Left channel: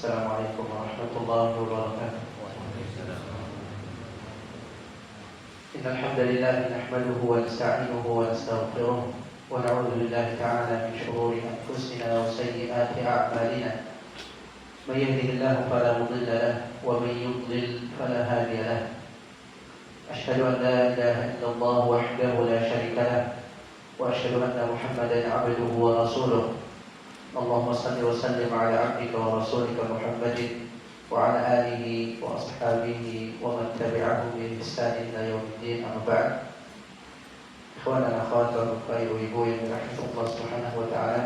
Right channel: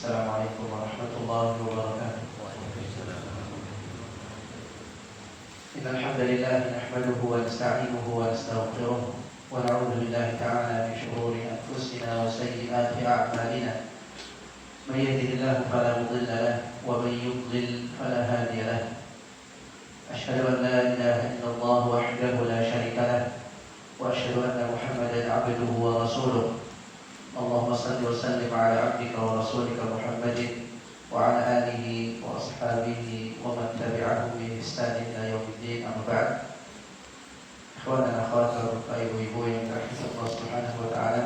Assalamualaikum warahmatullahi wabarakatuh. Waalaikumsalam. Innal hamdalillah nahmaduhu wa nasta'inuhu wa nastaghfiruh wa na'udzu billahi ta'ala min shururi anfusina wa sayyiati a'malina. May yahdihillahu fala mudilla lahu wa may yudlil fala hadiya lahu. Ashhadu an la ilaha illallah wahdahu la syarika lahu wa ashhadu anna Muhammadan 'abduhu wa rasuluh. Allahumma salli wa sallim ala 'abdika wa rasulika Muhammadin wa ala alihi wa ashabihi wa man tabi'ahum bi ihsan ila yaumiddin, amma ba'd. Ikhwan dan akhwat, bapak ibu-ibu yang dirahmati Allah Subhanahu wa taala.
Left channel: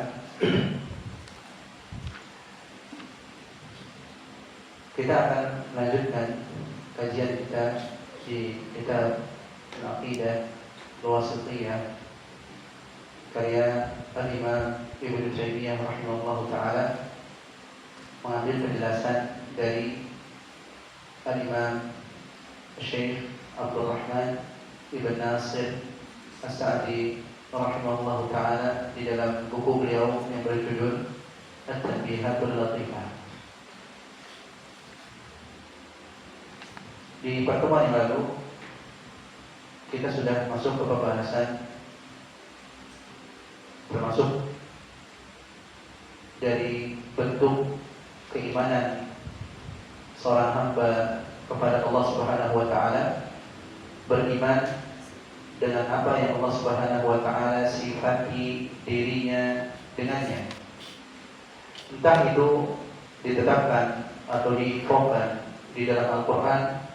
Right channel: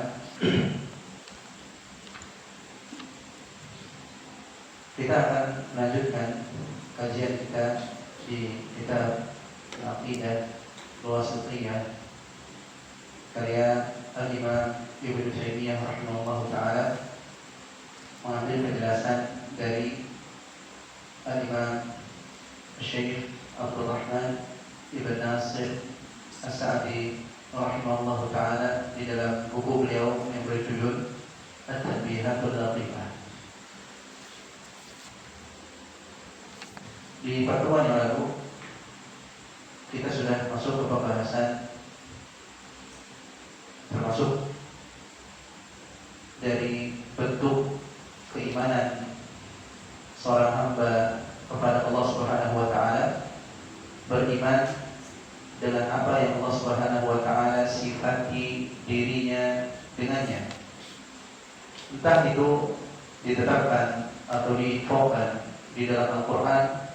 Kita akan melanjutkan kajian kita di kitab Al-Aqidah Al-Wasithiyah karya Al-Imam Ibnu Taimiyah rahimahullah ta'ala, mengambil penjelasan dari Al-Imam Syekh Abdul Rahman Ibn Nasir As-Sa'di rahimahullah ta'ala di dalam buku beliau yang berjudul At-Tanbihatul Latifah. Di pertemuan yang lalu kita sudah masuk ke pembahasan termasuk dari bentuk keimanan seorang hamba kepada Allah Subhanahu wa taala, beriman dengan apa yang Allah Subhanahu wa taala sifati dirinya dengannya. Entah itu ditetapkan atau diinfokan di dalam Al-Qur'an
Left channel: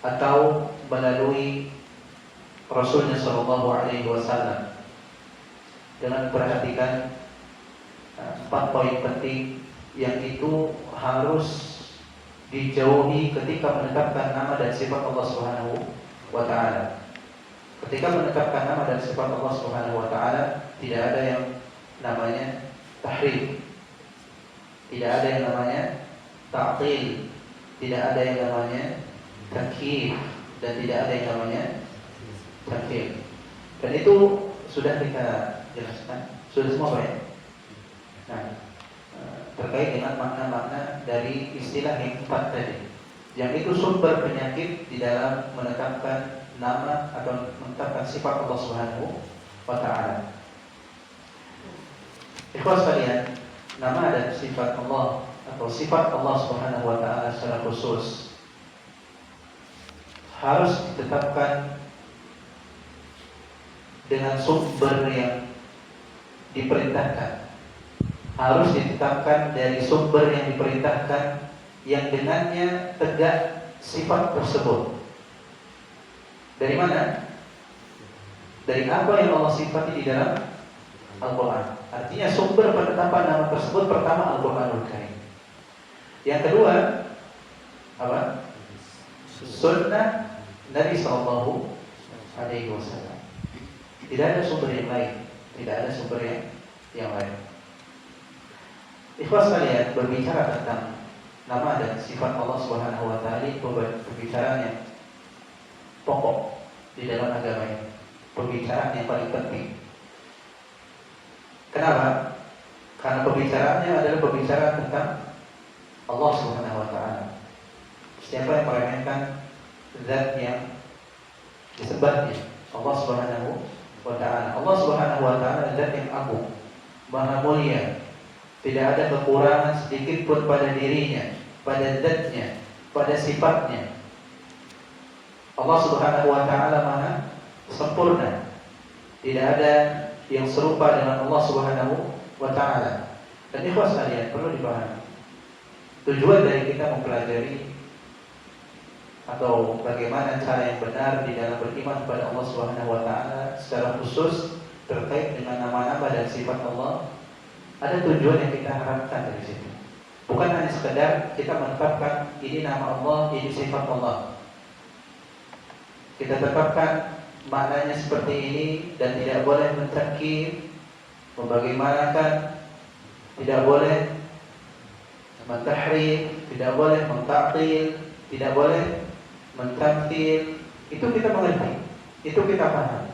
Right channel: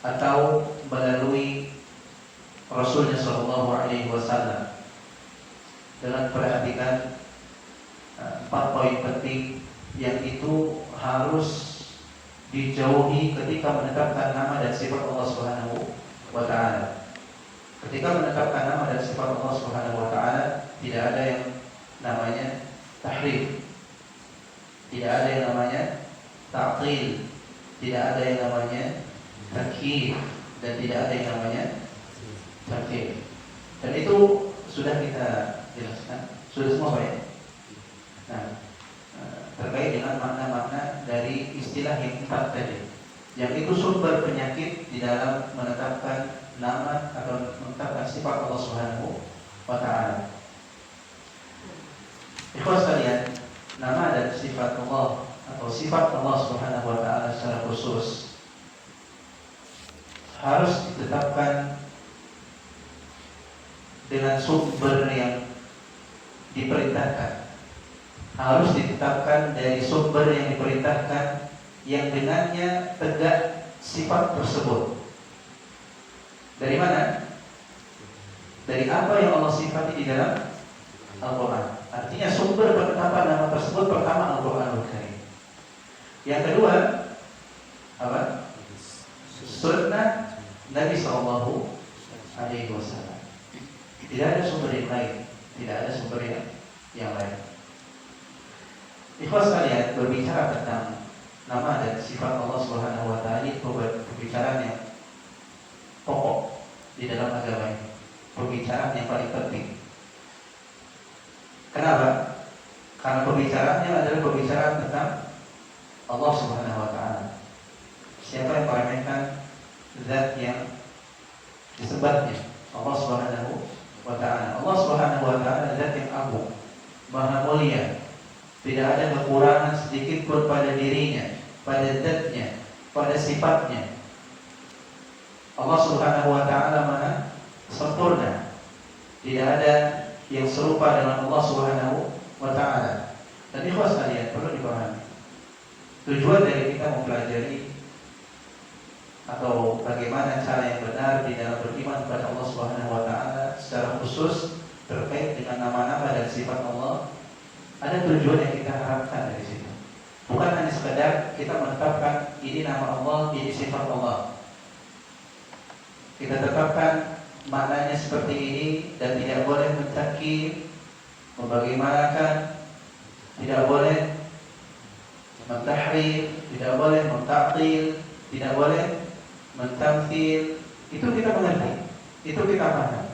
atau melalui Rasulnya sallallahu alaihi wasallam. Dengan perhatikan 4 poin penting yang itu harus dijauhi ketika menetapkan nama dan sifat Allah Subhanahu wa taala. Ketika menetapkan nama dan sifat Allah Subhanahu wa taala, tidak ada yang namanya tahrif. Tidak ada yang namanya ta'til, tidak ada yang namanya takyif, dan tidak ada yang namanya tamthil. Dan itu sudah kita jelaskan, sudah semua Pak ya? Nah, terkait dengan makna-makna dari istilah yang 4 tadi, yang itu sumber penyakit di dalam menetapkan nama atau menetapkan sifat Allah Subhanahu wa ta'ala. Ikhwas sekalian, nama dan sifat Allah atau sifat Allah Subhanahu wa ta'ala secara khusus harus ditetapkan dengan sumber yang diperintahkan, harus ditetapkan dari sumber yang diperintahkan, yang dengannya tegak sifat tersebut. Dari mana? Dari apa yang Allah sifati di dalam Al-Quran. Artinya sumber penetapan nama tersebut pertama Al-Quranul Karim. Yang kedua apa? Sunnah Nabi Sallallahu Alaihi Wasallam. Tidak ada sumber yang lain, tidak ada sumber yang lain. Ikhwas sekalian, berbicara tentang nama dan sifat Allah Subhanahu wa taala ini pembicaraan yang pokok di dalam agama ini, pembicaraan yang paling penting. Kenapa? Karena pembicaraannya adalah pembicaraan tentang Allah Subhanahu wa taala. Siapa yang meremehkan zat yang disembahnya, Allah Subhanahu wa ta'ala. Allah Subhanahu wa ta'ala zat yang agung, maha mulia, tidak ada kekurangan sedikit pun pada dirinya, pada zatnya, pada sifatnya. Allah Subhanahu wa ta'ala maha sempurna, tidak ada yang serupa dengan Allah Subhanahu wa ta'ala. Dan ikhwas sekalian, perlu dipahami, tujuan dari kita mempelajari atau bagaimana cara yang benar di dalam beriman kepada Allah Subhanahu wa taala secara khusus terkait dengan nama-nama dan sifat Allah, ada tujuan yang kita harapkan dari situ. Bukan hanya sekedar kita menetapkan ini nama Allah, ini sifat Allah. Kita tetapkan maknanya seperti ini dan tidak boleh mentakyif, membagaimanakan, tidak boleh mentahrif, tidak boleh mentaktil, tidak boleh mentamthil. Itu kita mengerti, itu kita paham.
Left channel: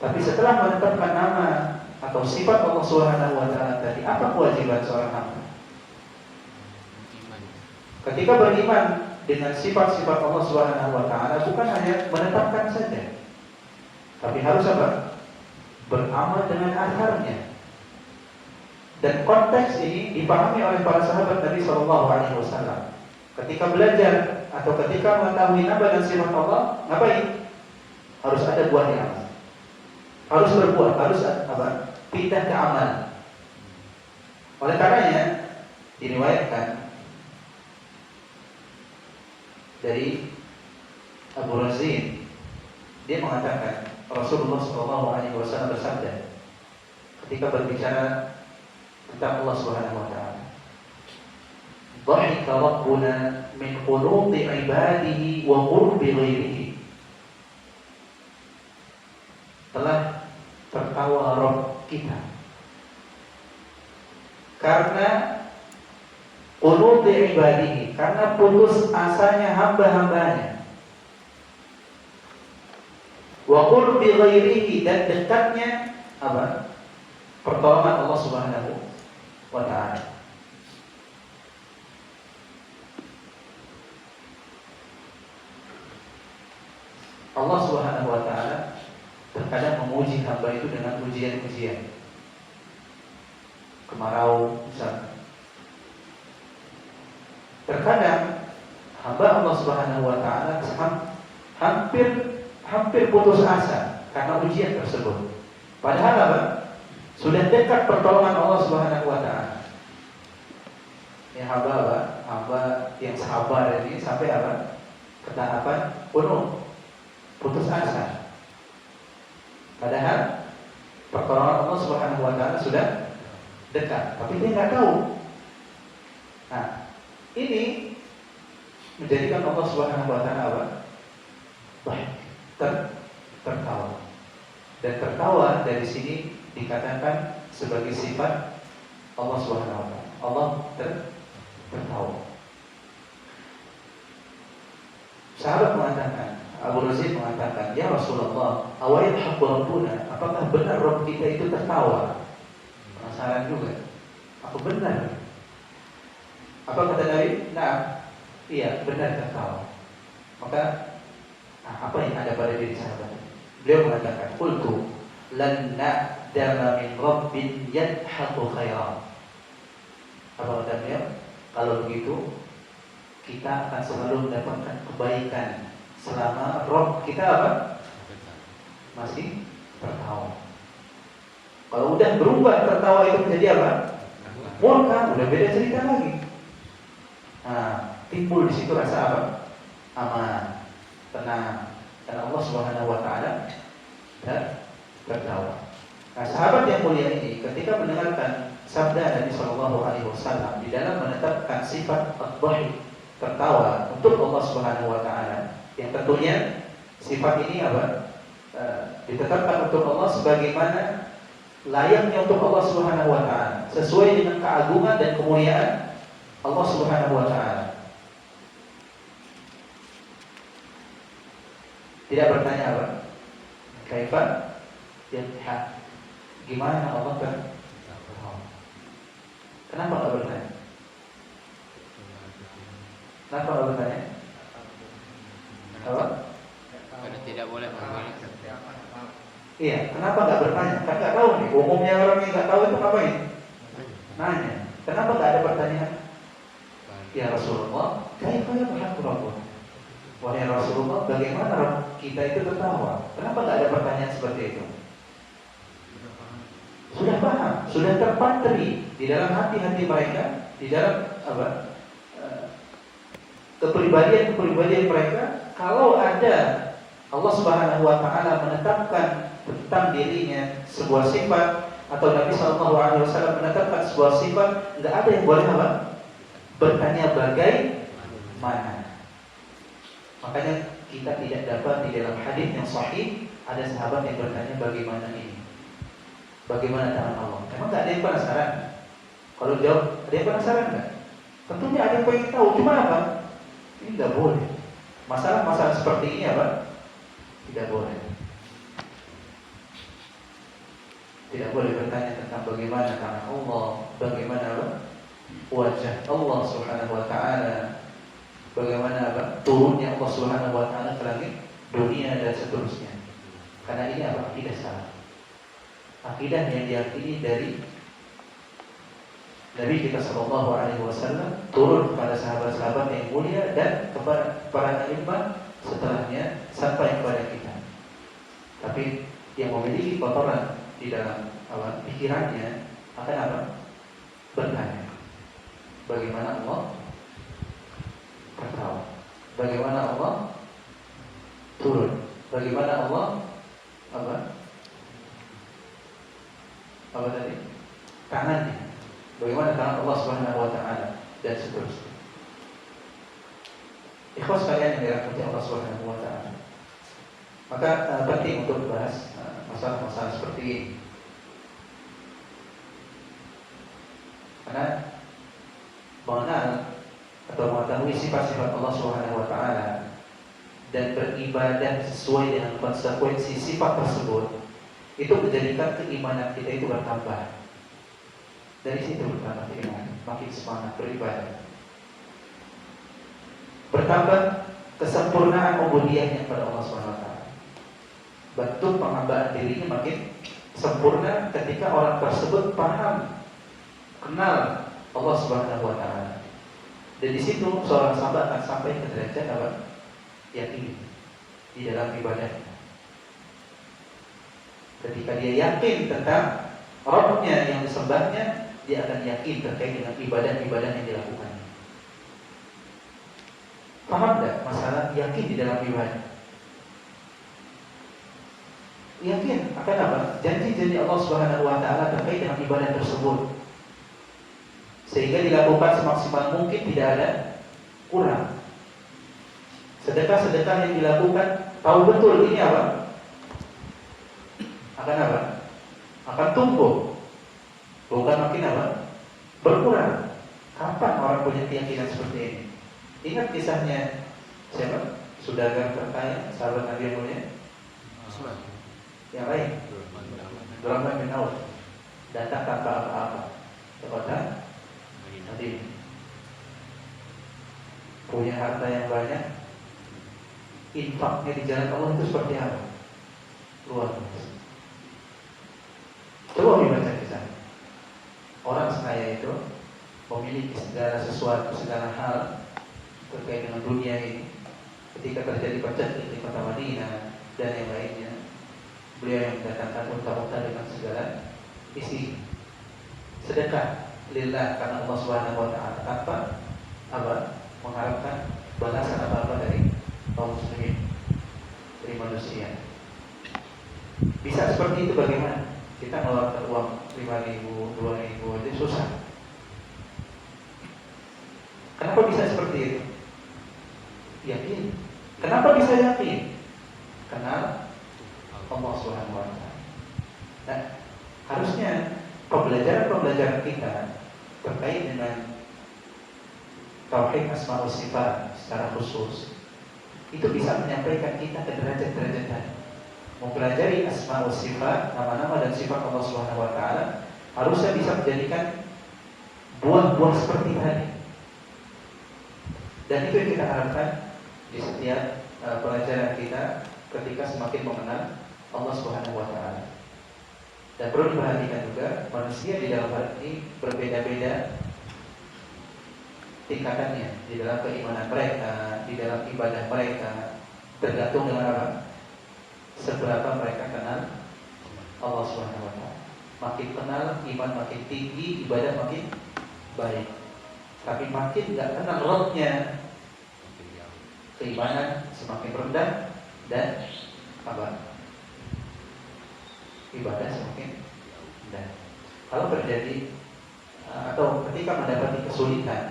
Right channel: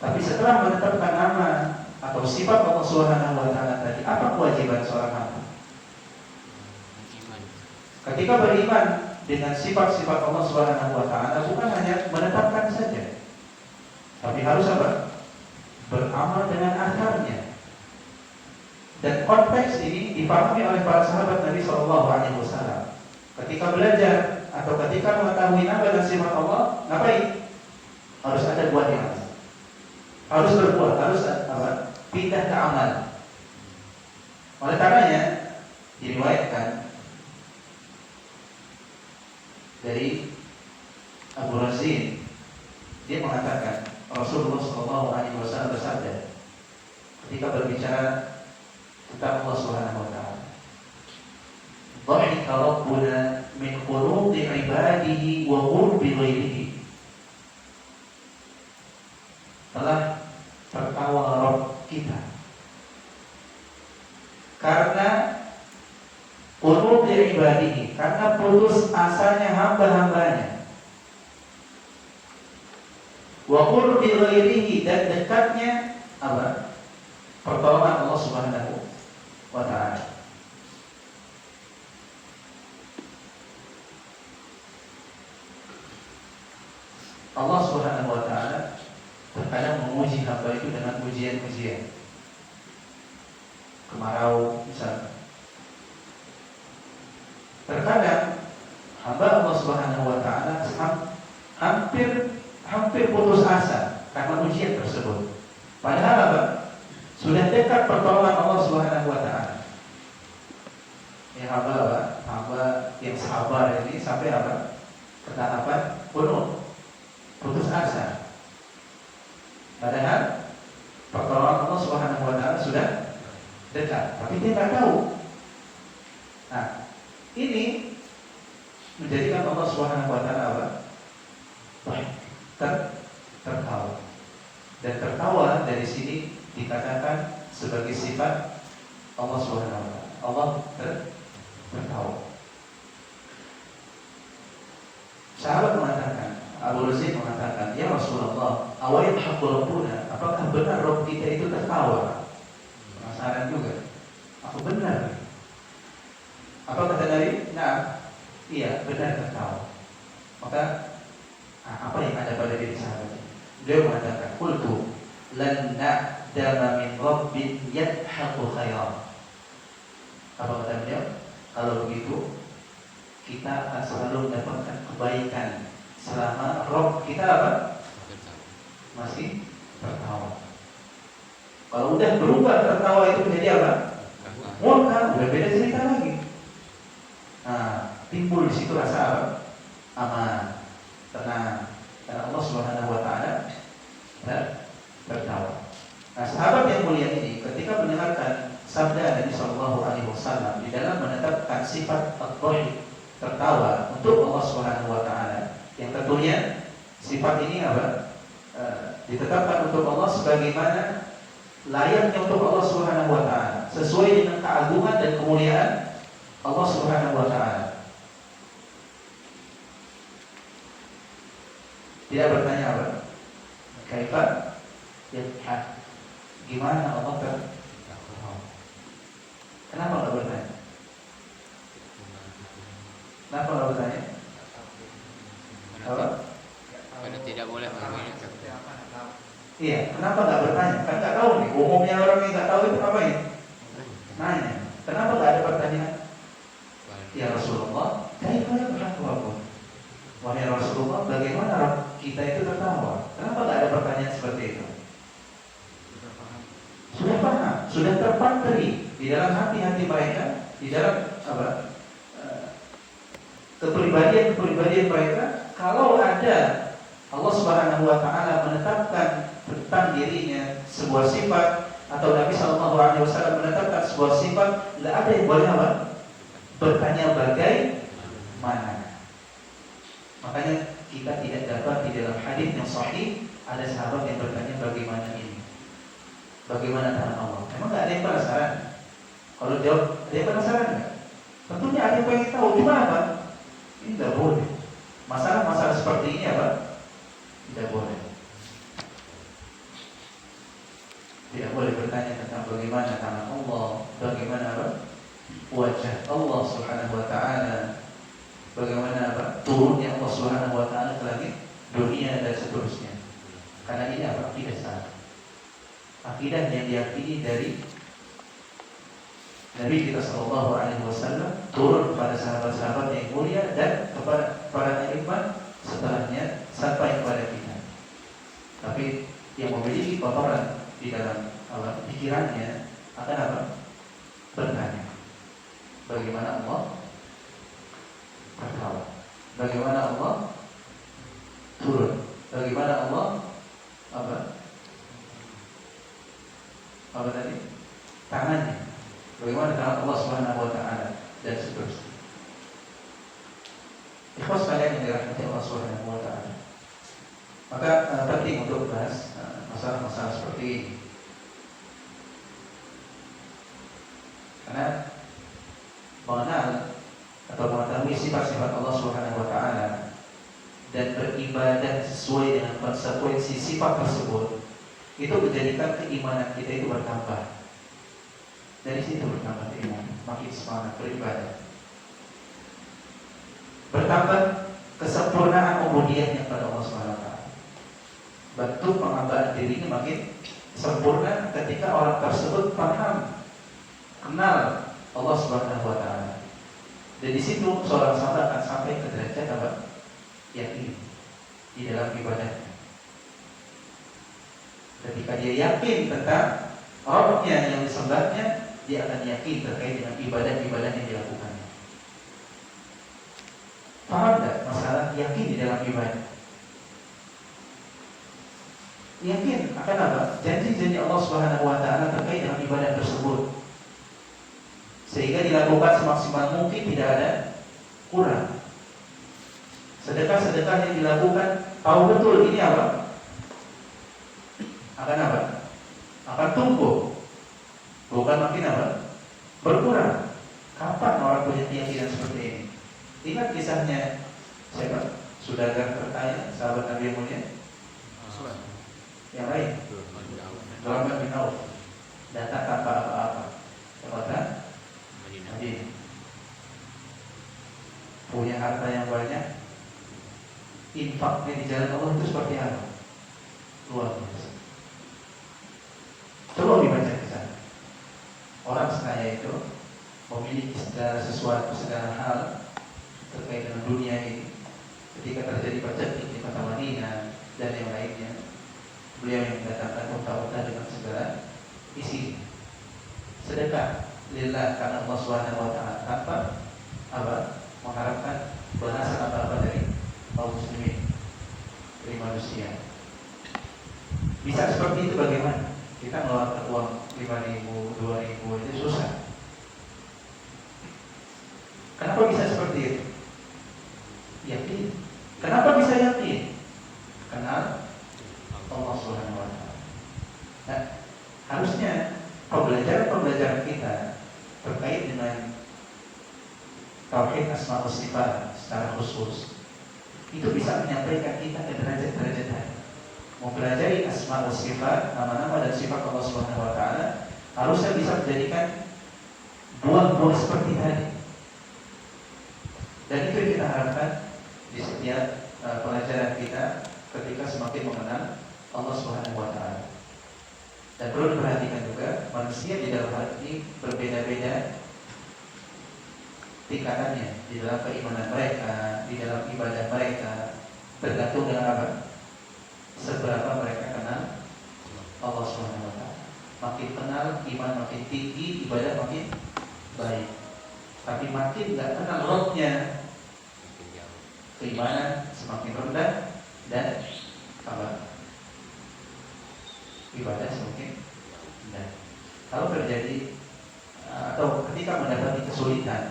Tapi setelah menetapkan nama, atau sifat Allah Subhanahu wa taala tadi, apa kewajiban seorang hamba? ketika beriman dengan sifat-sifat Allah Subhanahu wa taala bukan hanya menetapkan saja, tapi harus apa? Beramal dengan akarnya. Dan konteks ini dipahami oleh para sahabat Nabi Shallallahu Alaihi Wasallam. Ketika belajar atau ketika mengetahui nama dan sifat Allah, ngapain? Harus ada buahnya, harus berbuat, harus apa? Pindah ke amal. Oleh karenanya diriwayatkan dari Abu Razin, dia mengatakan Rasulullah Shallallahu Alaihi Wasallam bersabda ketika berbicara tentang Allah Subhanahu Wa Taala, "Dhahika Rabbuna min qulubi ibadihi wa qurbi ghairihi." Telah tertawa Rabb kita karena qulubi ibadihi, karena putus asanya hamba-hambanya, wa qurbi ghairihi, dan dekatnya apa? Pertolongan Allah Subhanahu wa taala. Allah Subhanahu wa taala terkadang menguji hamba itu dengan ujian-ujian. Kemarau misalnya. Terkadang hamba Allah Subhanahu wa taala hampir putus asa karena ujian tersebut. Padahal apa? Sudah dekat pertolongan Allah Subhanahu wa taala. Ya hamba apa? Hamba yang sabar ini sampai apa? Ke tahapan penuh putus asa. Padahal pertolongan Allah Subhanahu wa taala sudah dekat, tapi dia nggak tahu. Nah, ini menjadikan Allah Subhanahu wa taala apa? Tertawa. Dan tertawa dari sini dikatakan sebagai sifat Allah Subhanahu wa taala. Allah tertawa. Sahabat mengatakan, Abu Razin mengatakan, "Ya Rasulullah, awayadhaku Rabbuna?" Apakah benar Rabb kita itu tertawa? Penasaran juga. Apa benar? Apa kata Nabi? Nah, iya benar tertawa. Maka apa yang ada pada diri sahabat ini? Beliau mengatakan, "Qultu lan na'dama min rabbin yadhaku khairan." Apa kata beliau? Kalau begitu kita akan selalu mendapatkan kebaikan selama Rabb kita apa? Masih tertawa. Kalau udah berubah tertawa itu menjadi apa? Murka, udah beda cerita lagi. Nah, timbul di situ rasa apa? Aman, tenang, karena Allah Subhanahu wa taala tertawa. Nah, sahabat yang mulia ini ketika mendengarkan sabda Nabi Shallallahu Alaihi Wasallam di dalam menetapkan sifat at-dhahik, tertawa untuk Allah Subhanahu wa taala, yang tentunya sifat ini apa? Ditetapkan untuk Allah sebagaimana layaknya untuk Allah Subhanahu wa taala, sesuai dengan keagungan dan kemuliaan Allah Subhanahu wa taala. Tidak bertanya apa? Kaifa yadhhak? Gimana Allah tertawa? Kenapa enggak bertanya? Kenapa enggak bertanya? Karena tidak boleh mengambil. Iya, kenapa enggak bertanya? Kan enggak tahu nih. Umumnya orang yang enggak tahu itu ngapain? Nanya. Kenapa enggak ada pertanyaan? Ya Rasulullah, kaifa yadhhak Rabbuna? Wahai Rasulullah, bagaimana Rabb kita itu tertawa? Kenapa enggak ada pertanyaan seperti itu? Sudah paham, sudah terpatri di dalam hati-hati mereka, di dalam apa? Kepribadian mereka. Kalau ada Allah Subhanahu wa taala menetapkan tentang dirinya sebuah sifat, atau Nabi Shallallahu Alaihi Wasallam menetapkan sebuah sifat, tidak ada yang boleh apa? Bertanya bagaimana. Makanya kita tidak dapat di dalam hadis yang sahih ada sahabat yang bertanya bagaimana ini, bagaimana tangan Allah. Emang nggak ada yang penasaran? Kalau jawab, ada yang penasaran nggak? Tentunya ada yang pengen tahu. Cuma apa? Ini nggak boleh. Masalah-masalah seperti ini apa? Tidak boleh. Tidak boleh bertanya tentang bagaimana tangan Allah, bagaimana apa? Wajah Allah Subhanahu wa taala, bagaimana turunnya Allah Subhanahu wa taala ke langit dunia dan seterusnya. Karena ini akidah salah. Akidah yang diyakini dari Nabi kita Shallallahu Alaihi Wasallam turun kepada sahabat-sahabat yang mulia dan kepada para imam setelahnya sampai kepada kita. Tapi yang memiliki kotoran di dalam pikirannya akan bertanya, bagaimana Allah bertawa, bagaimana Allah turun, bagaimana Allah apa tadi tangannya, bagaimana tangan Allah Subhanahu wa taala dan seterusnya. Ikhwas sekalian yang dirahmati Allah Subhanahu wa taala. Maka penting untuk bahas masalah-masalah seperti ini. Karena mengenal atau mengetahui sifat-sifat Allah Subhanahu wa taala dan beribadah sesuai dengan konsekuensi sifat tersebut itu menjadikan keimanan kita itu bertambah. Dari situ bertambah keimanan, makin semangat beribadah. Bertambah kesempurnaan ubudiyahnya kepada Allah Subhanahu wa taala. Bentuk penghambaan dirinya makin sempurna ketika orang tersebut paham, kenal Allah Subhanahu wa taala. Dan di situ seorang sahabat akan sampai ke derajat yakin di dalam ibadahnya. Ketika dia yakin tentang Rabbnya yang disembahnya, dia akan yakin terkait dengan ibadah-ibadah yang dilakukannya. Paham tak masalah yakin di dalam ibadah? Yakin akan apa? Janji-janji Allah Subhanahu wa taala terkait dengan ibadah tersebut. Sehingga dilakukan semaksimal mungkin, tidak ada kurang. Sedekah-sedekah yang dilakukan tahu betul ini apa? Akan apa? Akan tumbuh, bukan makin berkurang. Kapan orang punya keyakinan seperti ini? Ingat kisahnya siapa? Saudagar terkaya, sahabat Nabi yang mulia. Yang lain, Abdurrahman bin Auf datang tanpa apa-apa ke kota Madinah. Punya harta yang banyak, infaknya di jalan Allah itu seperti apa? Luar biasa. Coba dibaca kisah. Orang sekaya itu memiliki segala sesuatu, segala hal terkait dengan dunia ini. Ketika terjadi percekik di kota Madinah dan yang lainnya, beliau yang mendatangkan unta-unta dengan segala isi sedekah lillah karena Allah Subhanahu wa taala tanpa mengharapkan balasan apa-apa dari kaum muslimin, dari manusia. Bisa seperti itu bagaimana? Kita mengeluarkan uang 5.000, 2.000 itu susah. Kenapa bisa seperti itu? Yakin. Kenapa bisa yakin? Kenal Allah Subhanahu wa taala. Nah, harusnya pembelajaran kita terkait dengan tauhid asma wa sifat secara khusus itu bisa menyampaikan kita ke derajat-derajat tadi. Mempelajari asma wa sifat, nama-nama dan sifat Allah Subhanahu wa taala harusnya bisa menjadikan buah-buah seperti tadi. Dan itu yang kita harapkan di setiap pelajaran kita ketika semakin mengenal Allah Subhanahu wa taala. Dan perlu diperhatikan juga manusia di dalam hal ini berbeda-beda tingkatannya di dalam keimanan mereka, di dalam ibadah mereka, tergantung dengan apa? Seberapa mereka kenal Allah Subhanahu wa taala. Makin kenal, iman makin tinggi, ibadah makin baik. Tapi makin enggak kenal Rabb-nya, keimanan semakin rendah dan ibadah semakin rendah. Kalau terjadi atau ketika mendapati kesulitan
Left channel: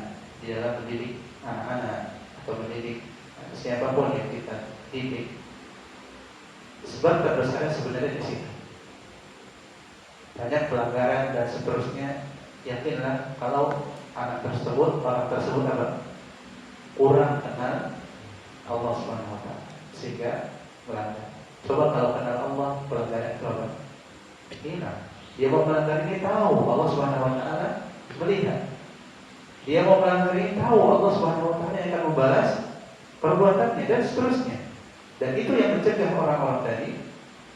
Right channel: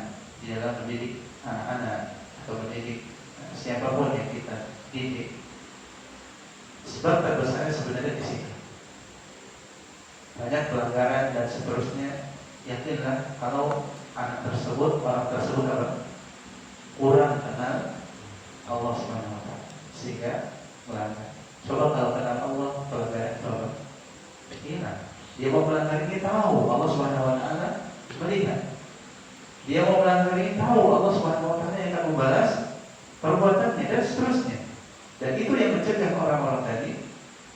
di dalam mendidik anak-anak atau mendidik siapapun yang kita didik, sebab terbesar sebenarnya di situ. Banyak pelanggaran dan seterusnya. Yakinlah kalau anak tersebut, orang tersebut kurang kenal Allah Subhanahu wa taala sehingga melanggar. Coba kalau kenal Allah, pelanggaran coba hilang. Dia mau melanggar ini tahu Allah Subhanahu wa taala melihat. Dia Dia mau melanggar ini tahu Allah Subhanahu wa taala yang akan membalas perbuatannya dan seterusnya. Dan itu yang mencegah orang-orang tadi,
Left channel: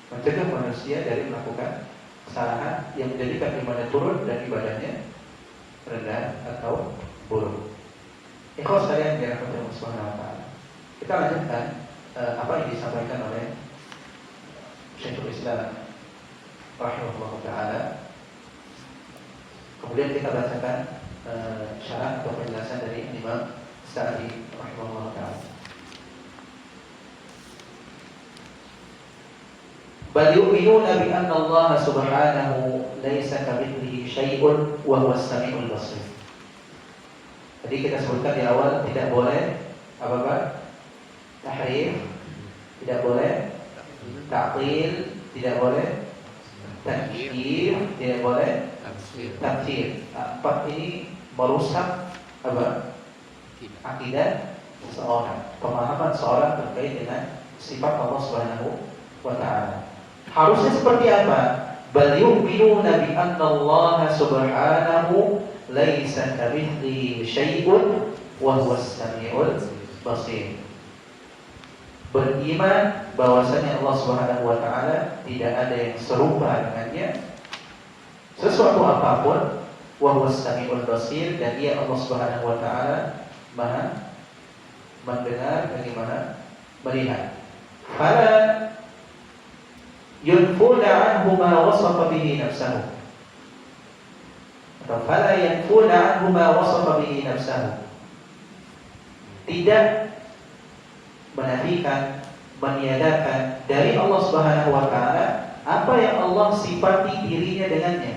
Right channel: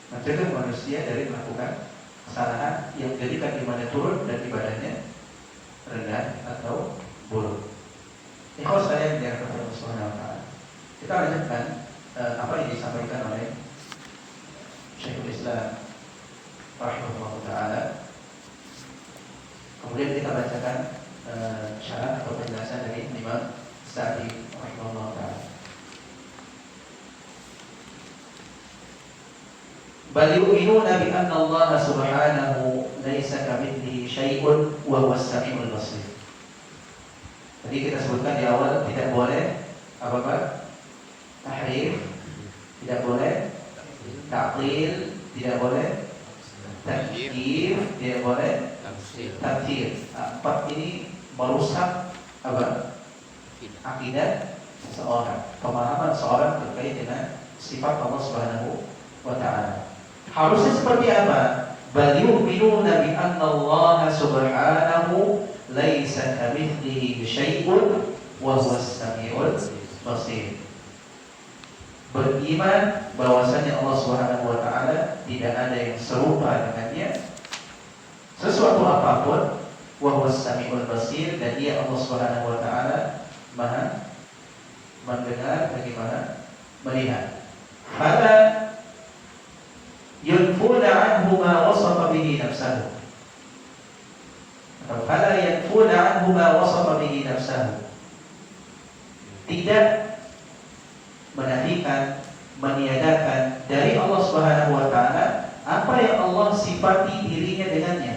mencegah manusia dari melakukan kesalahan yang menjadikan imannya turun dan ibadahnya rendah atau buruk. Ikhwas sekalian yang dirahmati Allah Subhanahu wa taala. Kita lanjutkan apa yang disampaikan oleh Syekhul Islam rahimahullah taala. Kemudian kita bacakan syarat atau penjelasan dari Imam Sa'di rahimahullah taala. Bal yu'minuna bi anna Allah subhanahu laisa kamitslihi syai'un wa huwa as-sami'ul basir. Tadi kita sebutkan di awal tidak boleh apa-apa tahrif, tidak boleh ta'til, tidak boleh takyif, tidak boleh tafsir. Empat ini merusak apa? Akidah seorang, pemahaman seorang terkait dengan sifat Allah Subhanahu wa taala. Harusnya seperti apa? Bal yu'minuna bi anna Allah subhanahu laisa kamitslihi syai'un wa huwa as-sami'ul basir. Beriman bahwasanya Allah Subhanahu wa taala tidak ada yang serupa dengannya sesuatu apapun, wa huwa as-sami'ul basir, dan Dia Allah Subhanahu wa taala Maha mendengar dan Maha melihat. Fala yunfuna anhu ma wasafa bihi nafsahu, atau fala yanfuna anhu ma wasafa bihi nafsahu, tidak menafikan, meniadakan dari Allah Subhanahu wa taala apa yang Allah sifati dirinya dengannya.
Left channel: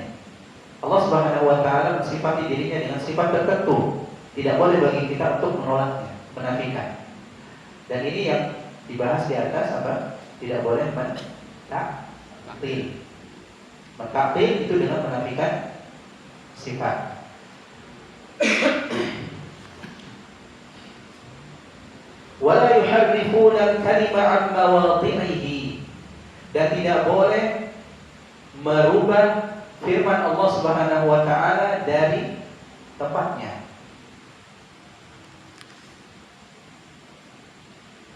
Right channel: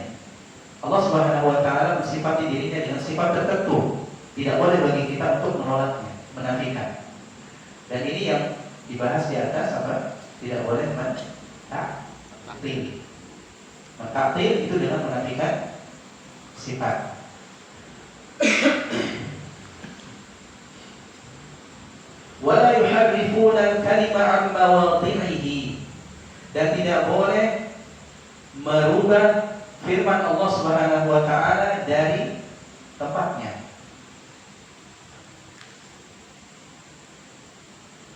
Allah Subhanahu wa taala mensifati dirinya dengan sifat tertentu. Tidak boleh bagi kita untuk menolaknya, menafikan. Dan ini yang dibahas di atas apa? Tidak boleh mentaktil. Mentaktil itu dengan menafikan sifat. Wala yuharrifuna al-kalima 'an mawadhi'ihi, dan tidak boleh merubah firman Allah Subhanahu wa taala dari tempatnya,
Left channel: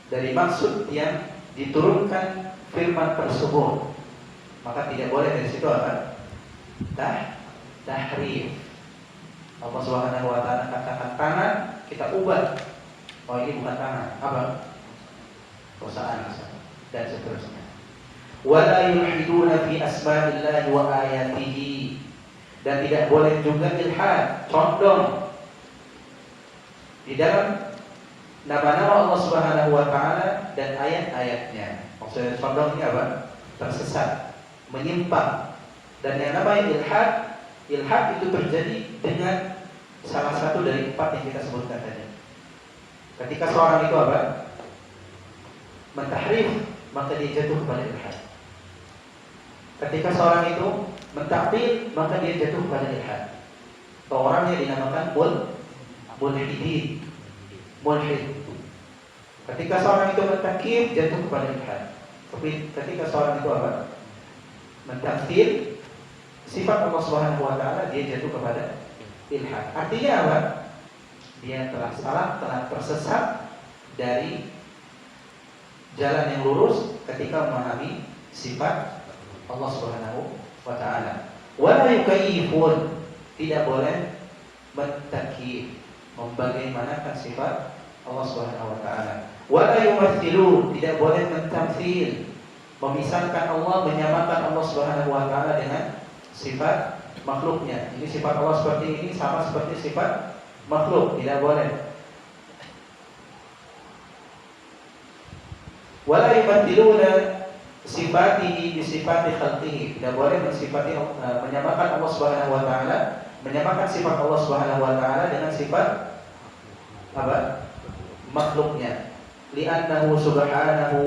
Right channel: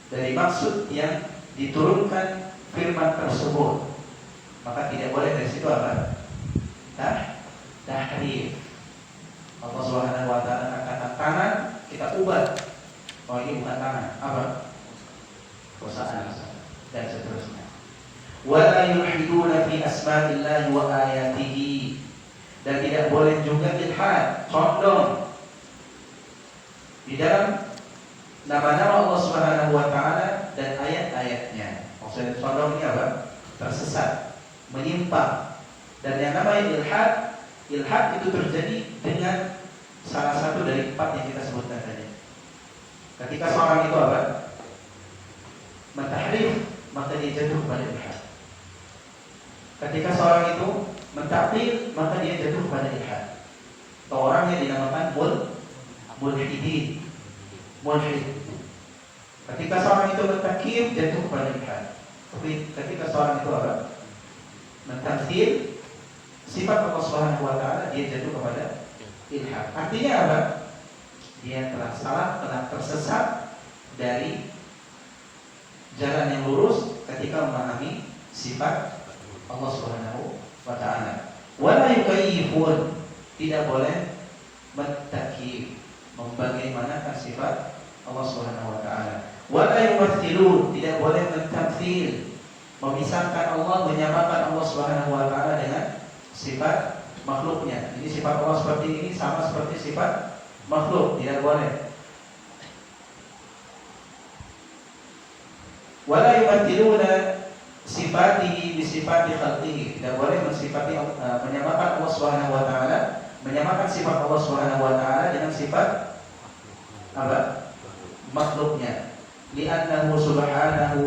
dari maksud yang diturunkan firman tersebut. Maka tidak boleh dari situ apa? Tahrif. Allah Subhanahu wa taala katakan tangan, kita ubah. Oh, ini bukan tangan, apa? Kosaan dan seterusnya. Wala yulhiduna fi asma'illahi wa ayatihi, dan tidak boleh juga ilhad, condong di dalam nama-nama Allah Subhanahu wa taala dan ayat-ayatnya. Maksudnya condong ini apa? Tersesat, menyimpang. Dan yang namanya ilhad itu terjadi dengan salah satu dari empat yang kita sebutkan tadi. Ketika seorang itu apa? Mentahrif, maka dia jatuh kepada ilhad. Ketika seorang itu mentaktil, maka dia jatuh kepada ilhad. Atau orang yang dinamakan mulhid. Ketika seorang itu mentakir, jatuh kepada ilhad. Tapi ketika seorang itu apa? Mentaktil sifat Allah Subhanahu wa taala, dia jatuh kepada ilhad. Artinya apa? Dia telah salah, telah tersesat dari jalan yang lurus ketika memahami sifat Allah Subhanahu wa taala. Wala yukayyifun, tidak boleh mentakif, membagaimanakan sifat Allah Subhanahu wa taala. Wala yumathilun, tidak boleh mentamthil, memisahkan Allah, menyamakan Allah Subhanahu wa taala dengan sifat makhluknya. Ini sifat Allah seperti ini sama seperti sifat makhluk, tidak boleh. Wala yumathiluna sifatihi bi sifati khalqihi, tidak boleh mensifati menyamakan Allah Subhanahu wa taala, menyamakan sifat Allah Subhanahu wa taala dengan sifat apa? Makhluknya. Li'annahu subhanahu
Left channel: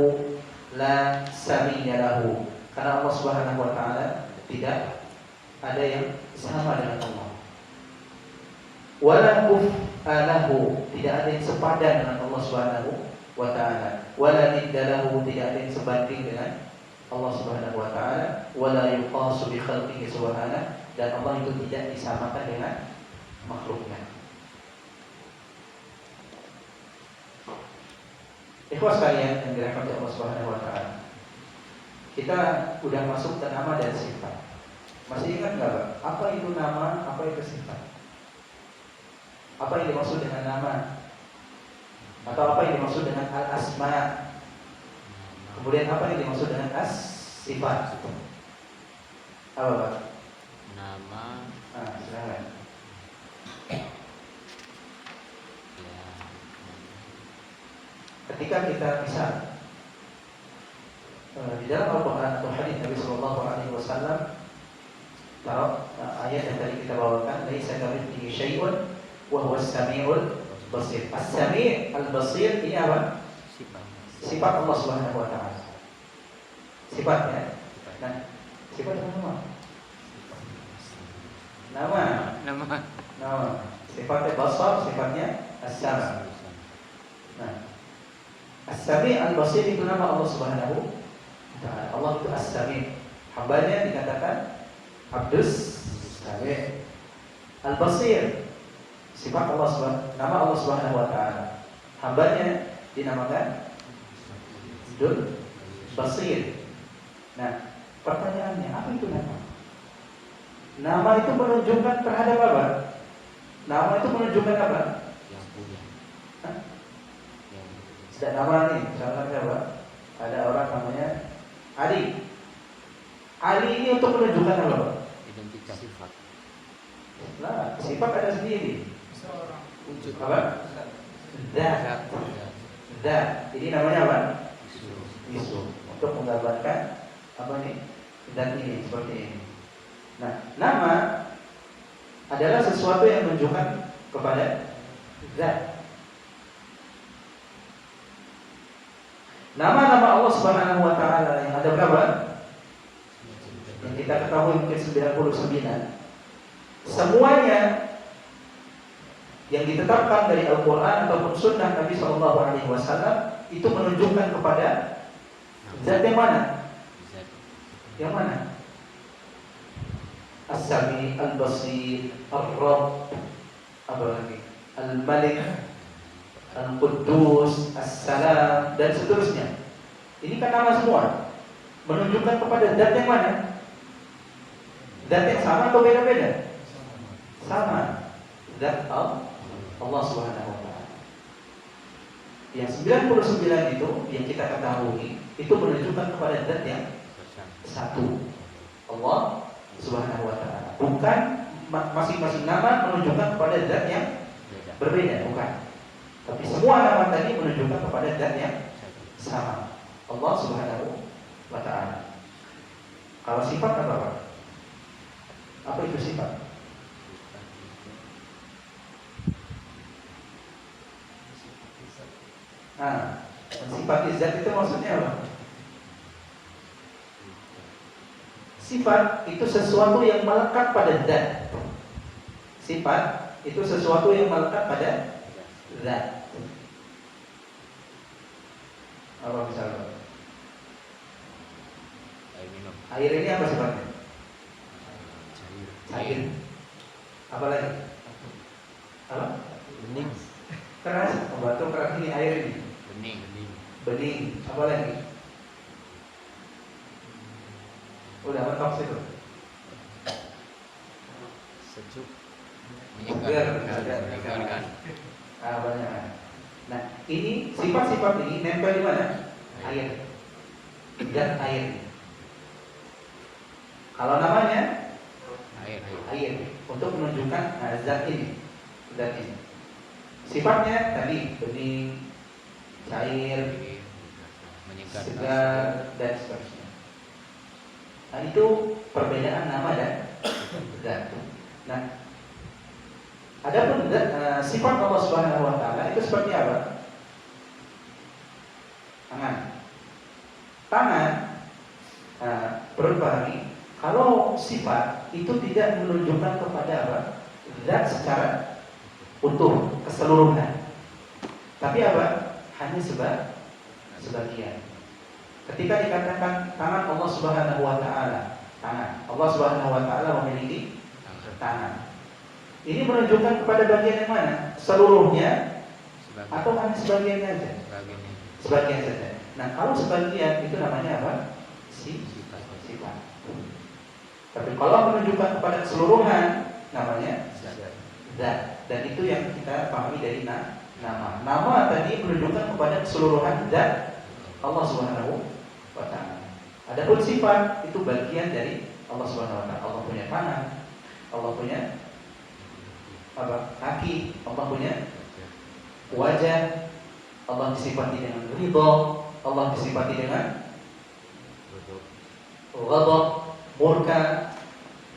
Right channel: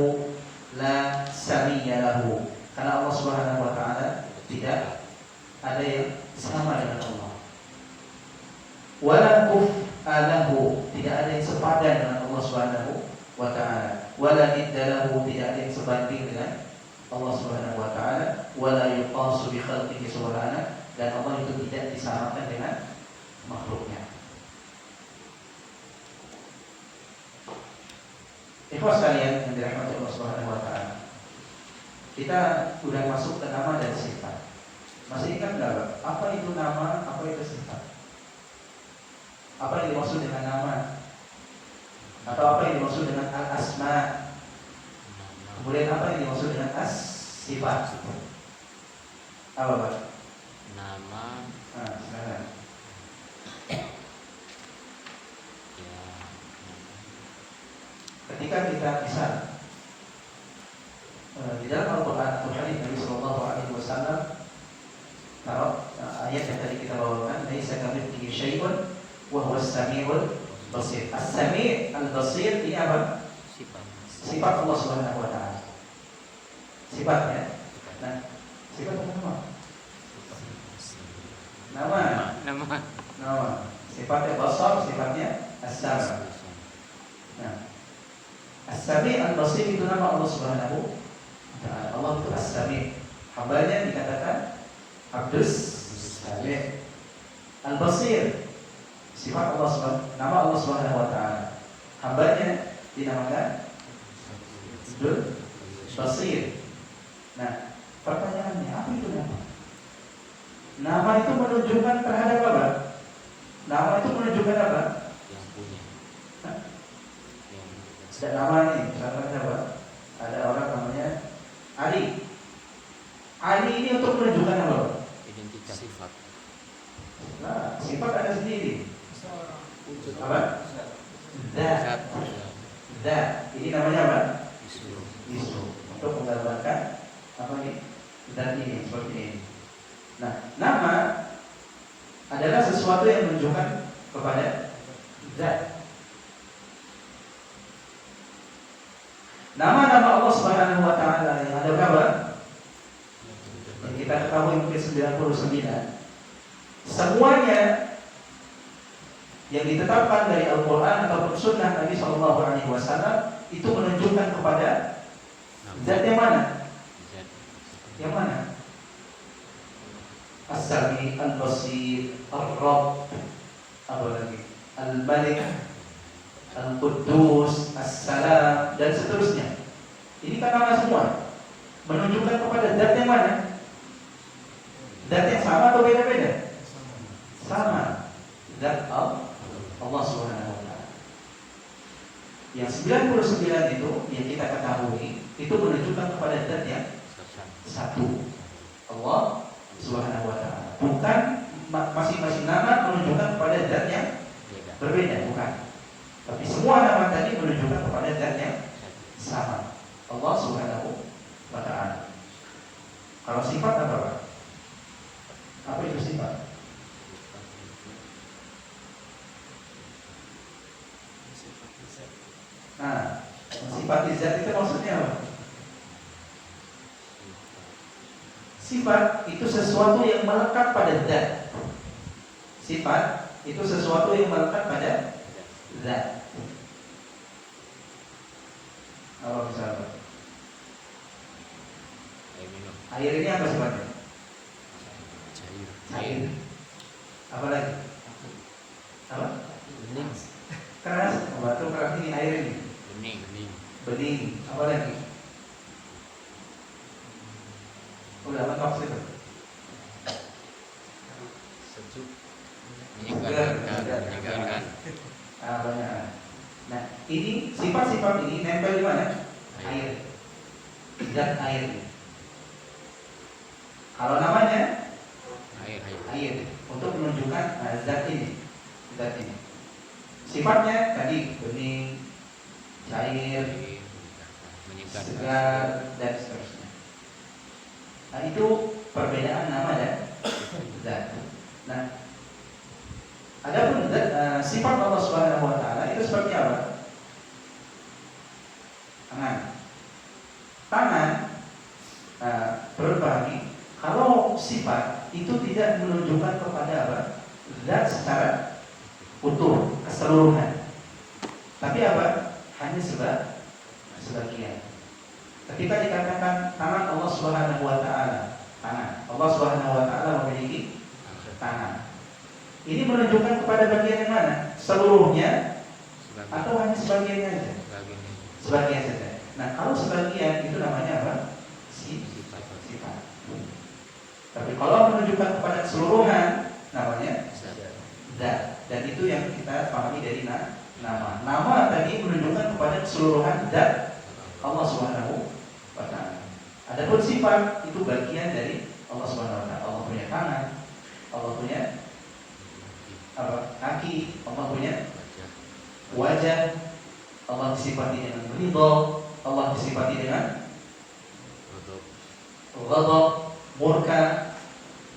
la samiyya lahu, karena Allah Subhanahu wa taala tidak ada yang sama dengan Allah. Wala kufalahu, tidak ada yang sepadan dengan Allah Subhanahu wa taala. Wala niddalahu, tidak ada yang sebanding dengan Allah Subhanahu wa taala. Wala yuqasu bi khalqihi subhanahu, dan Allah itu tidak disamakan dengan makhluknya. Ikhwas sekalian yang dirahmati Allah Subhanahu wa taala. Kita udah masuk ke nama dan sifat. Masih ingat enggak, Pak? Apa itu nama, apa itu sifat? Apa yang dimaksud dengan nama? Atau apa yang dimaksud dengan al-asma? Kemudian apa yang dimaksud dengan as-sifat? Apa, Pak? Nama Silakan. ya Ketika kita misal di dalam Al-Quran atau hadis Nabi Sallallahu Alaihi Wasallam, taruh ayat yang tadi kita bawakan, laisa kamitslihi syai'un wa huwa as-sami'ul basir. As-sami' al-basir ini apa? sifat. Sifat Allah Subhanahu wa taala. Sifatnya. Sifat. Nah, sifat apa nama? Nama. Nama Nama. Sifatnya basar, sifatnya as-sam'. Nah, as-sami' al-basir itu nama Allah Subhanahu wa taala. Allah itu as-sami'. Hambanya dikatakan Abdus Sami'. Al-basir, sifat Allah Subhanahu, nama Allah Subhanahu wa taala. Hambanya dinamakan Abdul Basir. Nah, pertanyaannya, apa itu nama? Nama itu menunjukkan terhadap apa? Nama itu menunjukkan apa? yang punya. Hah? Yang Ada nama nih, misalnya apa? Ada orang namanya Ali. Ali ini untuk menunjukkan apa? identitas sifat. Nah, sifat ada sendiri. Apa? Zat. Zat. Ini namanya apa? Isu. Isu. Untuk menggambarkan apa ini? Zat ini seperti ini. Nah, nama adalah sesuatu yang menunjukkan kepada zat. Nama-nama Allah Subhanahu wa taala yang ada berapa? Yang kita ketahui mungkin 99. Semuanya yang ditetapkan dari Al-Quran ataupun Sunnah Nabi Sallallahu Alaihi Wasallam itu menunjukkan kepada zat yang mana? Zat. Yang mana? As-Sami, Al-Basir, Ar-Rabb, apa lagi? Al-Malik, Al-Quddus, As-Salam, dan seterusnya. Ini kan nama semua menunjukkan kepada zat yang mana? Zat yang sama atau beda-beda? Sama. Zat Allah Subhanahu wa taala. Yang 99 itu yang kita ketahui itu menunjukkan kepada zat yang satu, Allah Subhanahu wa taala. Bukan masing-masing nama menunjukkan kepada zat yang berbeda, bukan. Tapi semua nama tadi menunjukkan kepada zat yang sama, Allah Subhanahu wa taala. Kalau sifat apa, Pak? Apa itu sifat? Nah, sifat zat itu maksudnya apa? Sifat itu sesuatu yang melekat pada zat. Sifat itu sesuatu yang melekat pada zat. Apa misalnya? Air minum. Air ini apa sifatnya? Cair. Cair. Apa lagi? Apa? Bening. Keras. Batu keras ini air ini. Bening. Bening. Apa lagi? Udah mentok situ. Sejuk. Menyegarkan. Menyegarkan. Banyak. Nah, ini sifat-sifat ini nempel di mana? Air. Zat air. Kalau namanya air untuk menunjukkan zat ini. Zat ini. Sifatnya tadi bening, cair, menyegarkan. segar, dan seterusnya. Nah, itu perbedaan nama dan zat. Nah, adapun sifat Allah Subhanahu wa taala itu seperti apa? Tangan. Perlu pahami, kalau sifat itu tidak menunjukkan kepada apa? Zat secara utuh, keseluruhan. Tapi apa? Hanya sebagian. Ketika dikatakan tangan Allah Subhanahu wa taala, tangan Allah Subhanahu wa taala memiliki tangan. Ini menunjukkan kepada bagian yang mana? Seluruhnya atau hanya sebagiannya saja? Sebagian saja. Nah, kalau sebagian itu namanya apa? Sifat. Sifat. Tapi kalau menunjukkan kepada keseluruhan namanya Zat. zat. Dan itu yang kita pahami dari nama. Nama tadi menunjukkan kepada keseluruhan zat Allah Subhanahu wa taala. Adapun sifat itu bagian dari Allah Subhanahu wa taala. Allah punya tangan, Allah punya apa? Kaki, Allah punya wajah, Allah disifati dengan ridha, Allah disifati dengan ghadab, murka,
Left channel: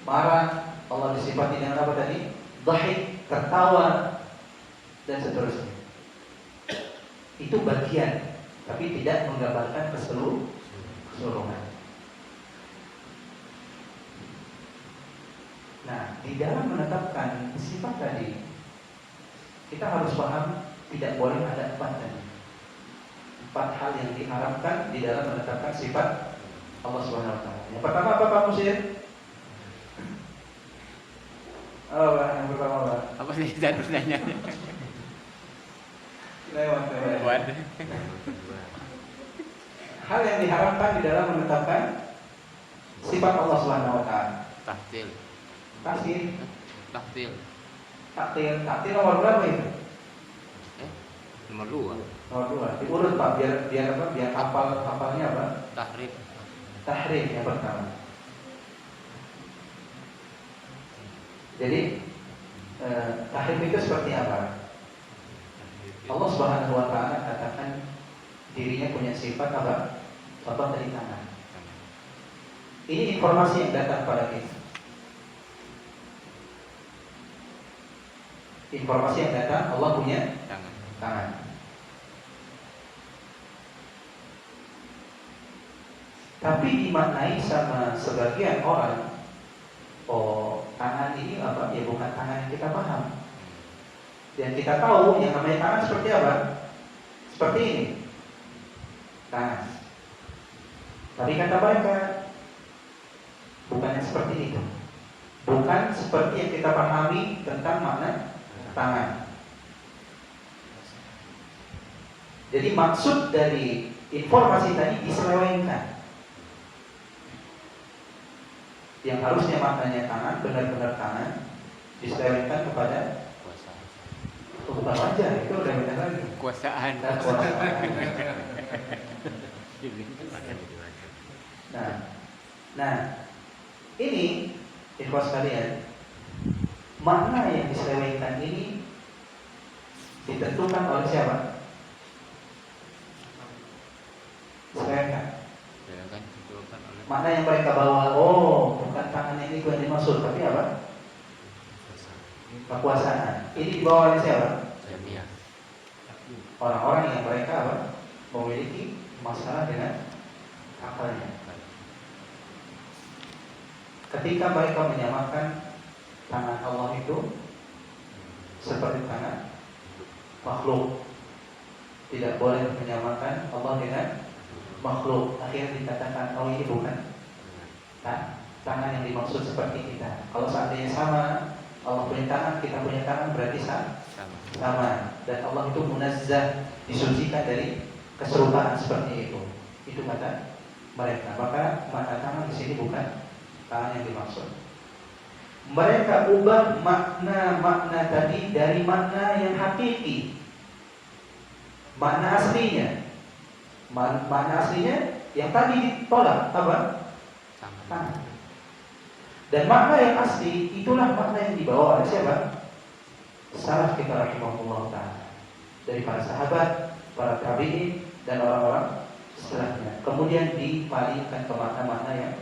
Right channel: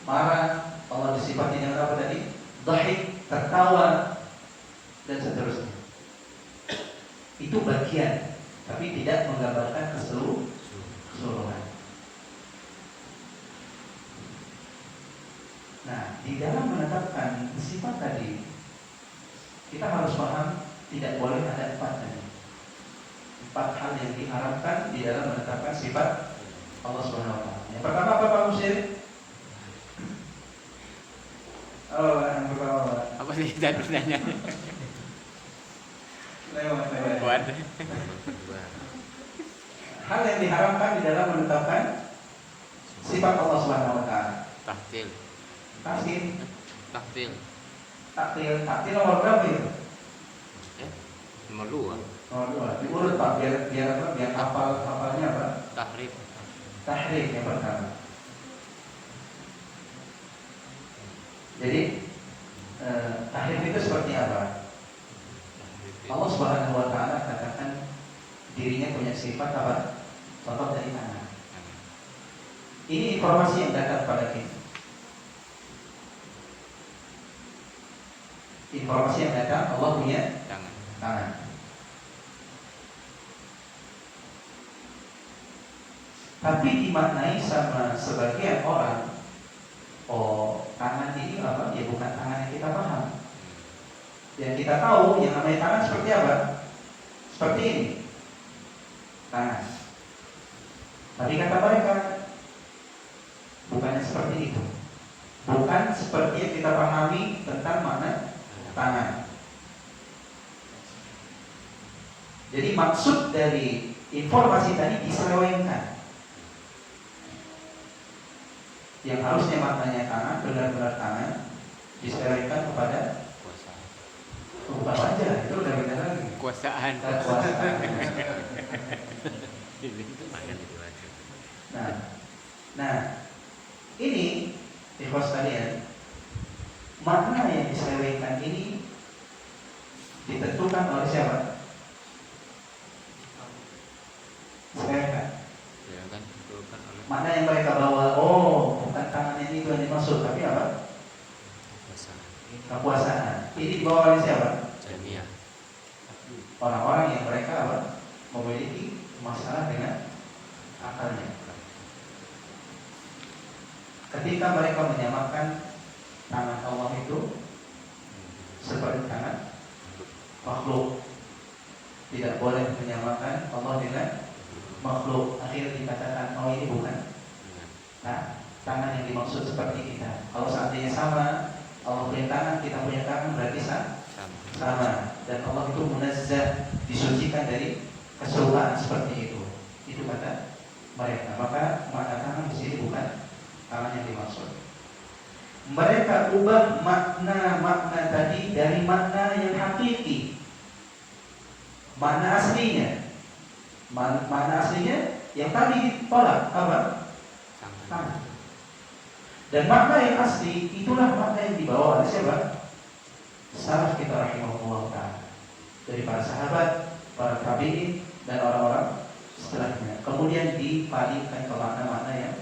marah, Allah disifati dengan apa tadi? Dhahik, tertawa, dan seterusnya. Itu bagian, tapi tidak menggambarkan keseluruhan. Nah, di dalam menetapkan sifat tadi, kita harus paham tidak boleh ada 4 tadi. 4 hal yang diharapkan di dalam menetapkan sifat Allah Subhanahu wa taala. Yang pertama apa Pak Musir? Oh, Pak, yang pertama Pak. Apa sih tadi pertanyaannya? Lewat. Buat. Hal yang diharamkan di dalam menetapkan sifat Allah Subhanahu wa taala. Tahtil. Tahtil Tahtil. nomor berapa itu? Nomor 2. Nomor 2. Diurut Pak, biar apa? Biar hafalnya apa? Tahrif. Tahrif yang pertama. Jadi tahrif itu seperti apa? Allah Subhanahu wa taala katakan dirinya punya sifat apa? Contoh dari tangan. Ini informasi yang datang pada kita. Informasi yang datang, Allah punya tangan. Tapi dimaknai sama sebagian orang, oh tangan ini apa? Ya bukan tangan yang kita paham. Yang kita tahu yang namanya tangan seperti apa? Seperti ini. Tangan. Tapi kata mereka bukannya seperti itu. Bukan seperti yang kita pahami tentang makna tangan. Jadi maksud dari informasi tadi diselewengkan. Yang harusnya maknanya tangan, benar-benar tangan, diselewengkan kepada Kuasa. bukan wajah, itu udah benar lagi. Kuasaan. Nah, ini ikhwas sekalian, makna yang diselewengkan ini ditentukan oleh siapa? Selewengkan. Mana yang mereka bawa? Oh, bukan tangan ini yang dimaksud, tapi apa? Kekuasaan. Ini dibawa oleh siapa? Jamiah. Orang-orang yang mereka apa? Memiliki masalah dengan akalnya. Ketika mereka menyamakan tangan Allah itu seperti tangan makhluk, tidak boleh menyamakan Allah dengan makhluk. Akhirnya dikatakan, oh ini bukan tangan yang dimaksud seperti kita. Kalau seandainya sama, Allah punya tangan, kita punya tangan, berarti sama. Dan Allah itu munazzah, disucikan dari keserupaan seperti itu. Itu kata mereka. Maka makna tangan di sini bukan tangan yang dimaksud. Mereka ubah makna tadi dari makna yang hakiki, makna aslinya. Makna aslinya yang tadi ditolak apa? Tangan. Dan makna yang asli itulah makna yang dibawa oleh siapa? Salaf kita rahimahullah ta'ala, dari para sahabat, para tabi'in, dan orang-orang setelahnya. Kemudian dipalingkan ke makna-makna yang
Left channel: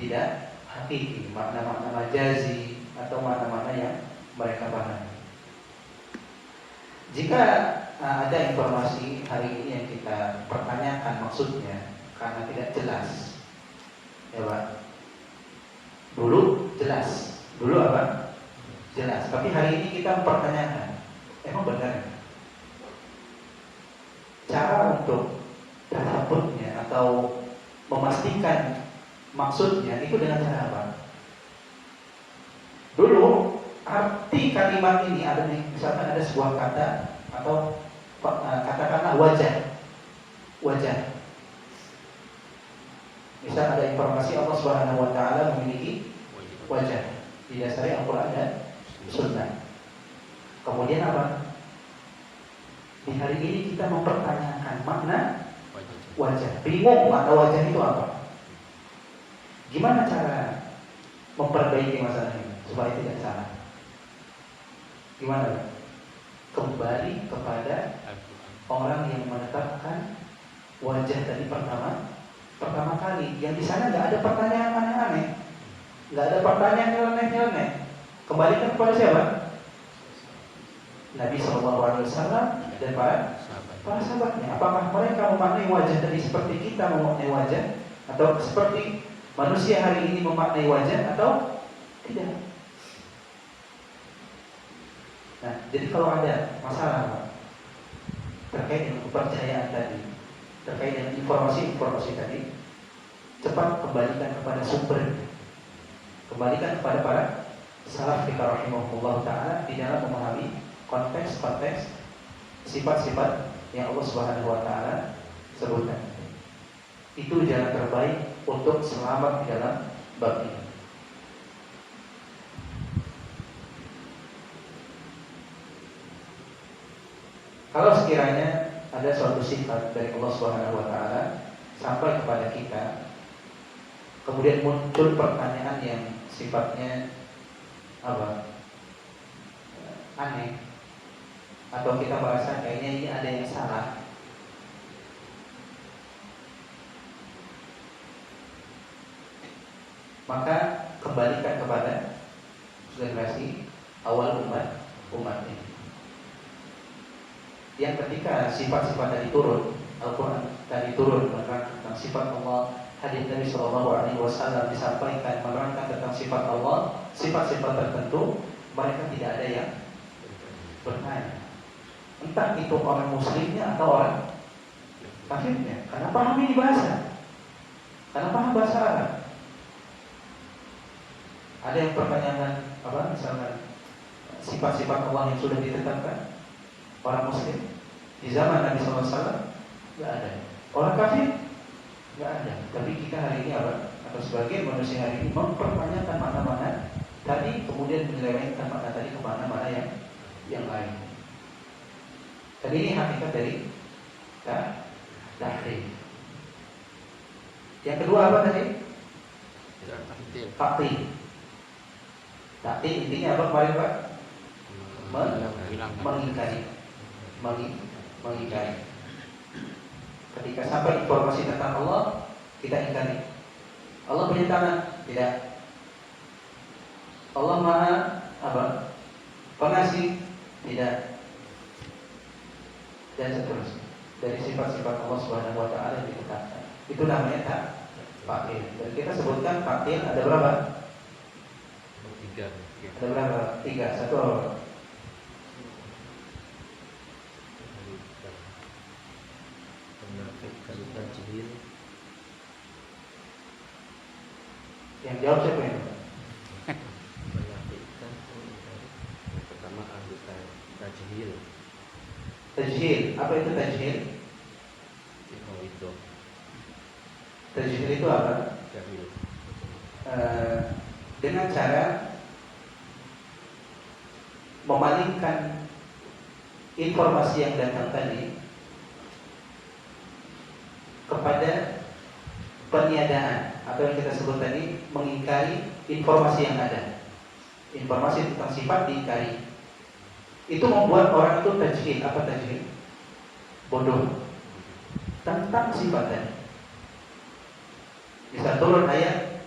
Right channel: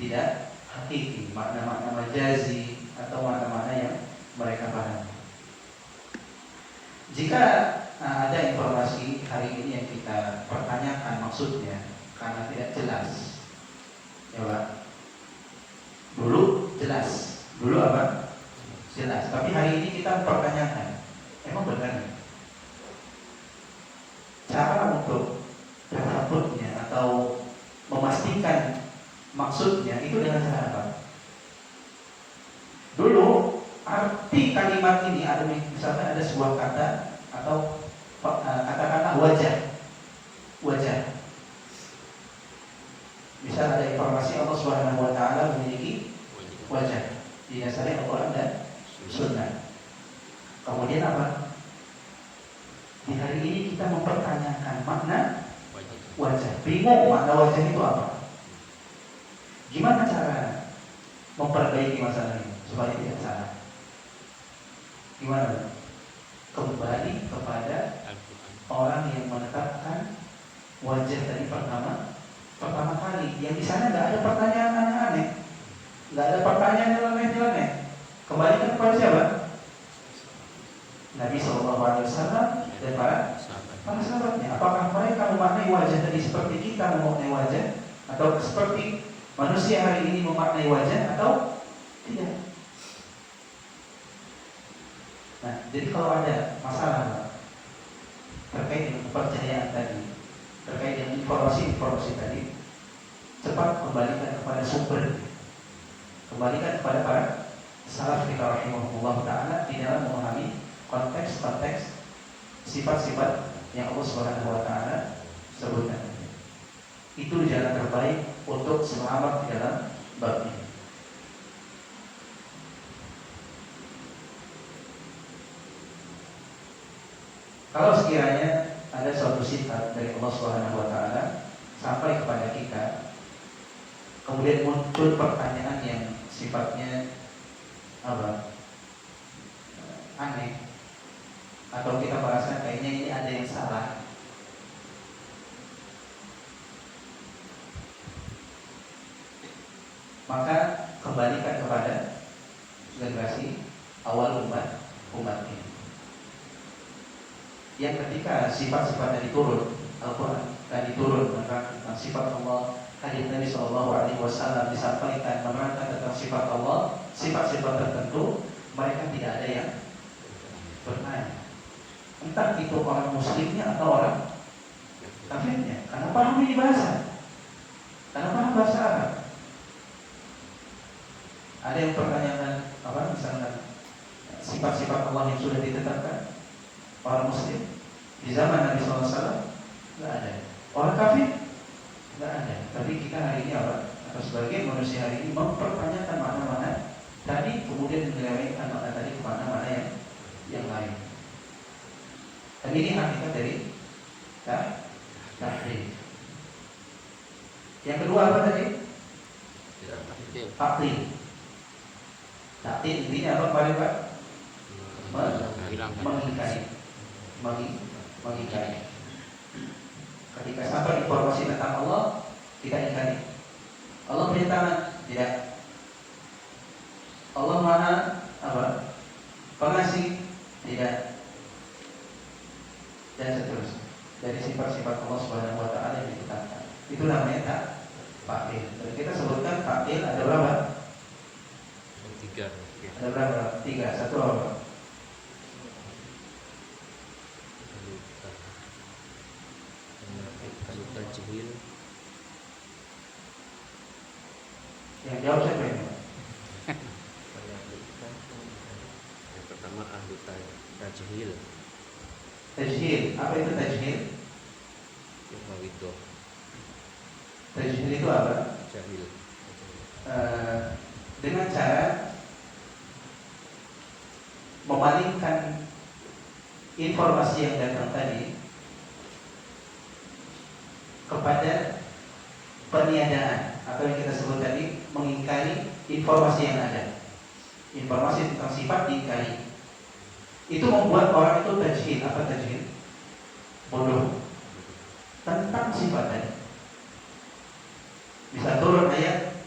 tidak hakiki, makna-makna majazi atau makna-makna yang mereka pahami. Jika ada informasi hari ini yang kita pertanyakan maksudnya karena tidak jelas, ya Pak. Dulu jelas, dulu apa? Jelas. Tapi hari ini kita mempertanyakan, emang benar? Cara untuk tasabutnya atau memastikan maksudnya itu dengan cara apa? Dulu arti kalimat ini ada, misalkan ada sebuah kata atau katakanlah wajah. wajah. Misal ada informasi Allah Subhanahu wa taala memiliki wajah, didasari Al-Qur'an dan Sunnah. Kemudian apa? Di hari ini kita mempertanyakan makna wajah. Bingung makna wajah itu apa? Gimana cara memperbaiki masalah ini supaya tidak salah? Gimana? Kembali kepada orang yang menetapkan wajah tadi pertama kali. Yang di sana nggak ada pertanyaan aneh-aneh, nggak ada pertanyaan nyeleneh-nyeleneh. Kembalikan kepada siapa? Nabi SAW dan para sahabatnya. Apakah mereka memaknai wajah tadi seperti kita memaknai wajah, atau seperti manusia hari ini memaknai wajah, atau tidak? Nah, jadi kalau ada masalah terkait dengan kepercayaan tadi, terkait dengan informasi tadi, cepat kembalikan kepada sumber, kembalikan kepada para salaf kita rahimahullah ta'ala di dalam memahami konteks-konteks sifat-sifat yang Allah Subhanahu wa ta'ala sebutkan. Itu jalan terbaik untuk selamat di dalam bab ini. Kalau sekiranya ada suatu sifat dari Allah Subhanahu wa ta'ala sampai kepada kita, kemudian muncul pertanyaan yang sifatnya aneh, atau kita merasa kayaknya ini ada yang salah, maka kembalikan kepada generasi awal umat ini, yang ketika sifat-sifat tadi turun, Al-Quran tadi turun menerangkan tentang sifat Allah, hadis Nabi SAW disampaikan menerangkan tentang sifat Allah, sifat-sifat tertentu, mereka tidak ada yang bertanya, entah itu orang muslimnya atau orang kafirnya, karena paham ini bahasa, karena paham bahasa Arab. Ada yang pertanyakan misalnya sifat-sifat Allah yang sudah ditetapkan orang muslim di zaman Nabi SAW nggak ada, orang kafir nggak ada. Tapi kita hari ini atau sebagian manusia hari ini mempertanyakan mana-mana tadi, kemudian menyelewengkan makna tadi ke mana-mana yang lain. Dan ini hakikat dari tahrif. Yang kedua apa tadi? Taklid. Taklid intinya apa kemarin Pak? Mengingkari. Ketika sampai informasi tentang Allah, kita ingkari. Allah punya tangan? Tidak. Allah Maha pengasih? Tidak. Dan seterusnya. Dari sifat-sifat Allah Subhanahu wa ta'ala yang ditetapkan. Itu namanya taklid. Dan kita sebutkan taklid ada berapa? 3. Ada berapa? 3. Satu apa? Yang jawab siapa ini? Pertama ahlukan tajhil. Tajhil. Apa itu tajhil? Itu Tajhil itu apa? jahil. Dengan cara memalingkan informasi yang datang tadi kepada peniadaan, atau yang kita sebut tadi mengingkari informasi yang ada. Informasi tentang sifat diingkari. Itu membuat orang itu tajhil. Apa tajhil? Bodoh tentang sifat tadi. Bisa turun ayat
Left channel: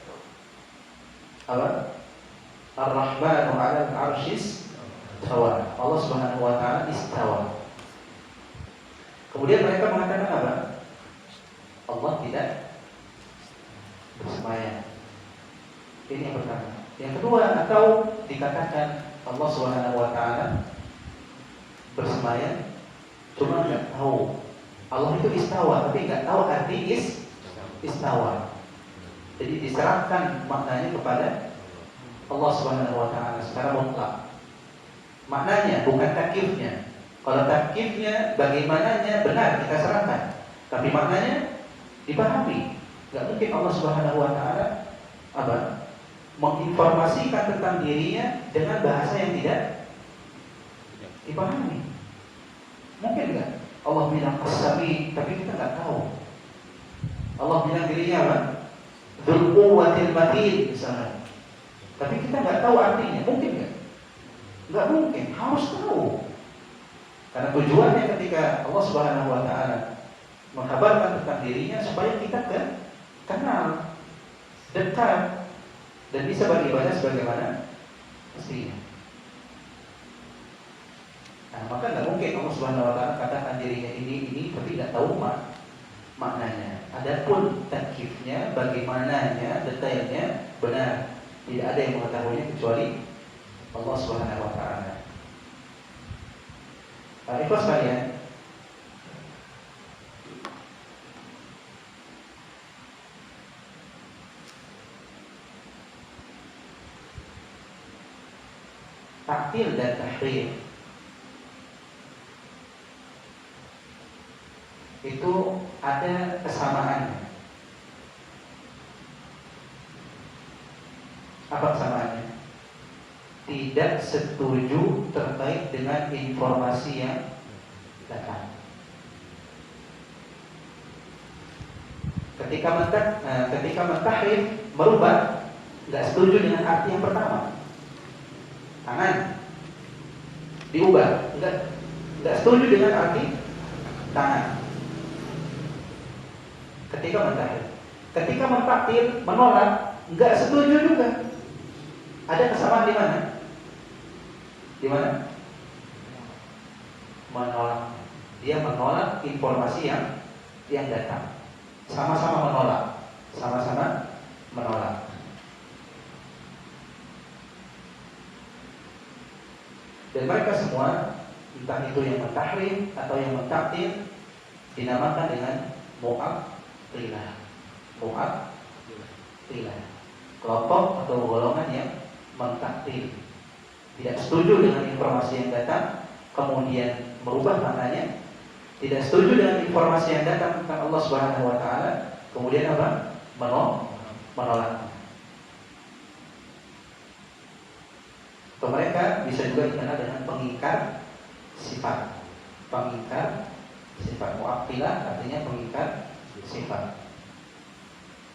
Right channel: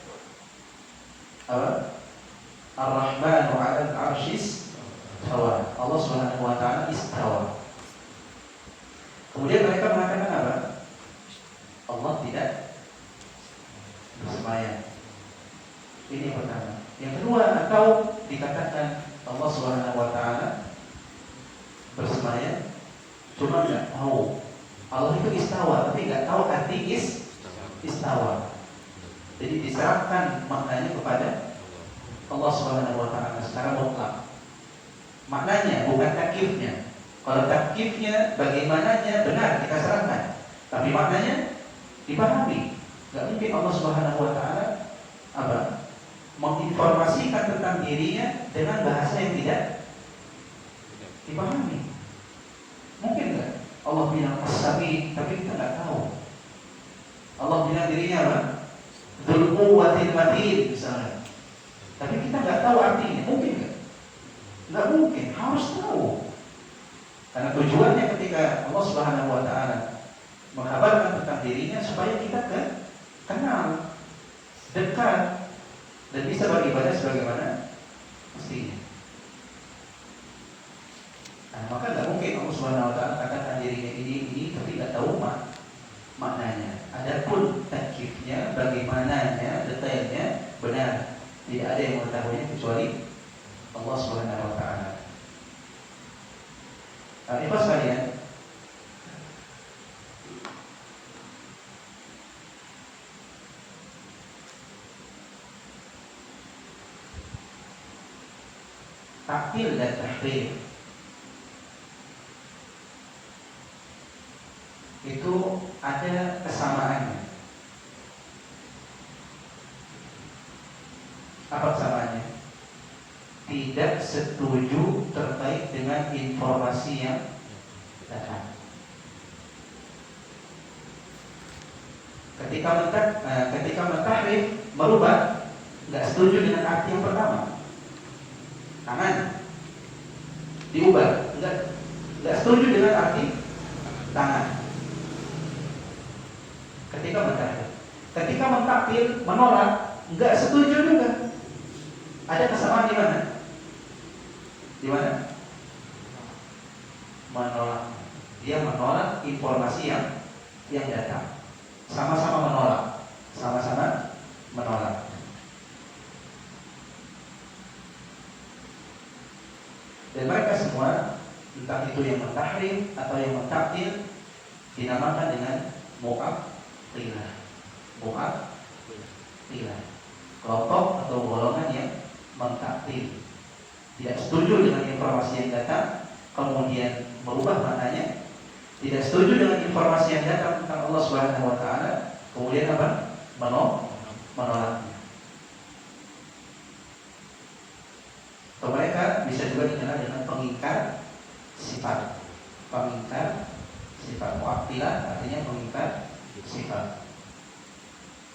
Ar-Rahmanu 'alal 'arsyis istawa. Allah Subhanahu wa ta'ala istawa. Kemudian mereka mengatakan apa? Allah tidak bersemayam. Ini yang pertama. Yang kedua, atau dikatakan Allah Subhanahu wa ta'ala bersemayam, cuma nggak tahu. Allah itu istawa, tapi nggak tahu arti istawa. Jadi diserahkan maknanya kepada Allah Subhanahu wa ta'ala secara mutlak. Maknanya bukan takyifnya. Kalau takyifnya bagaimananya benar kita serahkan. tapi maknanya dipahami. Gak mungkin Allah Subhanahu wa taala menginformasikan tentang dirinya dengan bahasa yang tidak dipahami. Mungkin nggak? Allah bilang As-Sami, tapi kita nggak tahu. Allah bilang dirinya apa? Dzul Quwwatil Matin misalnya, tapi kita nggak tahu artinya. Mungkin nggak? Nggak mungkin. Harus tahu. Karena tujuannya ketika Allah Subhanahu wa taala mengkabarkan tentang dirinya supaya kita kenal, dekat, dan bisa beribadah sebagaimana mestinya. Nah, maka nggak mungkin Allah Subhanahu wa taala katakan dirinya ini tapi nggak tahu maknanya. Adapun takyifnya, bagaimananya, detailnya benar, tidak ada yang mengetahuinya kecuali Allah Subhanahu wa taala. Ikhwas sekalian, takwil dan tahrif itu ada kesamaannya. Apa kesamaannya? Tidak setuju terkait dengan informasi yang datang. Ketika mentahrif, merubah, nggak setuju dengan arti yang pertama. Tangan diubah, nggak setuju dengan arti tangan. Ketika mentahrif, ketika mentaktil, menolak, nggak setuju juga. Ada kesamaan di mana? Di mana? Menolak. Dia menolak informasi yang datang. Sama-sama menolak. Sama-sama menolak. Dan mereka semua, entah itu yang mentahrif atau yang mentaktil, dinamakan dengan mu'attilah. Mu'attilah. Kelompok atau golongan yang mentaktil, tidak setuju dengan informasi yang datang, kemudian merubah maknanya, tidak setuju dengan informasi yang datang tentang Allah Subhanahu wa taala, kemudian apa? Menolaknya. Atau mereka bisa juga dikenal dengan pengingkar sifat. Pengingkar sifat. Mu'attilah artinya pengingkar sifat.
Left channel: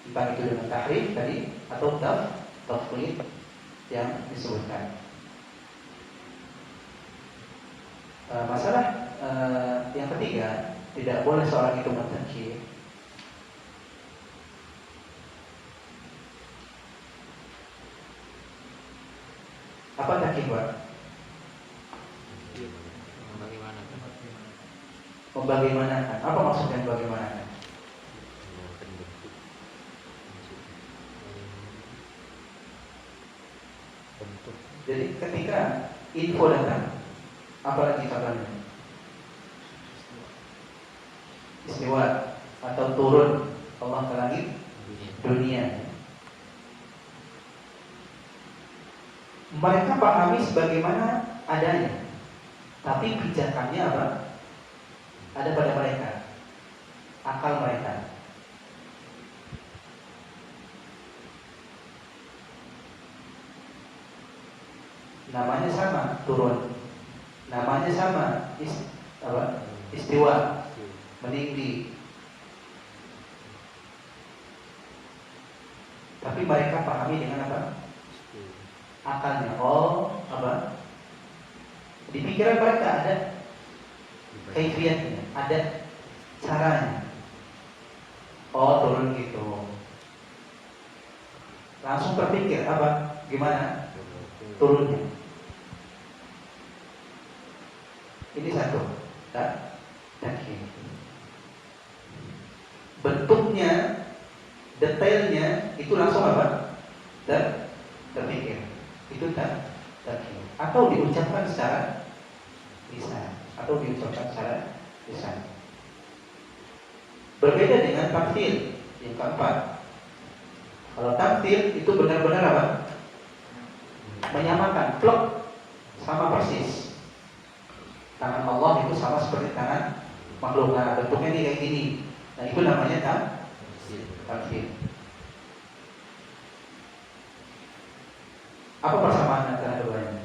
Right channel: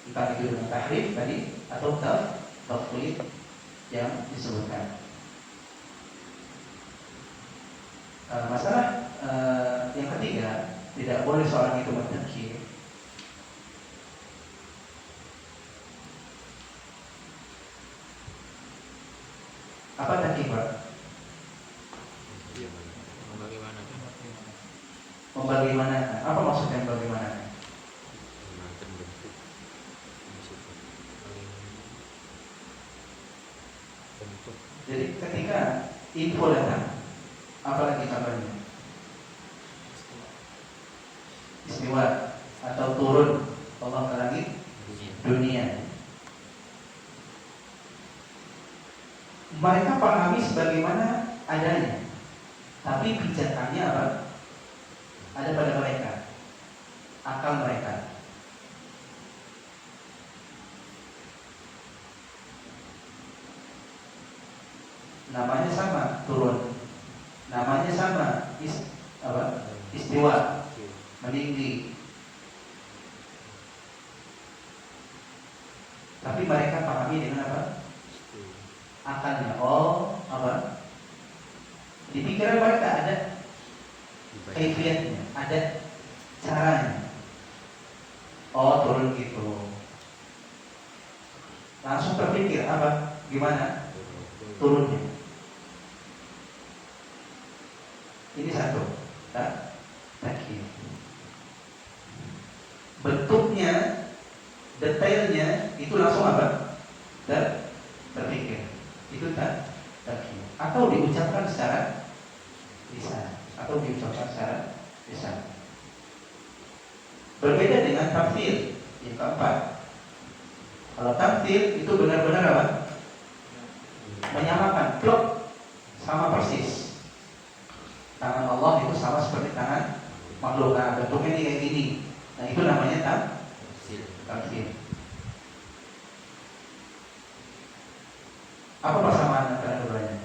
Entah itu dengan tahrif tadi atau tafwid yang disebutkan. Masalah yang ketiga, tidak boleh seorang itu bertakyif. Apa takyif, Pak? Membagaimanakan. Membagaimanakan. Apa maksudnya membagaimanakan? Jadi ketika info datang, apalagi kabarnya? Istiwa atau turun Allah ke langit dunia. Mereka pahami sebagaimana adanya, tapi pijakannya apa? Ada pada mereka, akal mereka. Namanya sama, turun. Namanya sama, istiwa, meninggi. Tapi mereka pahami dengan apa? Akalnya. Oh, apa? Di pikiran mereka ada kaifiatnya, ada caranya. Oh, turun gitu. Langsung terpikir apa? Gimana turunnya? Ini satu, takyif. Bentuknya, detailnya itu langsung apa? Terpikir. Itu takyif. Atau diucapkan secara lisan, Berbeda dengan tamtsil yang keempat. Kalau tamtsil itu benar-benar apa? Menyamakan, plek, sama persis. Tangan Allah itu sama seperti tangan makhluk. Nah, bentuknya ini kayak gini. Nah itu namanya Tamsil. tamsil. Apa persamaan antara keduanya?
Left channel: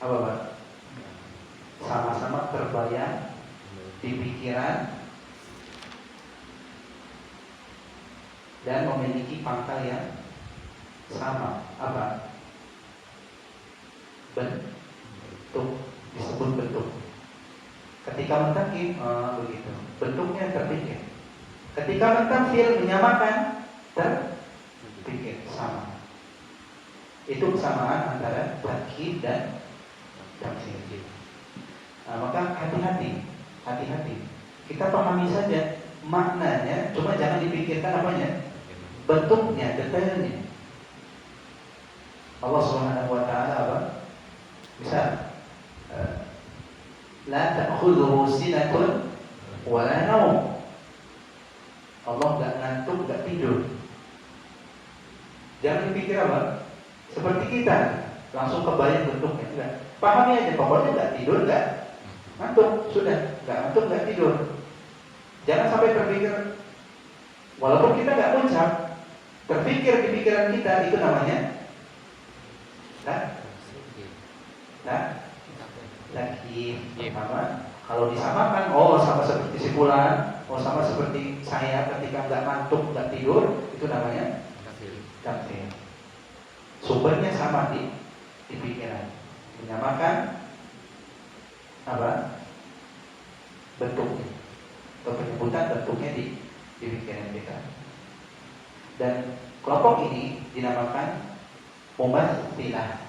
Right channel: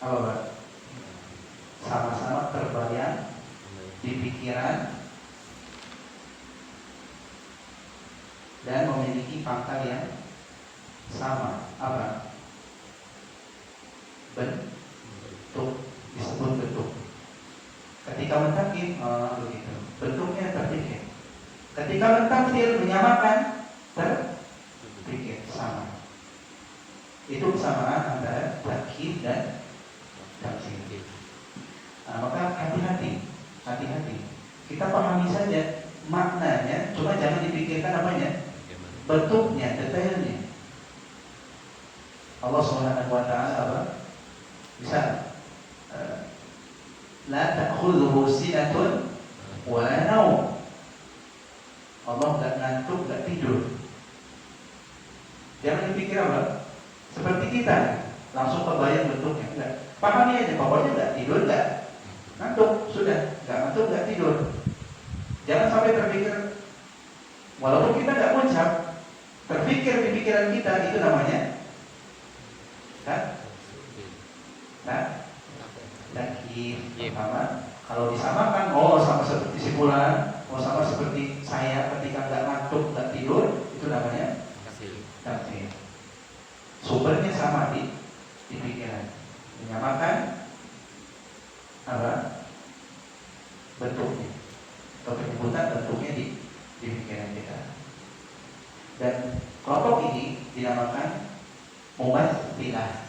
Apa Pak? Sama-sama terbayang di pikiran dan memiliki pangkal yang sama. Apa? Bentuk, disebut bentuk. Ketika mentakif, begitu. Bentuknya terpikir. Ketika mentakfir, menyamakan, terpikir sama. Itu kesamaan antara takkif dan tamsil. Nah, maka hati-hati. Kita pahami saja maknanya, cuma jangan dipikirkan apanya, bentuknya, detailnya. Allah Subhanahu wa taala apa? Misal la ta'khudhuhu sinatun wa la naum. Allah enggak ngantuk, enggak tidur. Jangan dipikir apa? Seperti kita, langsung kebayang bentuknya. Enggak. Pahami aja, pokoknya enggak tidur, enggak ngantuk, sudah. Enggak ngantuk, enggak tidur. Jangan sampai terpikir, walaupun kita enggak ucap, terpikir di pikiran kita, itu namanya takkif. Pertama, kalau disamakan, sama seperti si fulan, sama seperti saya ketika nggak ngantuk, nggak tidur, itu namanya tamsil. Sumbernya sama di pikiran, menyamakan apa? Bentuknya atau penyebutan bentuknya di pikiran kita. Dan kelompok ini dinamakan mumatsilah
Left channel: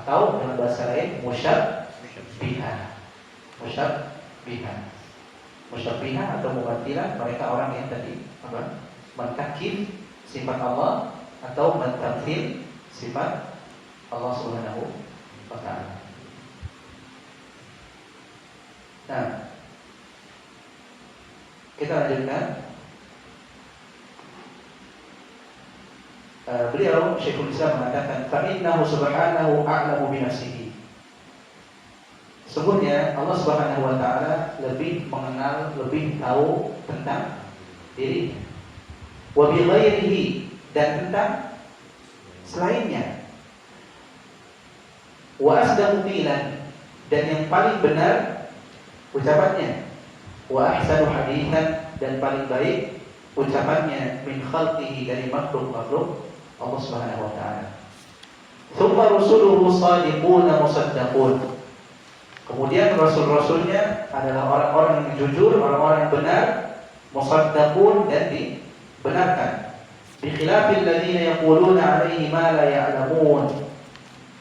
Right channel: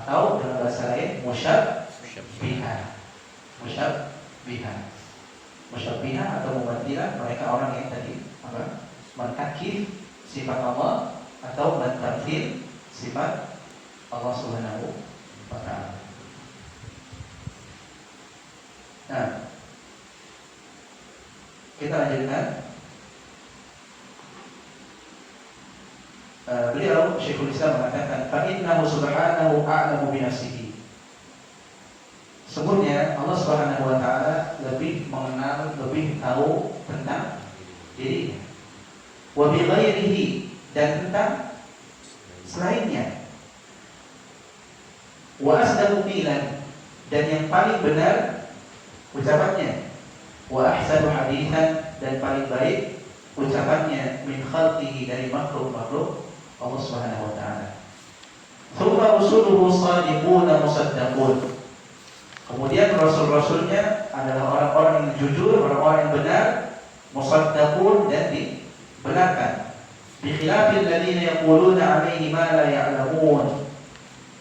atau dalam bahasa lain musyabbihah atau mumatsilah. Mereka orang yang tadi apa? Mentakif sifat Allah atau mentamsil sifat Allah Subhanahu wa ta'ala. Nah, kita lanjutkan. Beliau Syekhul Islam mengatakan, "Fa'innahu subhanahu a'lamu binafsihi." Sesungguhnya Allah Subhanahu wa taala lebih mengenal, lebih tahu tentang dirinya. Wa bi ghairihi, dan tentang selainnya. Wa asdaqu qilan, dan yang paling benar ucapannya. Wa ahsanu haditsan, dan paling baik ucapannya min khalqihi, dari makhluk-makhluk Allah Subhanahu wa taala. Tsumma rusuluhu shadiquna musaddaqun. Kemudian rasul-rasulnya adalah orang-orang yang jujur, orang-orang yang benar, musaddaqun, dan dibenarkan. Bi khilafil ladzina yaquluna 'alaihi ma la ya'lamun.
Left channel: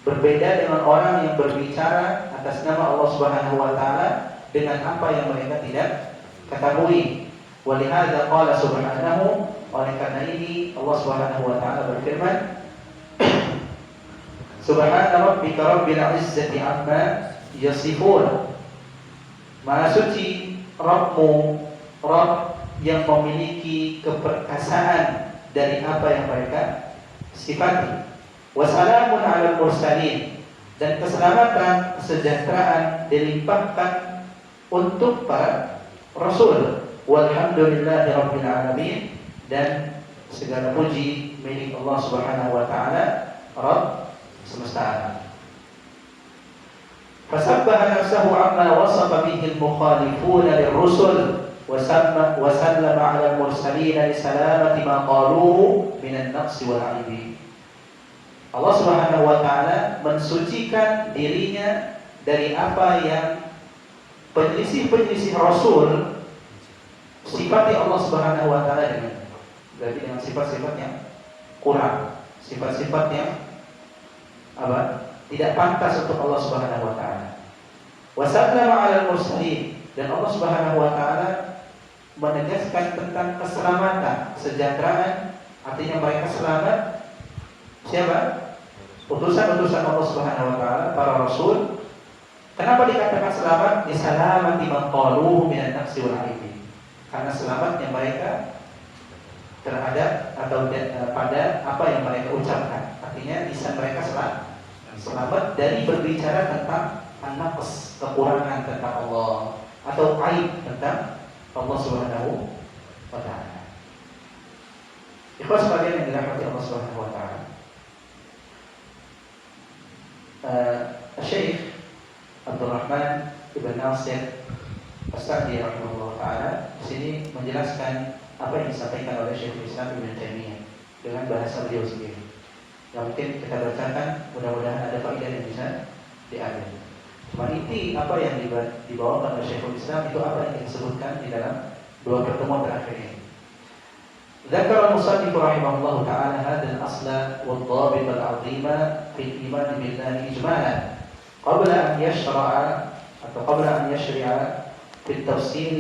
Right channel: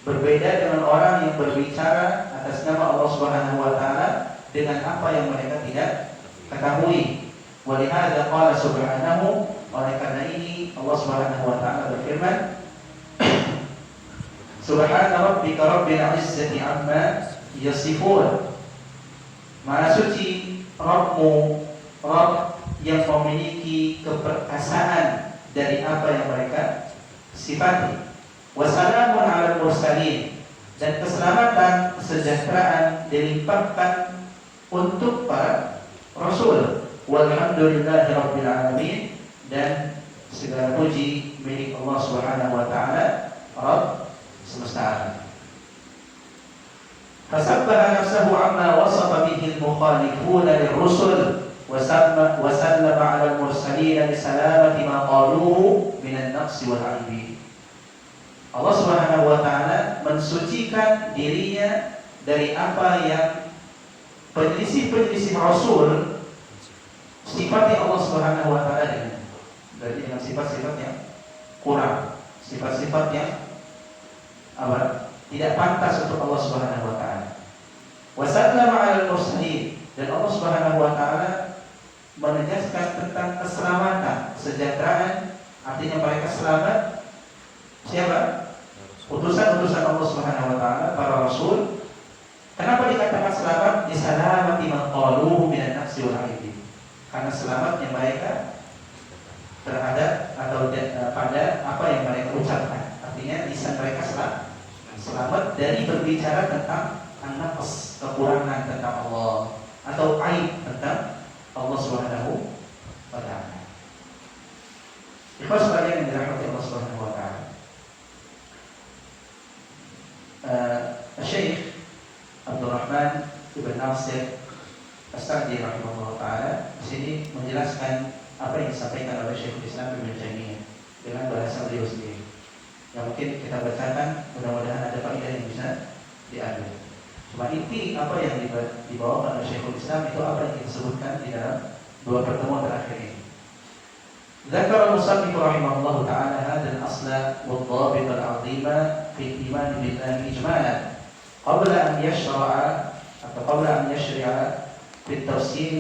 Berbeda dengan orang yang berbicara atas nama Allah Subhanahu wa taala dengan apa yang mereka tidak ketahui. Wa lihadza qala subhanahu, oleh karena ini Allah Subhanahu wa taala berfirman, Subhana rabbika rabbil izzati amma yasifun. Maha suci Rabbmu, Rabb yang memiliki keperkasaan dari apa yang mereka sifati. Wassalamun ala mursalin, dan keselamatan, kesejahteraan dilimpahkan untuk para rasul. Walhamdulillahi rabbil alamin, dan segala puji milik Allah Subhanahu wa taala, Rabb semesta alam. Fasabbaha nafsahu amma wasafa bihi al-mukhalifuna lirrusul wa sallama 'ala al-mursalin li salamati ma qaluhu min an-naqsi wal 'aibi. Allah Subhanahu wa taala mensucikan dirinya dari apa yang penyelisih-penyelisih rasul sifati Allah Subhanahu wa taala dengan, berarti dengan sifat-sifat yang kurang, sifat-sifat yang tidak pantas untuk Allah Subhanahu wa taala. Wa sallama 'alal mursalin, dan Allah Subhanahu wa taala menegaskan tentang keselamatan, kesejahteraan, artinya mereka selamat. Siapa? Utusan-utusan Allah Subhanahu wa taala, para rasul. Kenapa dikatakan selamat? Disalamati man qaluhu minan naqsi wal 'aibi. Karena selamatnya mereka terhadap atau pada apa yang mereka ucapkan. Artinya lisan mereka selamat dari berbicara tentang an-naqs, kekurangan tentang Allah atau aib tentang Allah Subhanahu wa taala. Ikhwas sekalian yang dirahmati Allah Subhanahu wa taala. Syekh Abdul Rahman Ibn Nasir As-Sa'di rahimahullah taala di sini menjelaskan apa yang disampaikan oleh Syekhul Islam Ibnu Taimiyah dengan bahasa beliau sendiri. Yang mungkin kita bacakan, mudah-mudahan ada faedah yang bisa diambil. Cuma inti apa yang dibawakan oleh Syekhul Islam itu apa yang disebutkan di dalam dua pertemuan terakhir ini. ذكر المصنف رحمه الله تعالى هذا الأصل والضابط العظيم في الإيمان بالله إجمالا قبل أن يشرع في التفصيل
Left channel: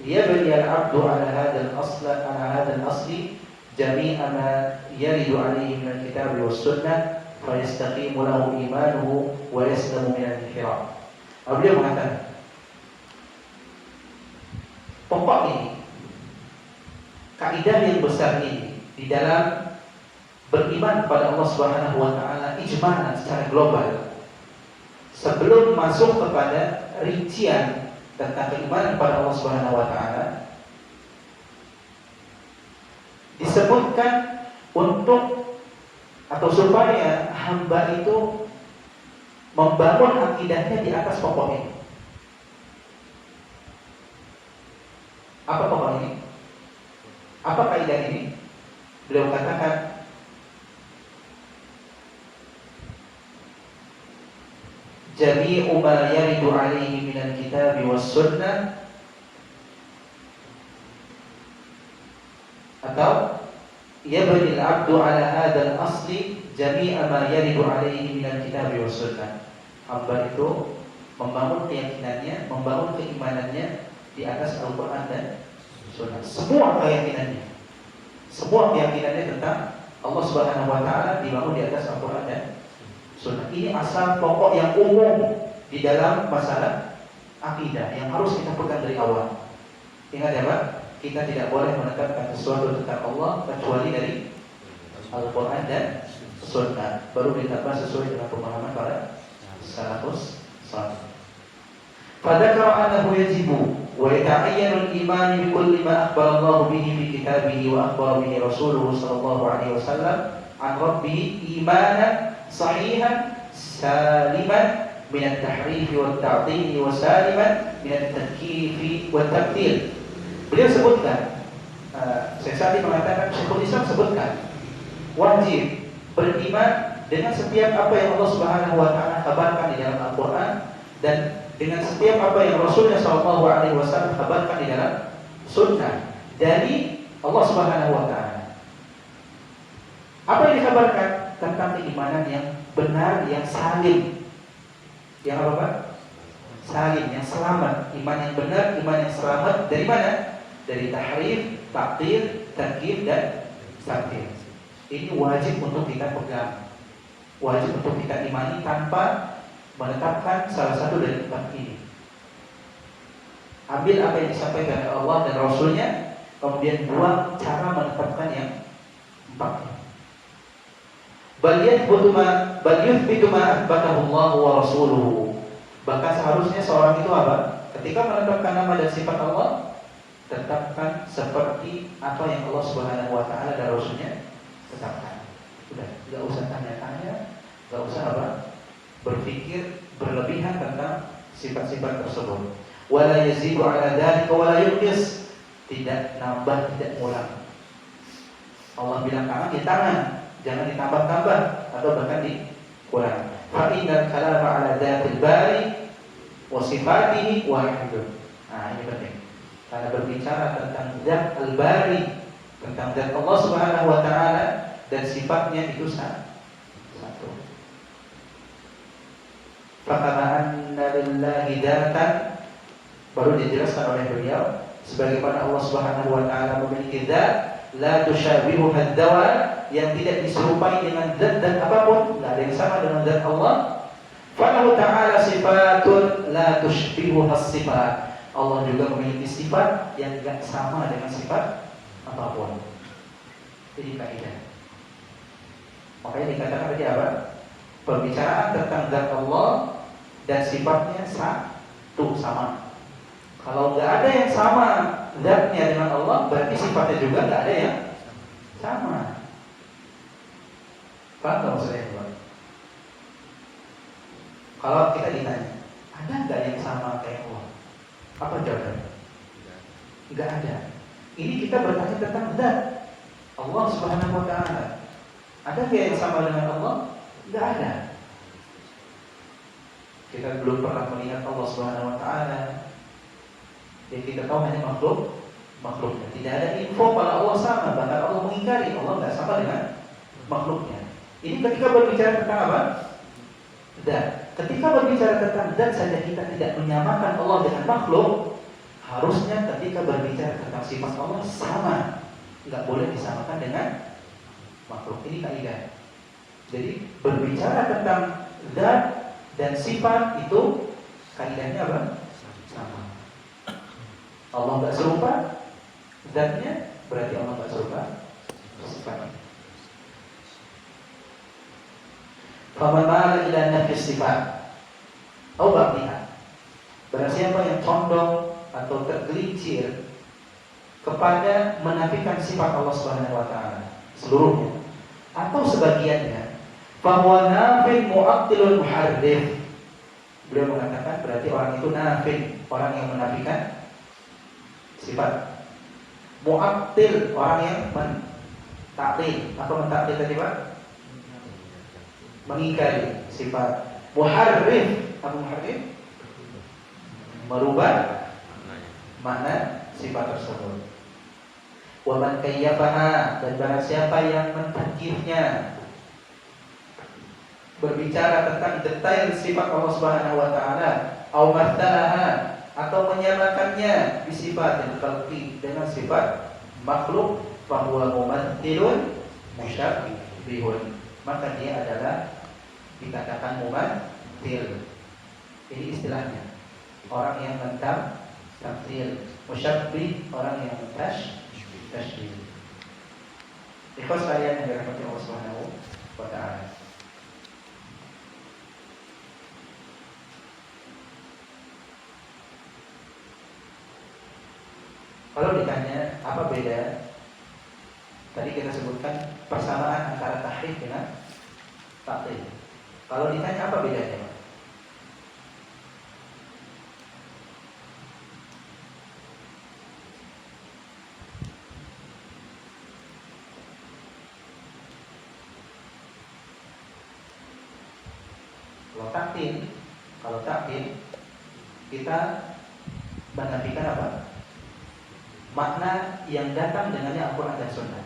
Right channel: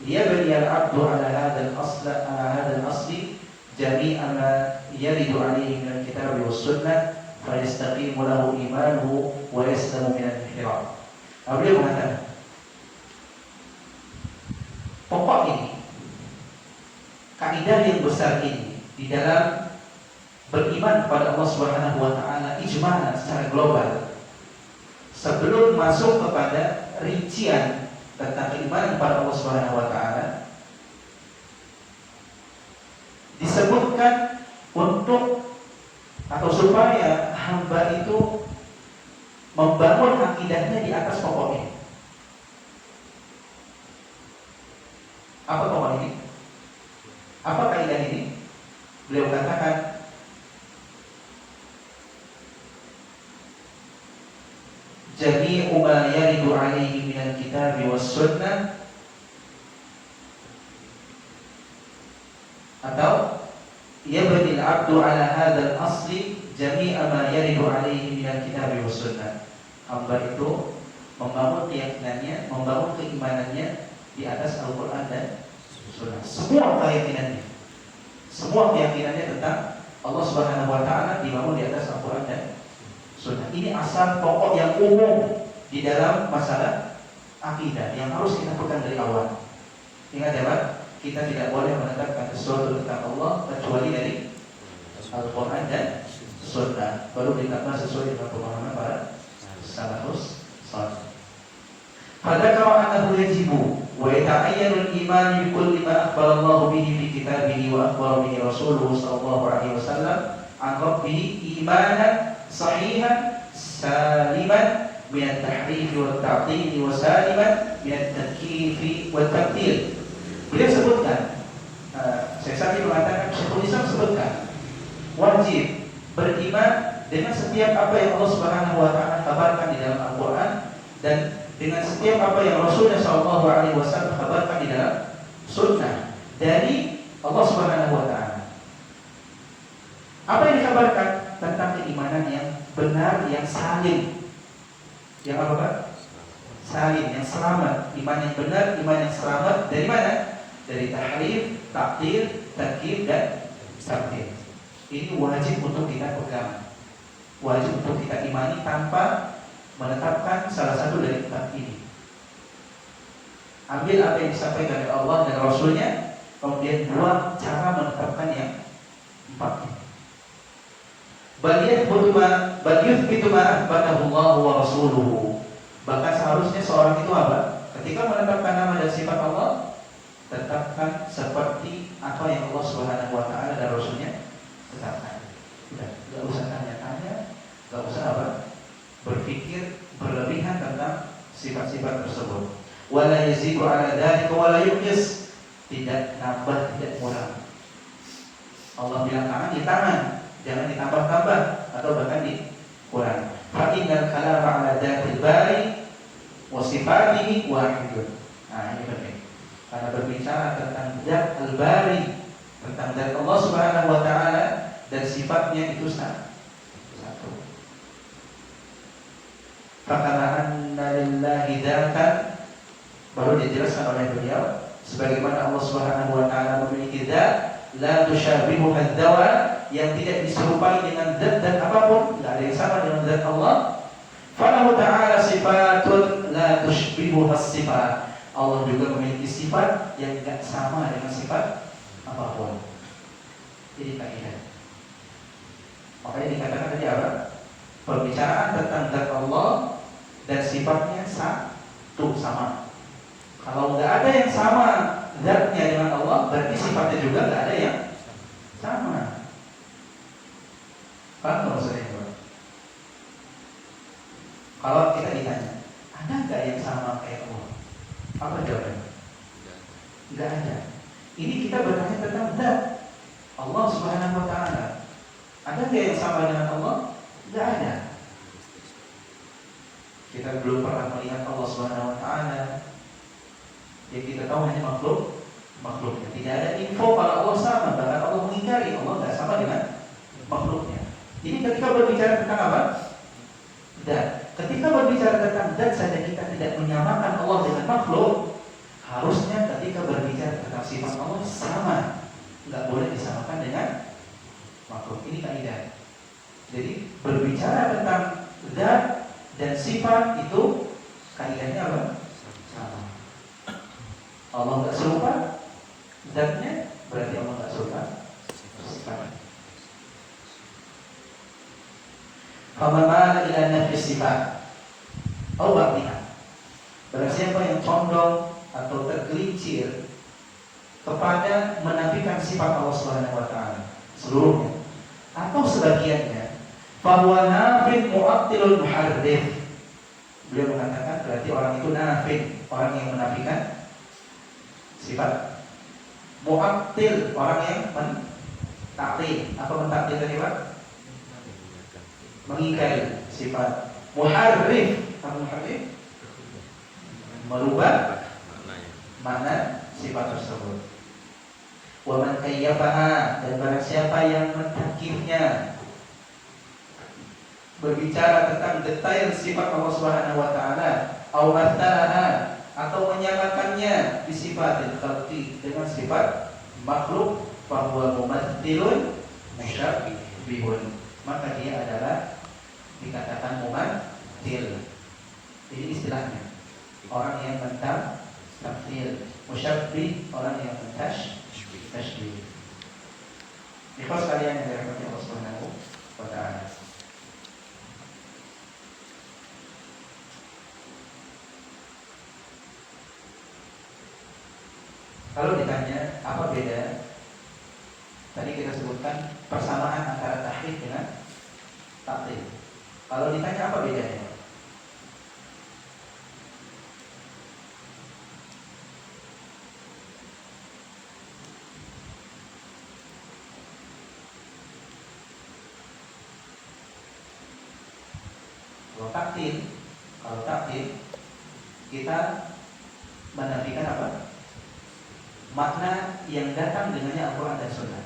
ليبني العبد على هذا الأصل جميع ما يرد عليه من الكتاب والسنة فيستقيم له إيمانه ويسلم من الانحراف. Beliau mengatakan pokok ini, kaidah yang besar ini di dalam beriman kepada Allah Subhanahu wa taala ijma'an secara global. Sebelum masuk kepada rincian tentang keimanan kepada Allah Subhanahu wa taala, disebutkan untuk atau supaya hamba itu membangun akidahnya di atas pokok ini. Apa pokok ini? Apa kaidah ini? Beliau katakan jami'u ma yaridu alaihi minal kitabi was sunnah, atau yabni al-'abdu ala hadzal asli jami'a ma yaridu alaihi minal kitabi was sunnah. Hamba itu membangun keyakinannya, membangun keimanannya di atas Al-Qur'an dan Sunnah. Semua keyakinannya tentang Allah Subhanahu wa taala dibangun di atas Al-Qur'an dan Sunnah. Ini asal pokok yang umum di dalam masalah akidah yang harus kita pegang dari awal. Ingat ya Pak, kita tidak boleh menetapkan sesuatu tentang Allah kecuali dari Al-Qur'an dan Sunnah. Baru ditetapkan sesuai dengan pemahaman para salafus salih. Fadzakara annahu yajibu wa yata'ayyanu al-iman bi kulli ma akhbara Allah bihi fi kitabihi wa akhbara bihi rasuluhu sallallahu alaihi wasallam an rabbih imanan sahihan saliman min at-tahrif wa at-ta'til wa saliman min at-takyif wa at-tabdil. Beliau sebutkan, Syekh Sa'di mengatakan, Syekhul Islam sebutkan wajib beriman dengan setiap apa yang Allah Subhanahu wa taala kabarkan di dalam Al-Qur'an dan dengan setiap apa yang Rasulnya sallallahu alaihi wasallam kabarkan di dalam sunnah dari Allah Subhanahu wa taala. Apa yang dikabarkan tentang keimanan yang benar, yang salim. Yang apa Pak? Salim, yang selamat. Iman yang benar, iman yang selamat dari mana? Dari tahrif, ta'til, takyif dan tabdil. Ini wajib untuk kita pegang, wajib untuk kita imani tanpa menetapkan salah satu dari empat ini. Ambil apa yang disampaikan oleh Allah dan Rasulnya, kemudian buang cara menetapkan yang empat ini. Bal yuthbitu ma athbatahu Allah wa rasuluhu. Bahkan seharusnya seorang itu apa? Ketika menetapkan nama dan sifat Allah, tetapkan seperti apa yang Allah Subhanahu wa taala dan Rasulnya tetapkan. Udah, enggak usah tanya-tanya, enggak usah apa? Berpikir berlebihan tentang sifat-sifat tersebut. Wala yazidu ala dzalika wala yuqis. Tidak nambah, tidak kurang. Allah bilang tangan, di tangan, jangan ditambah-tambah atau bahkan dikurangi. Fa innal kalama ala dzatil bari wa sifatihi wahidun. Nah, ini penting. Karena berbicara tentang zat al-bari, tentang zat Allah Subhanahu wa taala dan sifatnya itu satu. Fakama anna lillahi dzatan, baru dijelaskan oleh beliau, sebagaimana Allah Subhanahu wa taala memiliki zat la tusyabihu ad-dawa, yang tidak diserupai dengan zat dan apapun, tidak ada yang sama dengan zat Allah. Falahu ta'ala sifatun la tushbihu as-sifat. Allah juga memiliki sifat yang tidak sama dengan sifat apapun. Ini kaidah. Makanya dikatakan tadi apa? Pembicaraan tentang zat Allah dan sifatnya satu, sama. Kalau nggak ada yang sama zatnya dengan Allah, berarti sifatnya juga nggak ada yang sama. Paham nggak maksudnya, Pak? Kalau kita ditanya, ada nggak yang sama kayak Allah? Apa jawabannya? Nggak ada. Ini kita bertanya tentang zat Allah Subhanahu Wa Taala. Ada nggak yang sama dengan Allah? Nggak ada. Kita belum pernah melihat Allah Subhanahu Wa Taala. Jadi kita tahu hanya makhluknya. Tidak ada info kalau Allah sama. Bahkan Allah mengingkari Allah nggak sama dengan makhluknya. Ini ketika berbicara tentang apa? Zat. Ketika berbicara tentang zat saja kita tidak menyamakan Allah dengan makhluk. Harusnya ketika berbicara tentang sifat Allah sama. Nggak boleh disamakan dengan makhluk. Ini kaidah. Jadi berbicara tentang zat dan sifat itu kaidahnya apa? Sama. Allah nggak serupa zatnya, berarti Allah nggak serupa sifatnya. Faman mala ila nafi sifat atau ba'diha, barang siapa yang condong atau tergelincir kepada menafikan sifat Allah Subhanahu wa taala seluruhnya atau sebagiannya, fahuwa nafin mu'attilun muharrif. Beliau mengatakan berarti orang itu nafin, orang yang menafikan sifat. Mu'attil, orang yang mentaktil. Apa mentaktil tadi, Pak? Mengingkari sifat. Muharrif, apa muharrif? Merubah makna sifat tersebut. Wa man kayyafaha, dan barang siapa yang mentakifnya, berbicara tentang detail sifat Allah Subhanahu wa taala, au matsalaha, atau menyamakannya di sifatil khalqi dengan sifat makhluk, fa huwa mumatthilun musyabbihun, maka dia adalah dikatakan mumatthil. Ini istilahnya. Orang yang mentamthil, musyabbih orang yang tashbih. Ikhlas kalian yang dirahmati Allah Subhanahu wa taala. Kalau ditanya apa beda, tadi kita sebutkan persamaan antara tahrif dengan ta'til. Kalau ditanya apa bedanya? Kalau ta'til kita menafikan apa? Makna yang datang dengannya Al-Quran dan Sunnah.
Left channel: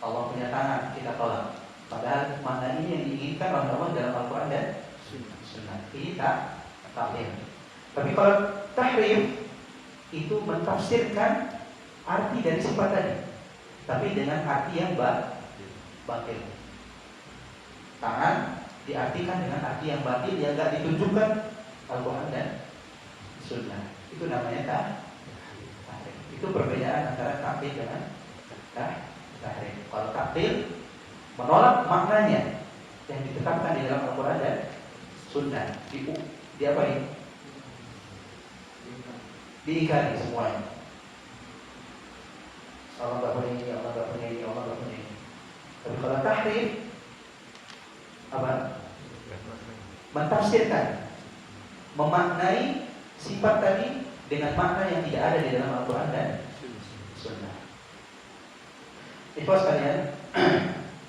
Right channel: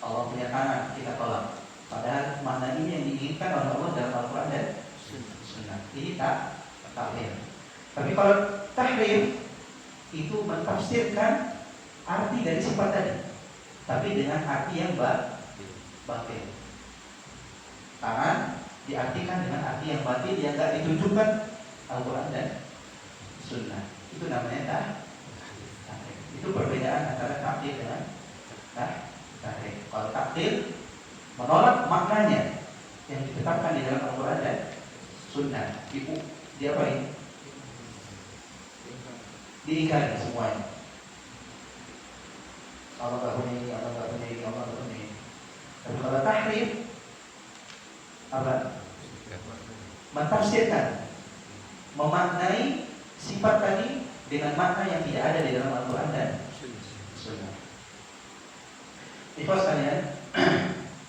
Allah punya tangan, kita tolak. Padahal makna ini yang diinginkan oleh Allah dalam Al-Quran dan Sunnah. Ini ta'til. Tapi kalau tahrif itu mentafsirkan arti dari sifat tadi, tapi dengan arti yang batil. Tangan diartikan dengan arti yang batil yang tidak ditunjukkan Al-Quran dan Sunnah. Itu namanya tahrif. Itu perbedaan antara ta'til dengan tahrif. Kalau ta'til menolak maknanya yang ditetapkan di dalam Al-Quran dan Sunnah, diapain? Diingkari semuanya. Allah tak punya ini, Allah tak punya ini, Allah tak punya ini. Tapi kalau tahrif apa? Mentafsirkan, memaknai sifat tadi dengan makna yang tidak ada di dalam Al-Quran dan Sunnah. Ikhwas sekalian,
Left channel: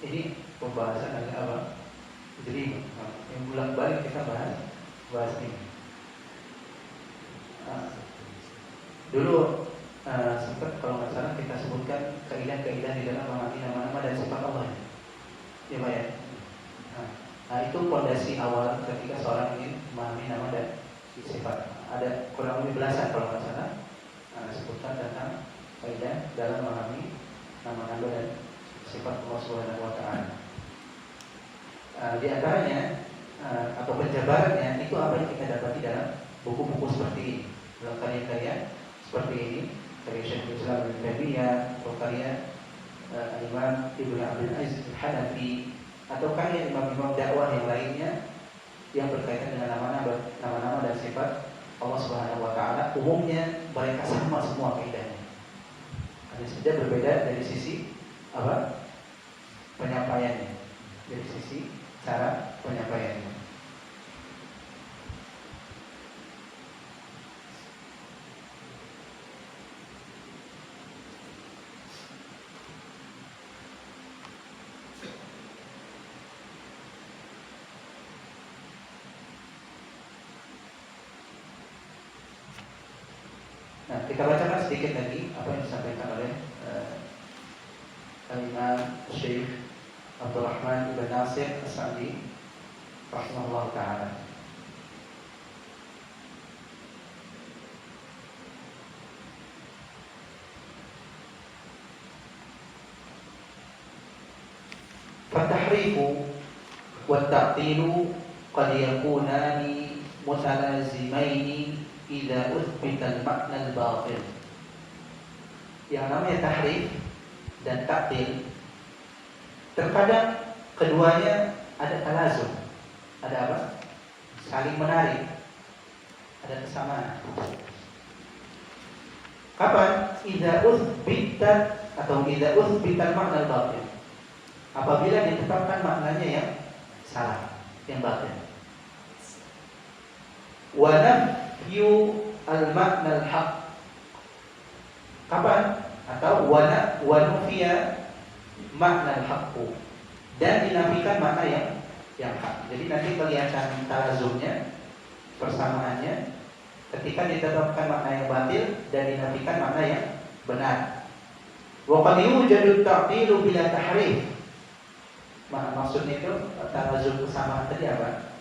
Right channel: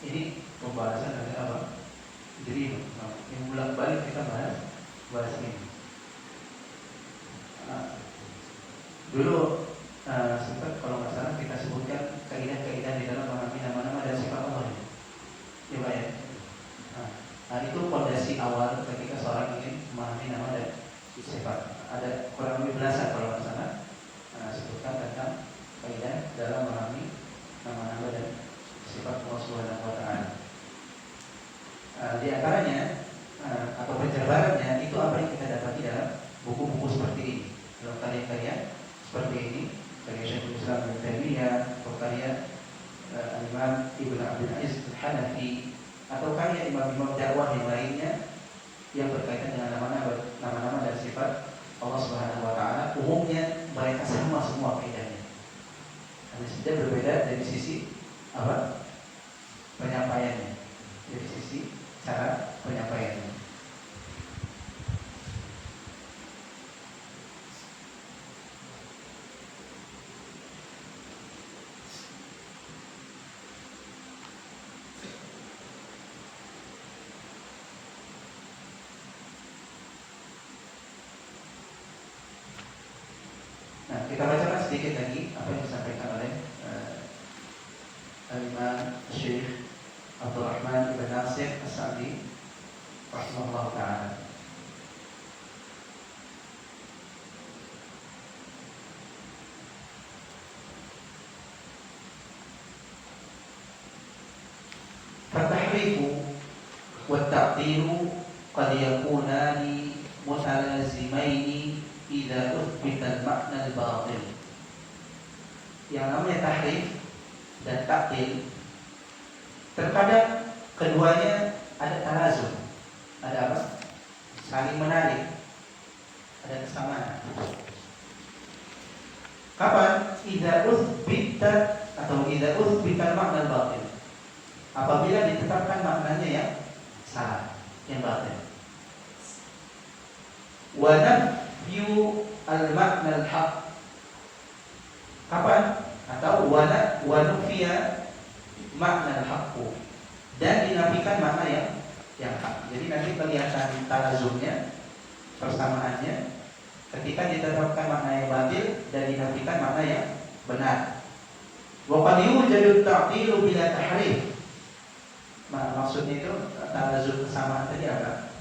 ini pembahasan ada apa? Jadi yang bulan balik kita bahas ini. Dulu sempat kalau nggak salah kita sebutkan kaidah-kaidah di dalam mengerti nama-nama dan sifat Allah. Ya Pak ya. Nah itu fondasi awal ketika seorang ingin memahami nama dan sifat. Ada kurang lebih belasan kalau nggak salah sebutkan tentang kaidah dalam memahami nama-nama dan sifat Allah Subhanahu wa taala. Di antaranya atau penjabarannya itu apa yang kita dapati dalam buku-buku seperti ini, dalam karya-karya seperti ini, karya Syekhul Islam Ibnu Taimiyah atau karya Imam Ibnu Abdul Aziz Al-Hanafi atau karya imam-imam dakwah yang lainnya yang berkaitan dengan nama-nama dan sifat Allah Subhanahu wa taala, umumnya mereka sama semua kaidahnya. Hanya saja berbeda dari sisi apa? Penyampaiannya. Dari sisi cara penyampaiannya. Nah, kita bacakan sedikit lagi apa yang disampaikan oleh Al-Imam Syekh Abdul Rahman Ibn Nasir As-Sa'di rahimahullah ta'ala. Fatahrifu wa ta'tilu qad yakunani mutalazimaini idza uthbita al-ma'na al-batil. Yang namanya tahrif dan ta'til terkadang keduanya ada talazum, ada apa? Saling menarik, ada kesamaan. Kapan? Idza uthbita atau idza uthbita al-ma'na al-batil. Apabila ditetapkan maknanya yang salah, yang batil. Wa nafyu al-ma'na al-haq. Kapan? Atau wa nufiya makna al-haqqu, dan dinafikan makna yang hak. Jadi nanti kelihatan talazumnya, persamaannya ketika ditetapkan makna yang batil dan dinafikan makna yang benar. Wa qad yujadu at-ta'tilu bila tahrif. Maksudnya itu talazum kesamaan tadi apa?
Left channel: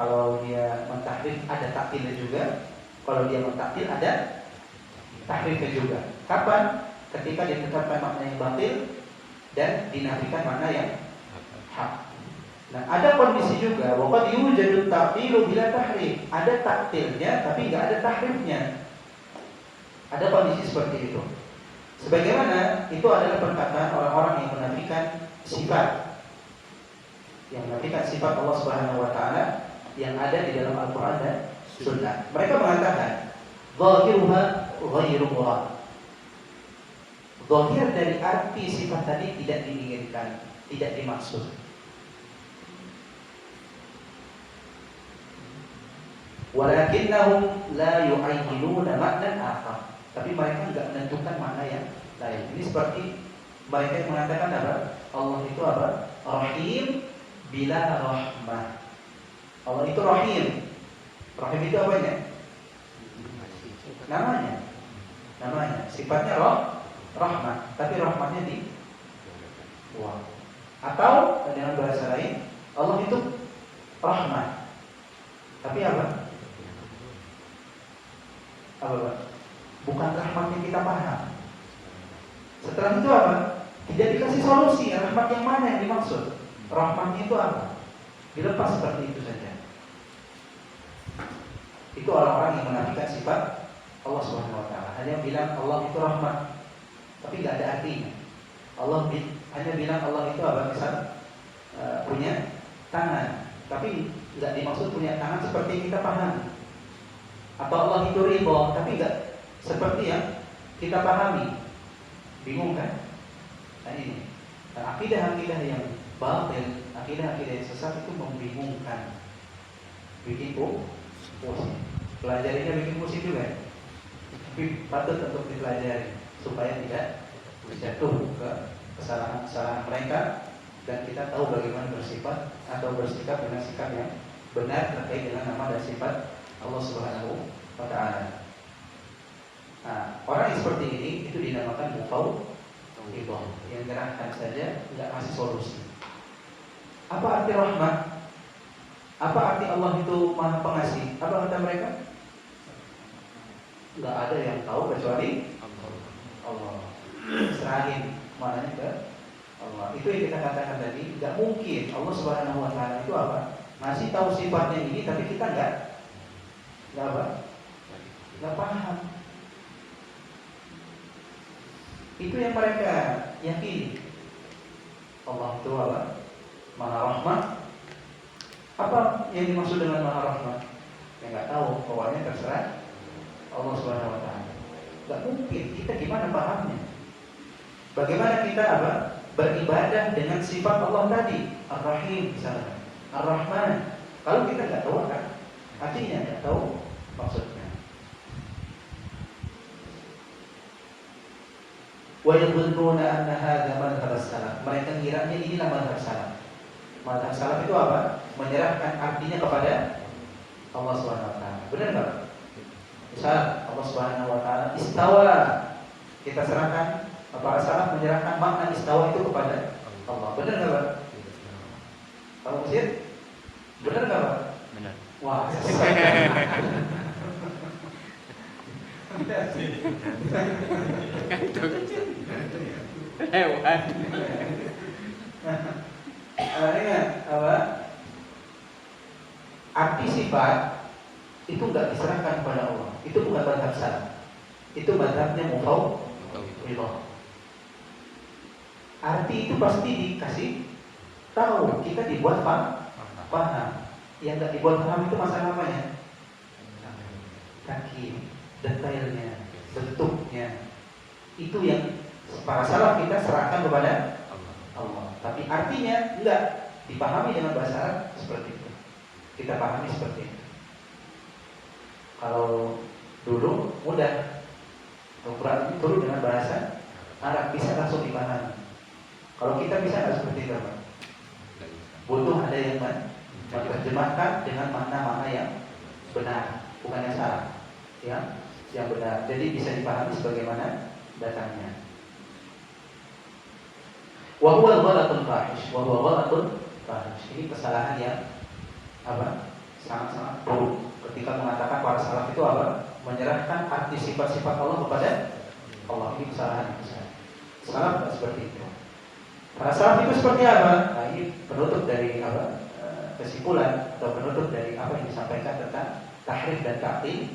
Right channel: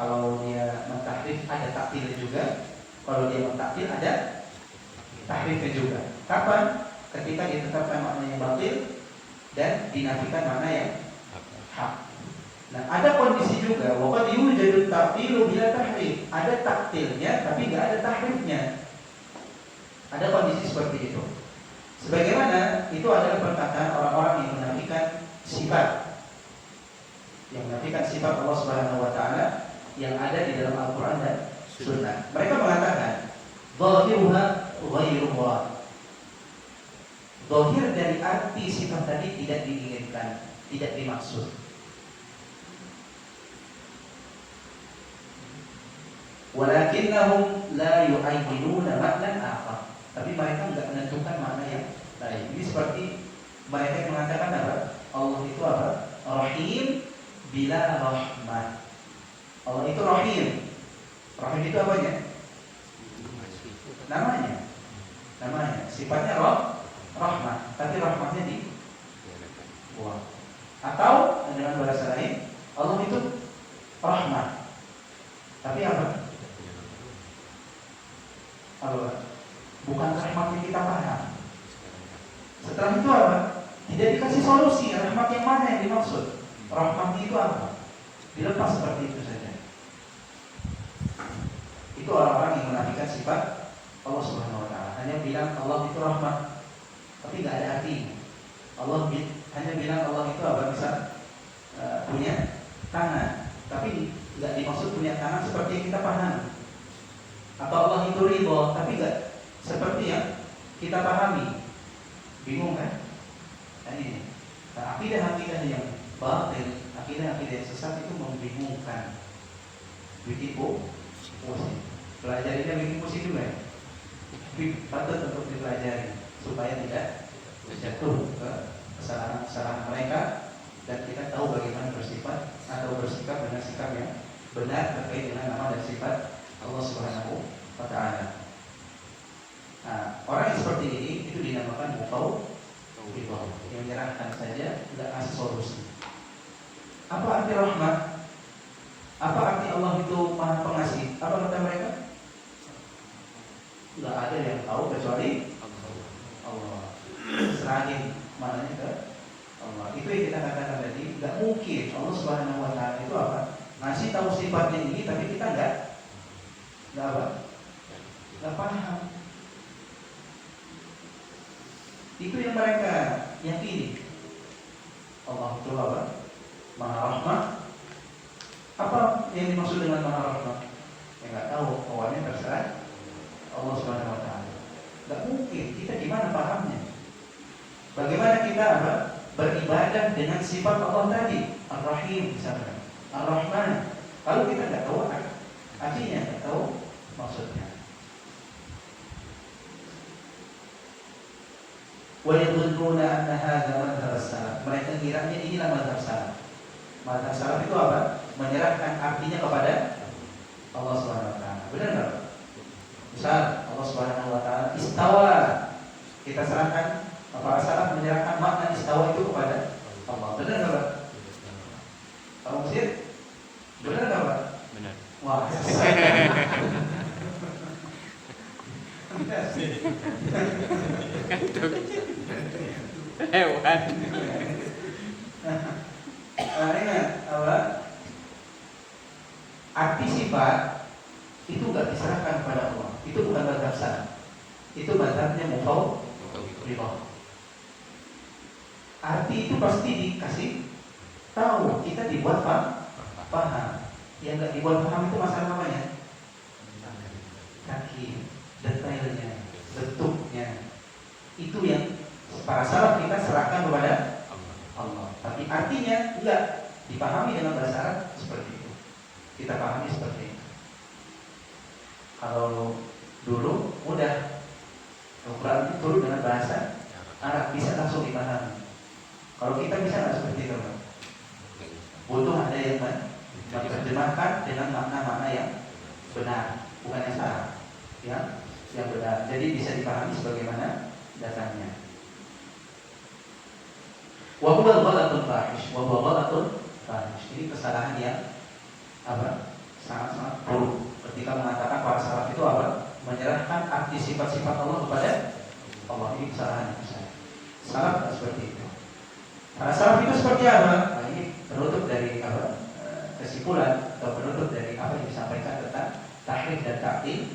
Kalau dia mentahrif ada taktilnya juga, kalau dia mentaktil ada tahrifnya juga. Kapan? Ketika ditetapkan makna yang batil dan dinafikan makna yang hak. Nah, ada kondisi juga waqad yujadu ta'tilu bila tahrif. Ada taktilnya tapi enggak ada tahrifnya. Ada kondisi seperti itu. Sebagaimana itu adalah perkataan orang-orang yang menafikan sifat. Yang menafikan sifat Allah Subhanahu wa taala yang ada di dalam Al-Qur'an dan Sunnah. Mereka mengatakan zahiruha ghairu murad. Zahir dari arti sifat tadi tidak diinginkan, tidak dimaksud. Walakinnahum la yu'ayyinuna maknan akhar. Tapi mereka enggak menentukan makna yang lain. Ini seperti mereka yang mengatakan apa? Allah itu apa? Rahim bila rahmah. Allah itu rahim. Rahim itu apanya? Namanya. Sifatnya rahmat, tapi rahmatnya di buang. Atau dengan bahasa lain, Allah itu rahmat, tapi apa? Bukan rahmat yang kita paham. Setelah itu apa? Tidak dikasih solusi. Rahmat yang mana yang dimaksud? Rahmat itu apa? Dilepas seperti itu saja. Itu orang-orang yang menafikan sifat Allah Subhanahu wa taala. Hanya bilang Allah itu rahmat, tapi nggak ada artinya. Allah hanya bilang Allah itu apa? Misal punya tangan, tapi nggak dimaksud punya tangan seperti yang kita pahami. Atau Allah itu ridho, tapi nggak seperti yang kita pahami. Bingung kan? Nah ini, akidah-akidah yang batil, akidah-akidah yang sesat itu membingungkan, bikin pusing. Pelajarinya bikin pusing juga ya? Tapi patut untuk dipelajari supaya tidak jatuh ke kesalahan-kesalahan mereka dan kita tahu bagaimana bersifat atau bersikap dengan sikap yang benar terkait dengan nama dan sifat Allah Subhanahu wa taala. Nah, orang yang seperti ini itu dinamakan mufawwidhah, yang menyerahkan saja, enggak kasih solusi. Apa arti rahmat? Apa arti Allah itu Maha Pengasih? Apa kata mereka? Enggak ada yang tahu kecuali Allah. Serahin maknanya ke Allah. Itu yang kita katakan tadi, enggak mungkin Allah Subhanahu wa taala itu apa? Ngasih tahu sifatnya ini tapi kita enggak apa? Enggak paham. Itu yang mereka yakini. Allah itu apa? Maha Rahman. Apa yang dimaksud dengan Maha Rahman? Ya nggak tahu, pokoknya terserah Allah Subhanahu Wa Taala. Nggak mungkin, kita gimana pahamnya? Bagaimana kita apa? Beribadah dengan sifat Allah tadi, Ar-Rahim misalnya, Ar-Rahman. Kalau kita nggak tahu kan, artinya nggak tahu maksudnya. Wa yadhunnuna anna hadza madhhab as-salaf. Mereka kiranya inilah madhab salaf. Madhab salaf itu apa? Menyerahkan artinya kepada Allah Subhanahu Wa Taala. Benar nggak? Misal Allah Subhanahu Wa Taala istawa, kita serahkan. Para salaf menyerahkan makna istawa itu kepada Allah. Benar nggak Pak? Kamu Masjid? Benar nggak Pak? Benar. Wah. Hewan. Ingat apa? Arti sifat itu nggak diserahkan kepada Allah. Itu bukan mazhab salaf. Itu mazhabnya mufawwidhah. Arti itu pasti dikasih tahu. Kita dibuat paham. Yang nggak dibuat paham itu masalah apa ya? Kaki, detailnya, bentuknya. Itu yang para salaf kita serahkan kepada Allah. Tapi artinya enggak dipahami dengan bahasa Arab seperti itu. Kita pahami seperti itu. Kalau dulu mudah, Al-Quran itu turun dengan bahasa Arab, bisa langsung dipahami. Kalau kita bisa nggak seperti itu, Pak? Butuh ada yang menerjemahkan dengan makna-makna yang benar, bukan yang salah, yang benar. Jadi bisa dipahami sebagaimana datangnya. Wa huwa ghalatul fahish, wa huwa ghalatul fahish. Ini kesalahan yang apa? Sangat-sangat buruk. Ketika mengatakan para salaf itu apa? Menyerahkan arti sifat-sifat Allah kepada Allah. Ini kesalahan yang besar. Salaf tidak seperti itu. Para salaf itu seperti apa? Nah, ini penutup dari apa? Kesimpulan atau penutup dari apa yang disampaikan tentang tahrif dan ta'til.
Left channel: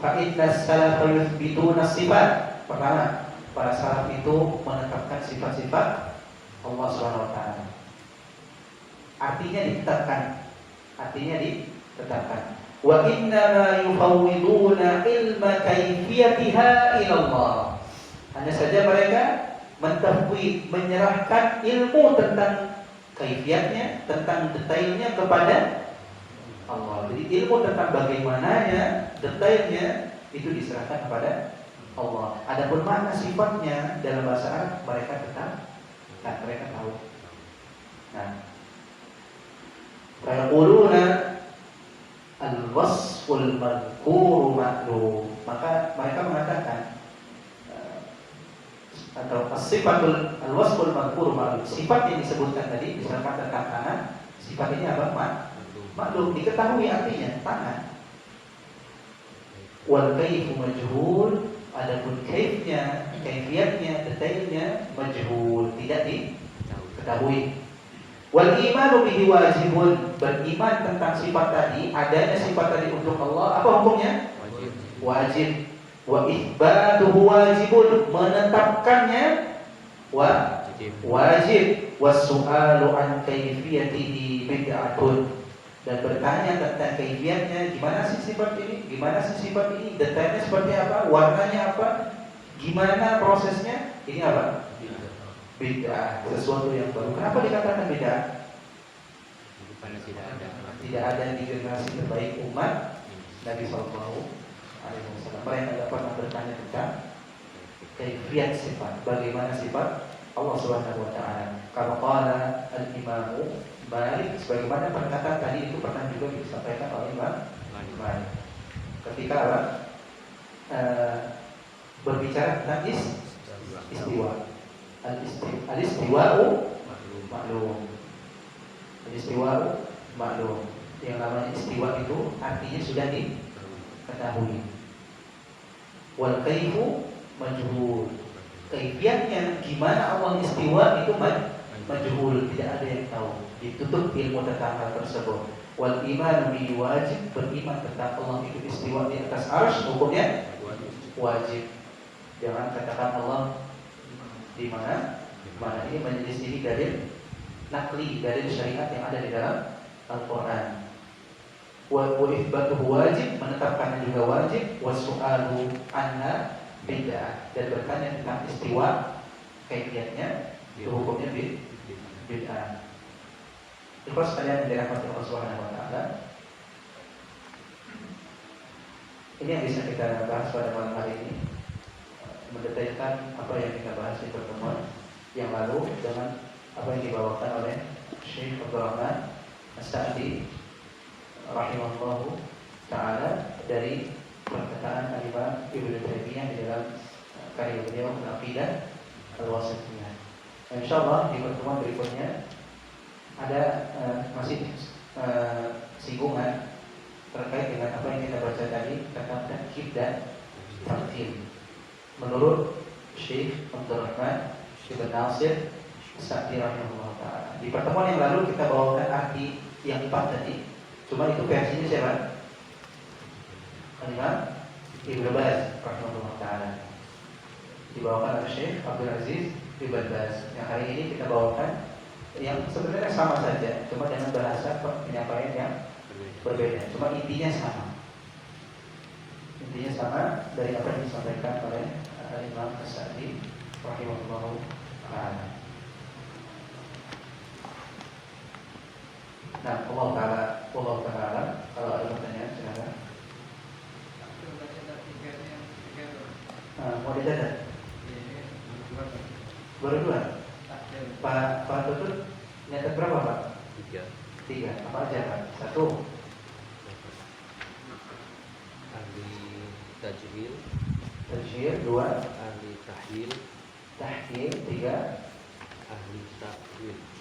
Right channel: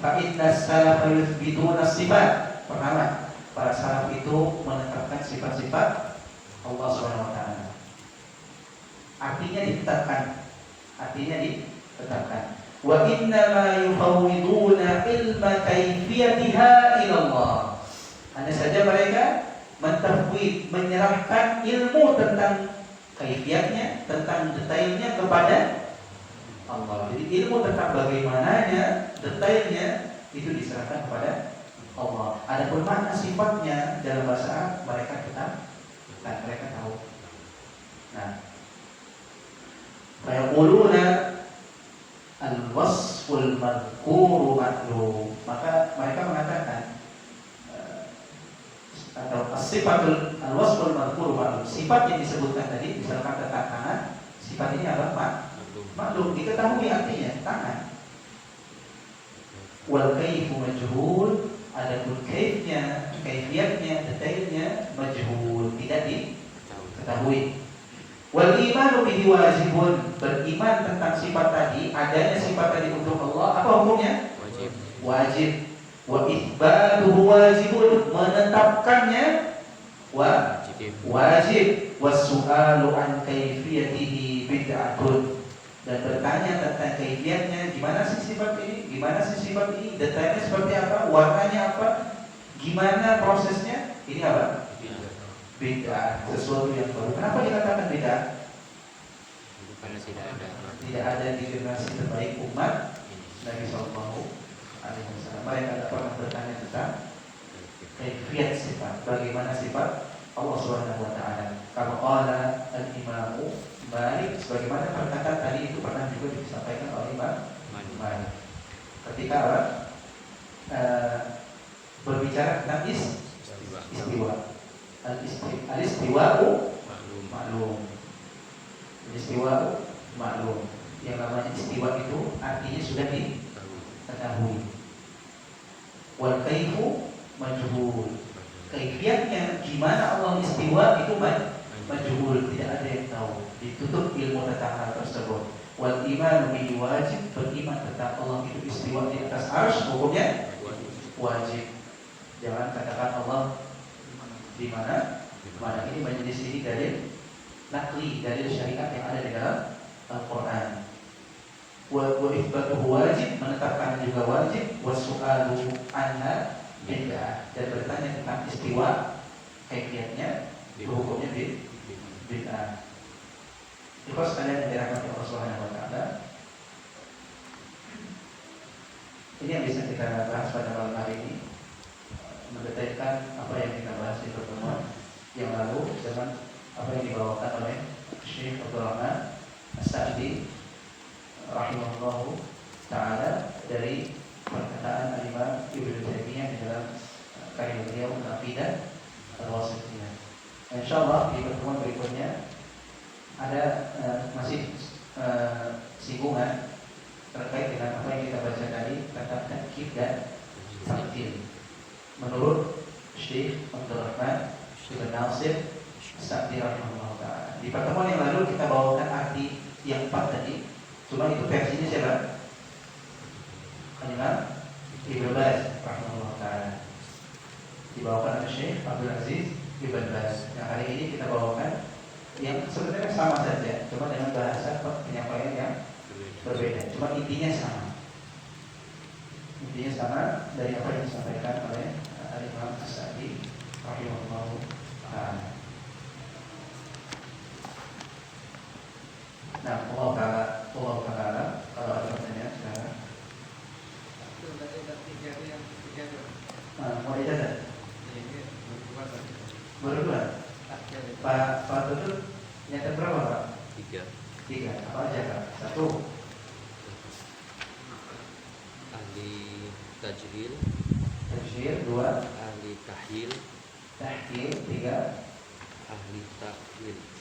Fa inna salaf yuthbituna sifat. Pertama, para salaf itu menetapkan sifat-sifat Allah Subhanahu wa taala. Artinya ditetapkan. Wa inna ma yufawwiduna ilma kaifiyatiha ila Allah. Hanya saja mereka mentafwid, menyerahkan ilmu tentang kaifiatnya, tentang detailnya kepada Allah. Jadi ilmu tentang bagaimananya, detailnya itu diserahkan kepada Allah. Adapun makna sifatnya dalam bahasa Arab mereka mereka tahu. Nah, fayaquluna al-wasful madhkuru ma'lum. Maka mereka mengatakan atau sifatul al-wasful madhkuru ma'lum. Sifat yang disebutkan tadi misalkan tentang tangan, sifat ini apa? Maklum, diketahui artinya tangan. Wal kaifu majhul, adapun kaifnya, kaifiatnya, detailnya majhul, tidak diketahui. Wal imanu bihi wajibun, beriman tentang sifat tadi, adanya sifat tadi untuk Allah, apa hukumnya? Wajib. Wa itsbatuhu wajibun, menetapkannya wajib. Was-su'alu an kaifiyatihi bid'atun, dan bertanya tentang kaifiatnya, gimana sih sifat ini, detailnya seperti apa, warnanya apa, gimana prosesnya, ini apa? Bid'ah, sesuatu yang baru. Kenapa dikatakan bid'ah? Karena Tidak ada di generasi terbaik umat Nabi Sallallahu Alaihi Wasallam. Mereka tidak pernah bertanya tentang kaifiat sifat, bagaimana sifat Allah Subhanahu Wa Taala. Kalau qala al-Imamu Malik, sebagaimana perkataan tadi itu pernah juga disampaikan oleh Imam Malik. Ketika berbicara tentang istiwa. Al-istiwa'u maklum. Al-istiwa'u maklum. Yang namanya istiwa itu artinya sudah diketahui. Wal kaifu majhul. Kaifiatnya gimana Allah istiwa itu majhul, tidak ada yang tahu. Ditutup ilmu tentang hal tersebut. Wal iman bihi wajib, beriman tentang Allah itu istiwa di atas arsy, hukumnya wajib. Jangan katakan Allah Di mana ini menyelisihi dalil nakli, dalil syariat yang ada di dalam Al-Quran. Wa itsbatuhu wajib, menetapkannya juga wajib. Wasu'alu anha bid'ah, dan bertanya tentang istiwa kaifiatnya itu hukumnya bid'ah. Terus sekalian yang dirahmati Allah Subhanahu wa taala, ini yang bisa kita bahas pada malam hari ini, mendetailkan apa yang kita bahas di pertemuan yang lalu dengan apa yang dibawakan oleh Syekh Abdul Rahman As-Sa'di rahimahullahu ta'ala dari perkataan Al-Imam Ibnu Taimiyah di dalam karya beliau Al-Aqidah Al-Wasithiyah. Insyaallah di pertemuan berikutnya ada masih singgungan terkait dengan apa yang kita baca tadi tentang takkif dan tamthil. Menurut Syekh Abdul Rahman Ibn Nasir As-Sa'di rahimahullah ta'ala. Di pertemuan yang lalu kita bawakan arti yang 4 tadi. Cuma itu versinya siapa? Al-Imam Ibnu Baz rahimahullah ta'ala. Dibawakan oleh Syekh Abdul Aziz Ibn Baz. Yang hari ini kita bawakan yang sebenarnya sama saja, cuma dengan bahasa penyampaian yang berbeda. Cuma intinya sama. Intinya sama dari apa yang disampaikan oleh Al-Imam As-Sa'di rahimahullah ta'ala. Nah, Allah Ta'ala, kalau ada pertanyaan silakan. Mau dicatat? Baru 2. Pak Tutut nyatet berapa Pak? 3. Apa aja Pak? 1. Ahli tajwid. 2. Ahli tahlil. 3. Ahli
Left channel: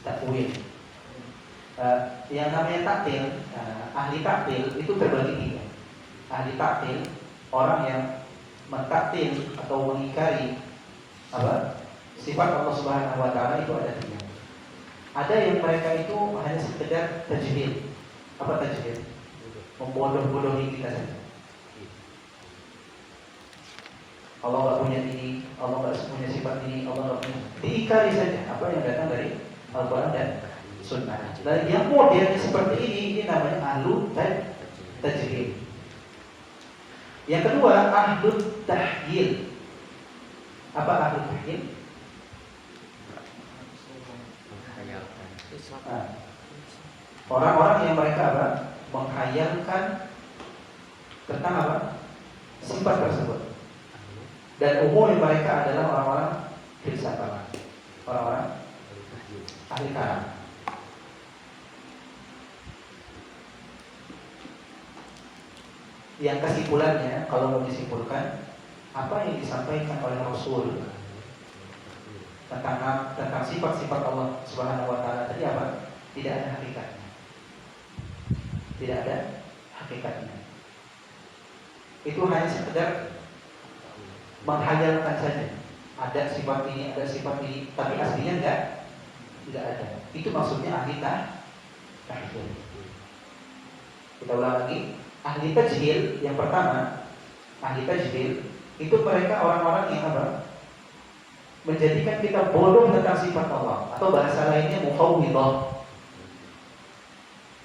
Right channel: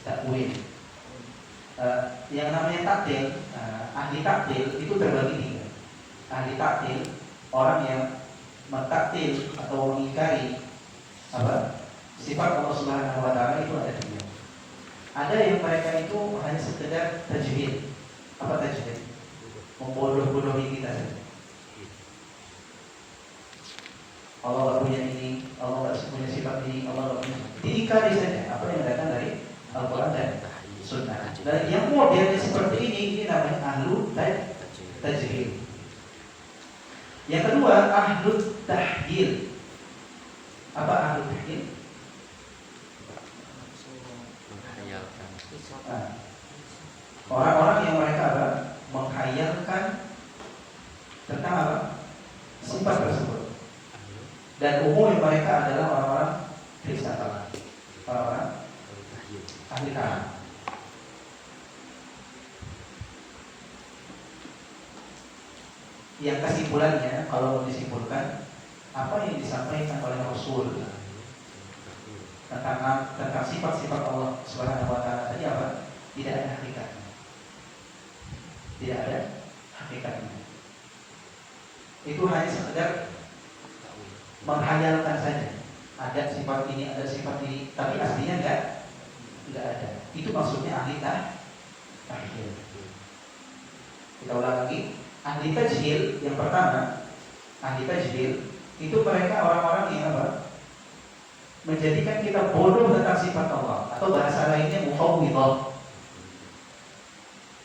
Takwil. Yang namanya taktil, ahli taktil itu terbagi 3. Ahli taktil, orang yang mentaktil atau mengingkari sifat Allah Subhanahu wa taala, itu ada 3. Ada yang mereka itu hanya sekedar tajwid. Apa tajwid? Membodoh-bodohi kita saja. Allah enggak punya ini, Allah enggak punya sifat ini, Allah enggak punya. Diingkari saja apa yang datang dari Al-Qur'an dan Sunnah. Dan yang modelnya seperti ini namanya ahlu tajwid. Yang kedua, ahlu tahyil. Apa ahlu tahyil? Orang-orang yang mereka menghayalkan tentang sifat tersebut. Dan umum mereka adalah orang-orang filsafat, orang-orang ahli kalam. Yang kesimpulannya, kalau mau disimpulkan, apa yang disampaikan oleh Rasul tentang sifat-sifat Allah Subhanahu wa taala tadi apa? Tidak ada hakikatnya. Tidak ada hakikatnya. Itu hanya sekedar menghayalkan saja. Ada sifat ini, ada sifat ini, tapi aslinya enggak ada. Itu maksudnya ahli tahyil. Kita ulang lagi. Ahli tajhil yang pertama, ahli tajhil itu mereka orang-orang yang menjadikan kita bodoh tentang sifat Allah, atau bahasa lainnya mufawwidhah.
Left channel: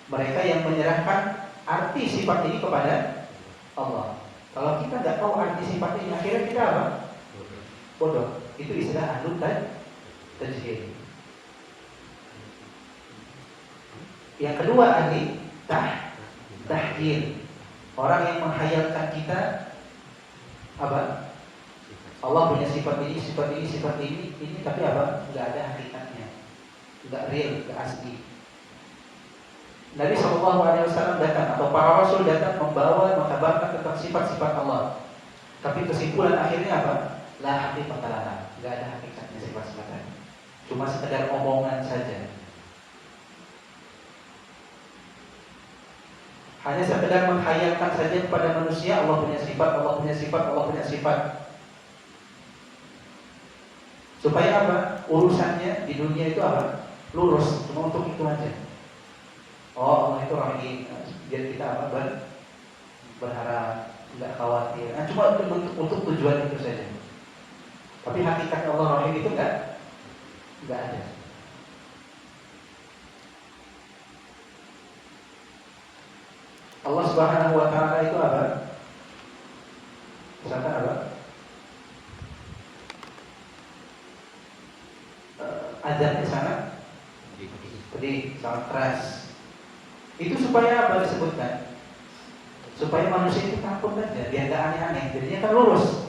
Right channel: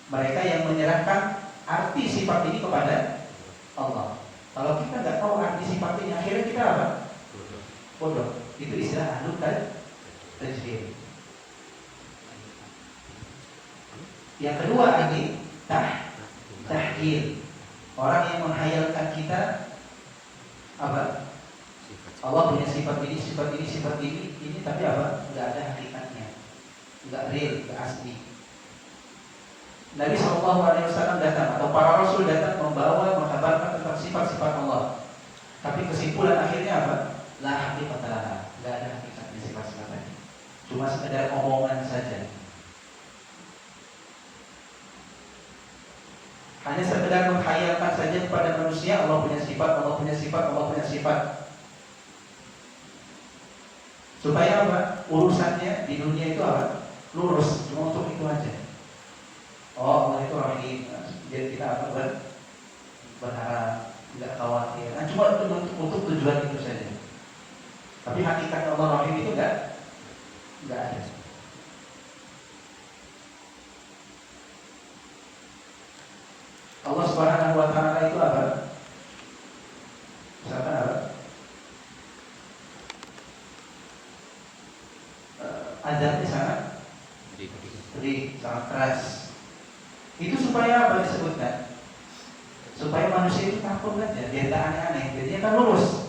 Mereka yang menyerahkan arti sifat ini kepada Allah. Kalau kita nggak tahu arti sifat ini, akhirnya kita bodoh. Itu istilah ahli tajhil. Yang kedua, ahli tahyil. Orang yang menghayalkan kita Allah punya sifat ini, sifat ini, sifat ini, tapi nggak ada hakikatnya, nggak real, nggak asli. Nabi SAW datang, atau para rasul datang membawa, mengkabarkan tentang sifat-sifat Allah. Tapi kesimpulan akhirnya La haqiqata laha, nggak ada hakikatnya sifat-sifat tadi. Cuma sekedar omongan saja. Hanya sekedar menghayalkan saja kepada manusia Allah punya sifat, Allah punya sifat, Allah punya sifat. Supaya urusannya di dunia itu lurus, cuma untuk itu aja. Oh, Allah itu rahim, biar kita berharap, nggak khawatir. Cuma untuk tujuan itu saja. Tapi hakikatnya Allah rahim itu nggak Nggak ada. Allah Subhanahu wa taala itu apa? Misalkan apa? Azabnya sangat pedih, sangat keras. Itu supaya apa disebutkan? Supaya manusia itu takut aja, biar gak aneh-aneh. Jadinya kan lurus.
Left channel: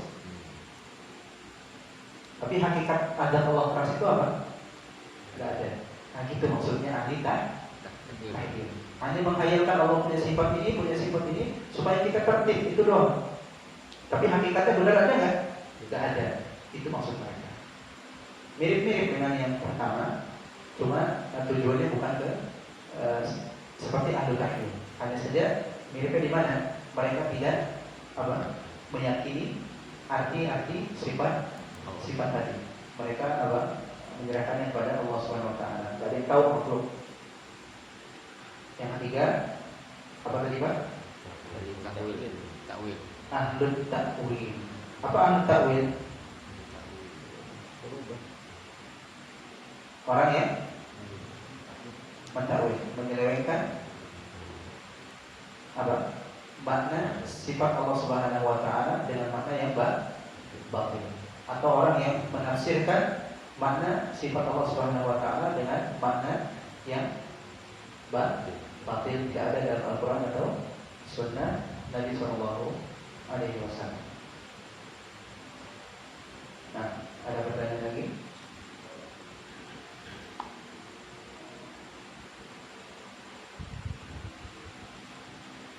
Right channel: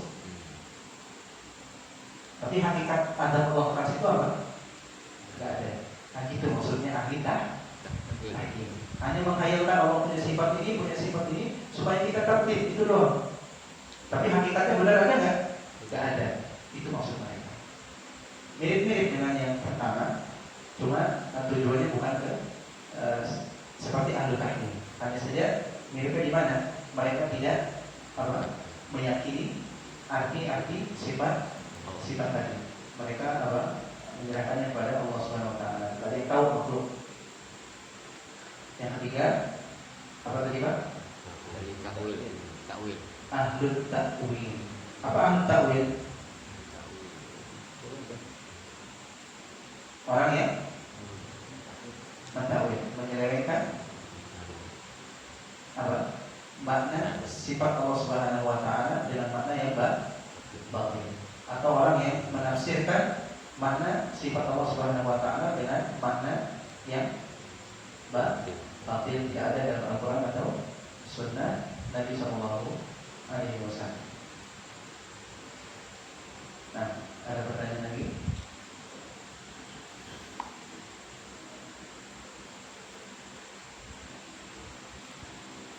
Tapi hakikat azab Allah keras itu apa? Gak ada. Nah gitu maksudnya ahli tahyil. Hanya menghayalkan Allah punya sifat ini, supaya kita tertib, itu doang. Tapi hakikatnya benar ada nggak? Nggak ada. Itu maksud mereka. Mirip-mirip dengan yang pertama, cuma tujuannya bukan ke seperti ahli tahyil. Hanya saja miripnya di mana? Mereka tidak apa? Meyakini arti sifat tadi. Mereka apa? Menyerahkannya kepada Allah Subhanahu wa taala. Tidak ada yang tahu makhluk. Yang ketiga, apa tadi Pak? Takwil. Ahlul takwil. Apa ahlul takwil? Orang yang mentakwil, menyelewengkan apa? Makna sifat Allah Subhanahu wa taala dengan makna yang batil. Atau orang yang menafsirkan makna sifat Allah Subhanahu wa taala dengan makna yang batil, tidak ada dalam Al-Qur'an atau sunnah Nabi sallallahu alaihi wasallam. Nah, ada pertanyaan lagi?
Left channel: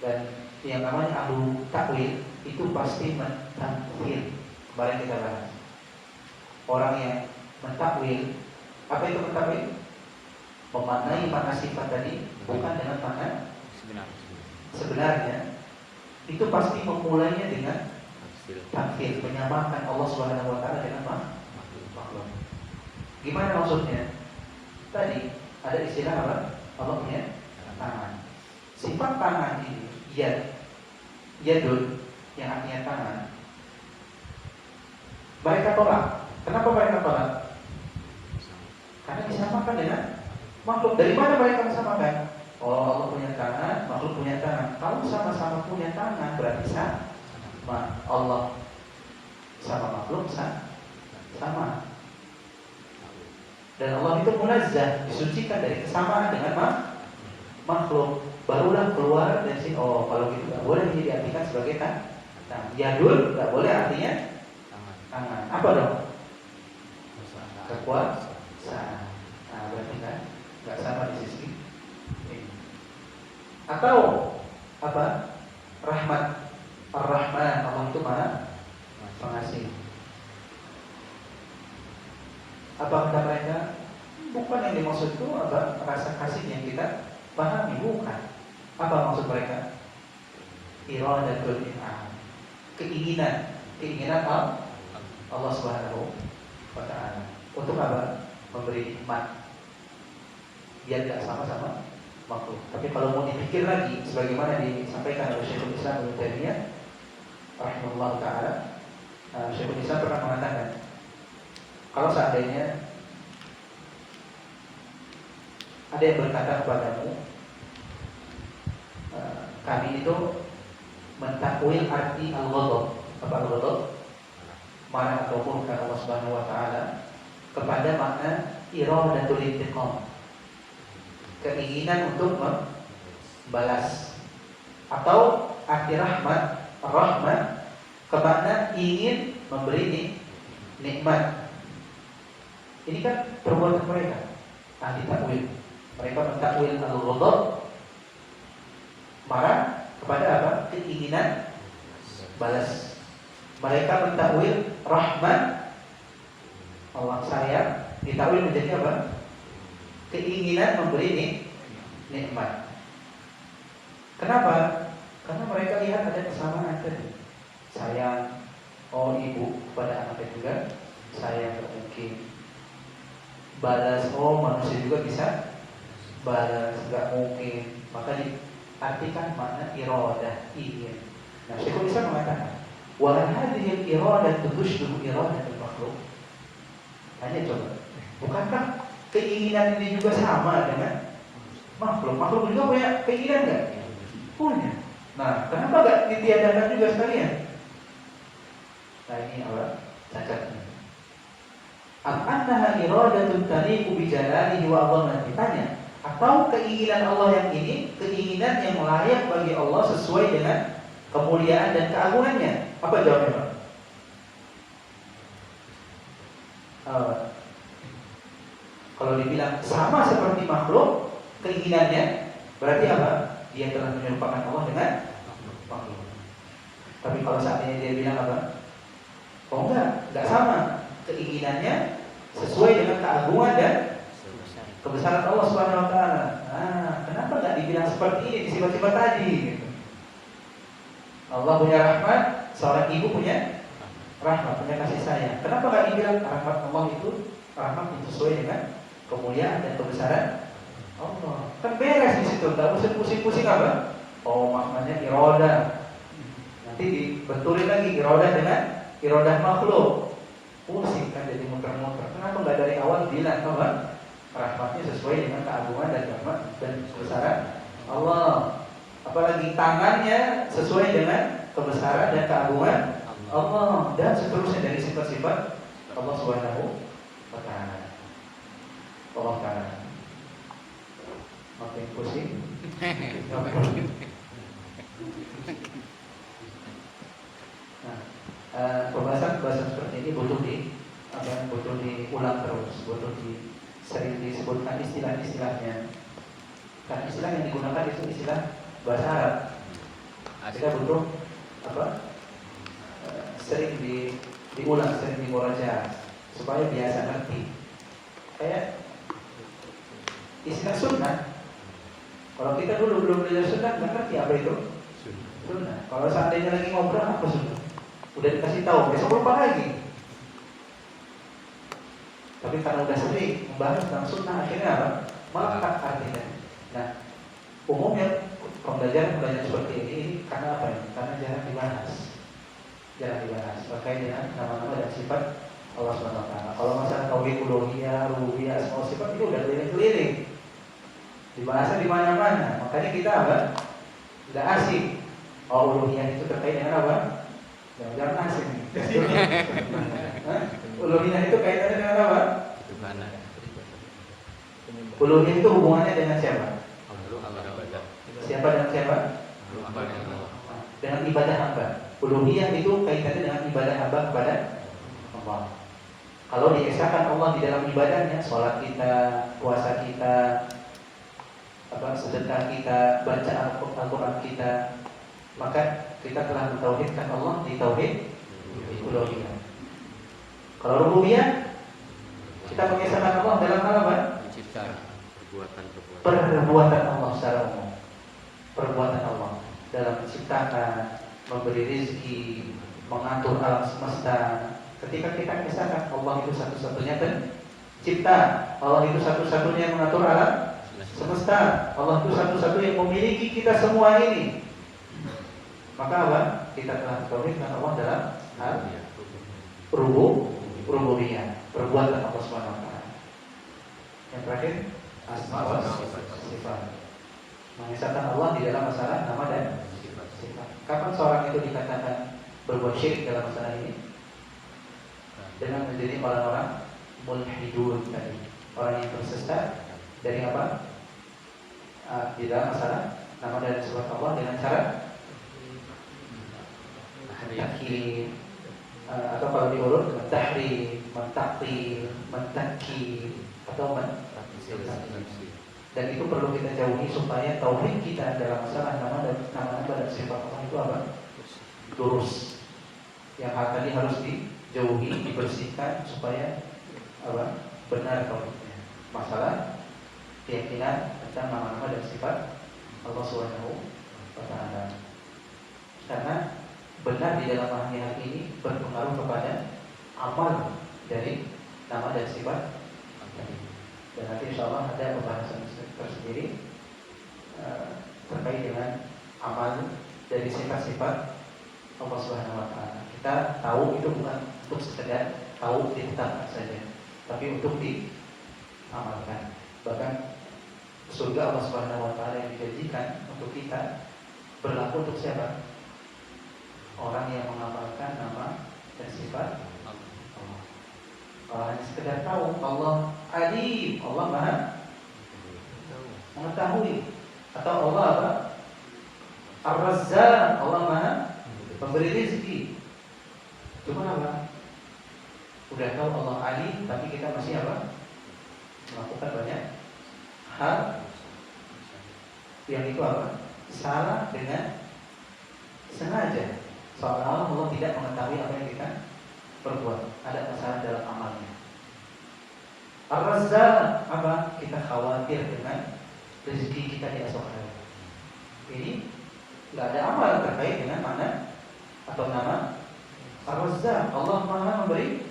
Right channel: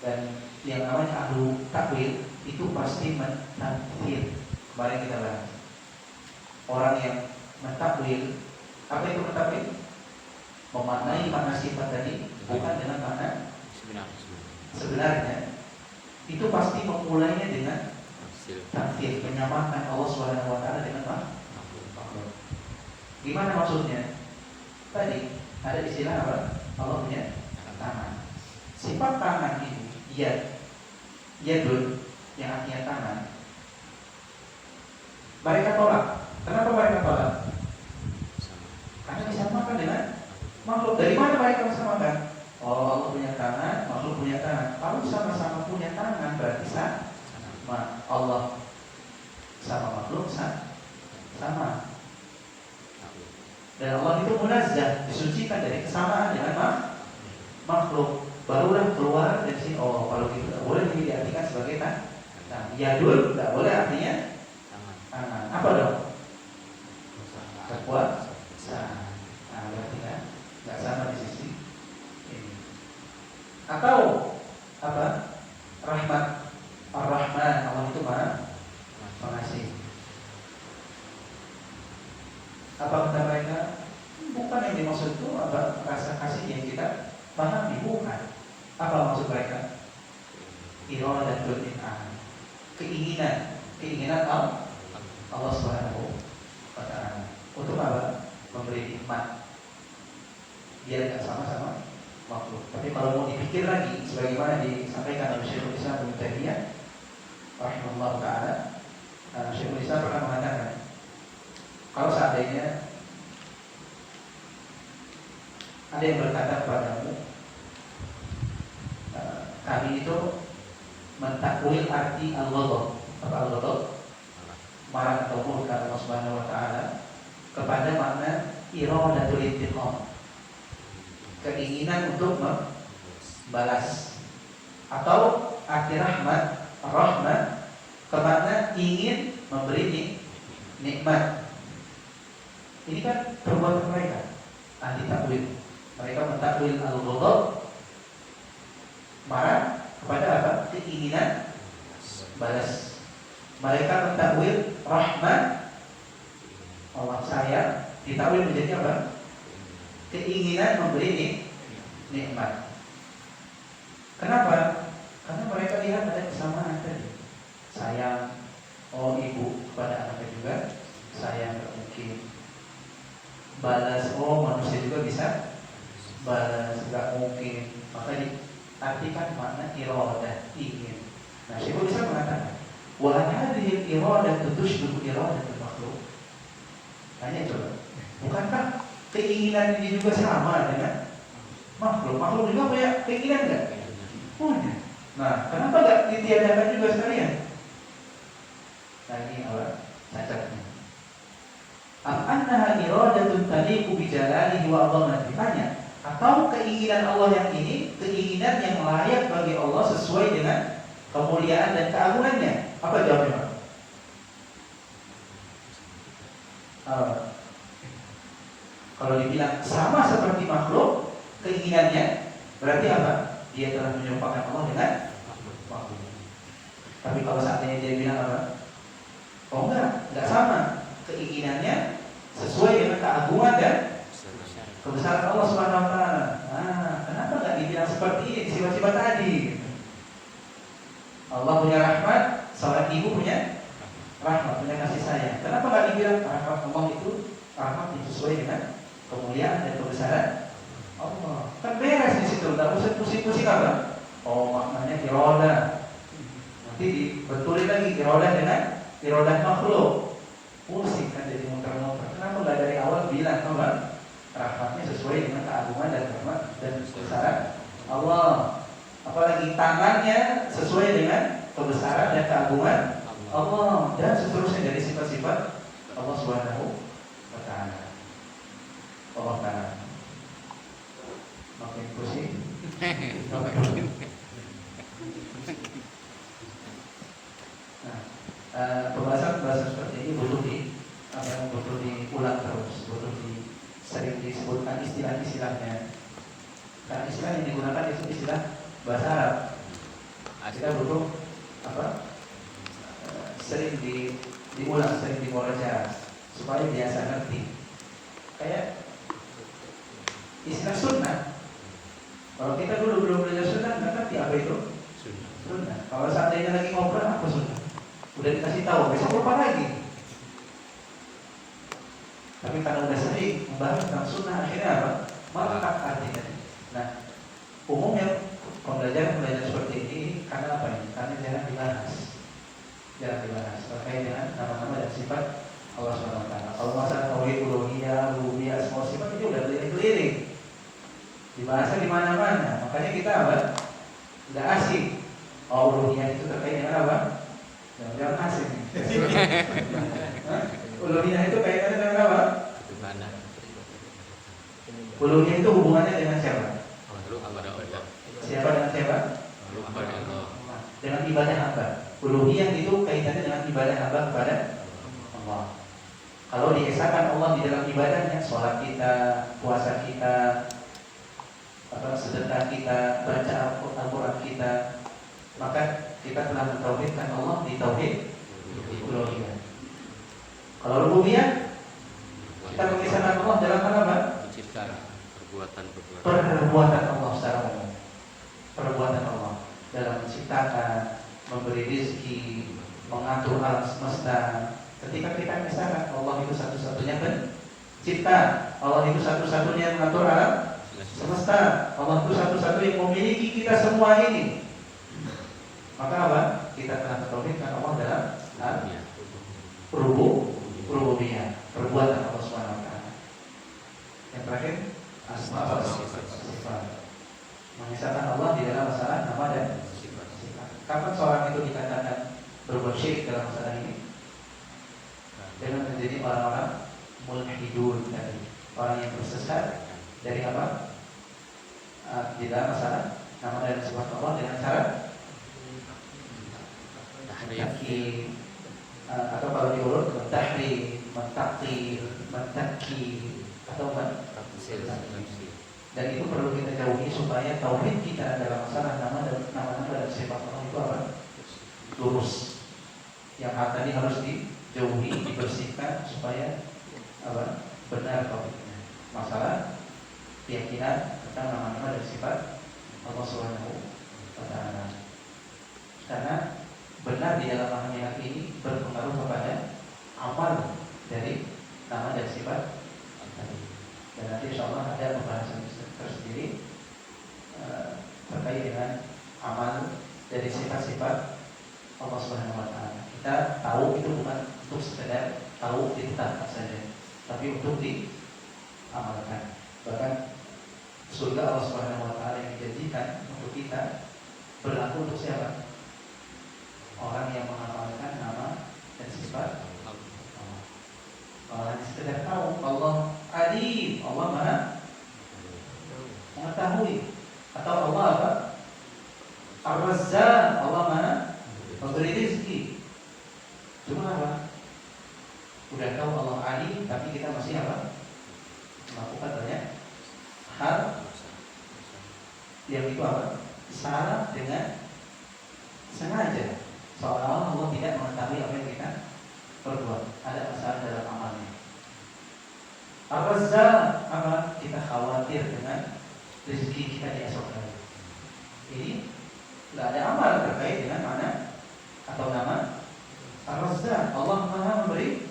Dan yang namanya ahlu takwil itu pasti mentakwil. Kemarin kita bahas. Orang yang mentakwil, apa itu mentakwil? Memaknai makna sifat tadi bukan dengan makna sebenarnya. Itu pasti memulainya dengan takwil, menyamakan Allah Subhanahu wa taala dengan makhluk. Gimana maksudnya? Tadi ada istilah apa? Allah punya tangan. Sifat tangan ini yadun yang artinya tangan. Mereka tolak. Kenapa mereka tolak? Karena disamakan dengan makhluk. Dari mana mereka disamakan? Oh, Allah punya tangan, makhluk punya tangan. Kalau sama-sama punya tangan berarti sama. Allah sama makhluk sama. Dan Allah itu munazzah, disucikan dari kesamaan dengan makhluk. Barulah keluar dari sini. Oh, kalau gitu tidak boleh diartikan sebagai tangan. Yadul tidak boleh artinya tangan. Apa dong? Kekuasaan. Nah, berarti kan nggak sama di sisi ini. Atau apa? Rahmat. Ar-Rahman, Allah itu Maha Pengasih. Apa kata mereka? Bukan yang dimaksud itu apa? Rasa kasih yang kita pahami, bukan. Apa maksud mereka? Iradatul in'am. Keinginan Allah Subhanahu wa taala. Untuk apa? Memberi nikmat. Biar tidak sama-sama makhluk. Tapi kalau mau dipikir lagi, sebagaimana disampaikan oleh Syekhul Islam Ibnu Taimiyah rahimahullah taala, Syekhul Islam pernah mengatakan, kalau seandainya ada yang berkata kepadamu, kami itu mentakwil arti al-ghadab. Apa al-ghadab? Marah atau murka Allah Subhanahu wa taala kepada makna iradatul intiqam. Keinginan untuk membalas. Atau arti rahmat ke makna ingin memberi nikmat. Ini kan perbuatan mereka ahli takwil. Mereka mentakwil al-ghadab, marah kepada apa? Keinginan balas. Mereka mentakwil rahmat, Allah sayang, ditakwil menjadi apa? Keinginan memberi nikmat. Kenapa? Karena mereka lihat ada kesamaan tadi. Sayang, oh ibu kepada anaknya juga sayang, tak mungkin. Balas, oh manusia juga bisa balas, nggak mungkin. Maka diartikan makna iradah, ingin. Nah, Syekhul Islam mengatakan, wa hadhihi al-iradah tushbihu iradatul makhluk. Tanya coba, bukankah keinginan ini juga sama dengan makhluk? Makhluk juga punya keinginan nggak? Punya. Nah, kenapa nggak ditiadakan juga sekalian? Nah ini apa? Cacatnya. Annaha iradatun taliqu bi jalalihi wa 'azamatihi. Tanya, atau keinginan Allah yang ini keinginan yang layak bagi Allah sesuai dengan kemuliaan dan keagungannya? Apa jawabnya, Pak? Kalau dibilang sama seperti makhluk keinginannya, berarti apa? Dia telah menyerupakan Allah dengan makhluk. Tapi kalau seandainya dia bilang apa? Oh enggak sama. Keinginannya sesuai dengan keagungan dan kebesaran Allah Subhanahu wa taala. Kenapa enggak dibilang seperti ini di sifat-sifat tadi gitu? Allah punya rahmat, seorang ibu punya rahmat, punya kasih sayang. Kenapa enggak dibilang rahmat Allah itu rahmat yang sesuai dengan kemuliaan dan kebesaran Allah? Kan beres di situ, enggak usah pusing-pusing apa? Oh, maknanya iroda. Nanti dibetulin lagi iroda dengan irodah makhluk. Pusing kan jadi muter-muter. Kenapa nggak dari awal bilang, tau nggak? Rahmatnya sesuai dengan keagungan dan rahmat dan kebesaran Allah. Apalagi tangannya sesuai dengan kebesaran dan keagungan Allah, dan seterusnya dari sifat-sifat Allah Subhanahu wa taala. Allah taala. Makin pusing. Pembahasan seperti ini butuh diulang terus, sering disebutkan istilah-istilahnya. Karena istilah yang digunakan itu istilah bahasa Arab. Kita butuh sering diulang, sering dimurajaah supaya biasa ngerti. Kayak istilah sunnah. Kalau kita dulu belum belajar sunnah, nggak ngerti apa itu sunnah. Kalau seandainya lagi ngobrol apa sunnah, udah dikasih tahu, besok lupa lagi. Tapi karena udah sering membahas tentang sunnah, akhirnya apa? Melekat artinya. Nah, umumnya pembelajaran seperti ini karena apa ini? Karena jarang dibahas terkait dengan nama-nama dan sifat Allah SWT. Kalau masalah tauhid uluhiyah, rububiyah, semua sifat itu udah keliling-keliling, dibahasnya di mana-mana. Makanya kita apa? Udah asing. Oh, uluhiyah itu terkait dengan apa? Jangan asing. Uluhiyah itu kaitannya dengan apa? Uluhiyah itu hubungannya dengan siapa? Siapa dengan siapa? Dengan ibadah hamba. Uluhiyah itu kaitannya dengan ibadah hamba kepada Allah. Kalau diesakan Allah di dalam ibadahnya, sholat kita, puasa kita, sedekah kita, baca Al-Quran kita, maka kita telah mentauhidkan Allah di tauhid uluhiyah. Kalau rububiyah, kita mengisahkan Allah dalam hal apa? Perbuatan Allah secara umum. Perbuatan Allah dalam menciptakan, memberi rezeki, mengatur alam semesta. Ketika kita mengisahkan Allah itu satu-satunya pencipta, Allah itu satu-satunya yang mengatur alam semesta, Allah itu satu-satunya yang memiliki kita semua ini, maka apa? Kita telah mentauhidkan Allah dalam hal rububiyah, perbuatan Allah Subhanahu wa taala. Yang terakhir, asma wa sifat. Mengisahkan Allah di dalam masalah nama dan sifat. Kapan seorang itu dikatakan berbuat syirik dalam masalah ini? Dengan menjadi orang-orang mulhidun tadi, orang yang tersesat dari apa? Di dalam masalah nama dan sifat Allah dengan cara takyid, atau kalau diurut mentahri, mentakil, mentakil, atau mentafsir. Dan itu perlu kita jauhi supaya tauhid kita dalam masalah nama-nama dan sifat Allah itu apa? Lurus. Yang tadi harus dijauhi, dibersihkan supaya apa? Benar tauhidnya. Masalah keyakinan tentang nama-nama dan sifat Allah Subhanahu wa taala. Karena benar di dalam hal ini berpengaruh kepada amal dari nama dan sifat tadi. Dan nanti insyaallah ada pembahasan tersendiri terkait dengan amal dari sifat-sifat Allah Subhanahu wa taala. Kita tahu itu bukan untuk sekedar tahu ditetapkan saja, tapi untuk diamalkan. Bahkan surga Allah Subhanahu wa taala yang dijanjikan untuk kita berlaku untuk siapa? Orang yang mengamalkan nama dan sifat Allah. Orang yang sekedar tahu Allah Alim, Allah Maha mengetahui, atau Allah apa? Ar-Razzaq, Allah Maha memberi rezeki. Cuma apa? Udah tahu Allah Alim, tapi kita masih apa? Melakukan banyak hal yang itu apa? Salah dengan sengaja. Seolah-olah Allah tidak mengetahui apa yang kita perbuat. Ada kesalahan dalam amalnya. Ar-Razzaq apa? Kita khawatir dengan rezeki kita di esok hari. Ini nggak ada amal terkait dengan mana atau nama Ar-Razzaq. Allah Maha memberi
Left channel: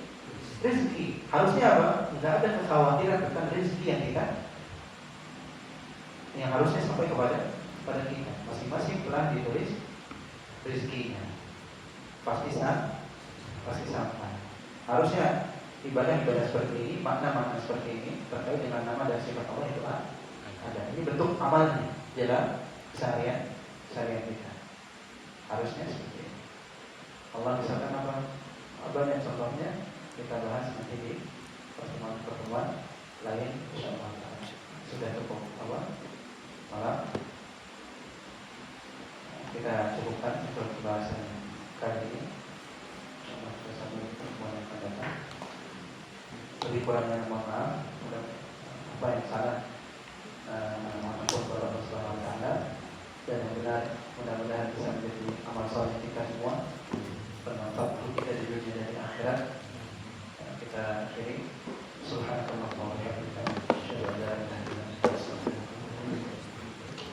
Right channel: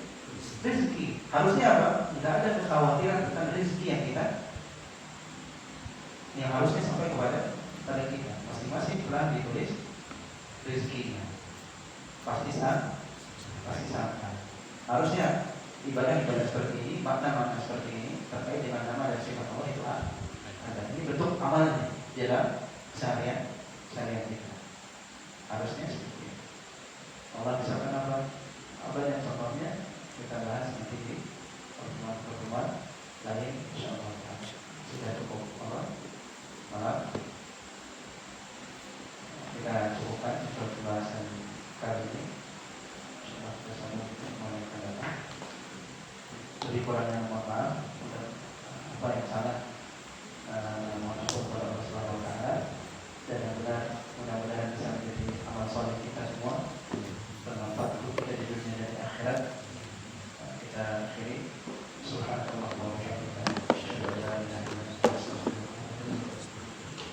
rezeki. Harusnya apa? Nggak ada kekhawatiran tentang rezeki yang harusnya sampai kepada kita. Masing-masing telah ditulis rezekinya. Pasti sampai. Harusnya ibadah seperti ini, makna-makna seperti ini terkait dengan nama dan sifat Allah itu ada. Ini bentuk amalnya dalam keseharian kita. Harusnya seperti ini. Allah misalkan apa dan contohnya kita bahas nanti di pertemuan lain insyaallah. Sudah cukup malam. Kita cukupkan untuk pembahasan kali ini. Kita sambung pertemuan yang akan datang. Lebih kurangnya mohon maaf. Apa yang salah mohon ampun kepada Allah Subhanahu wa taala, dan yang benar mudah-mudahan bisa menjadi amal soleh kita semua, bermanfaat untuk kita di dunia dan di akhirat. Kita akhiri. Subhanallah.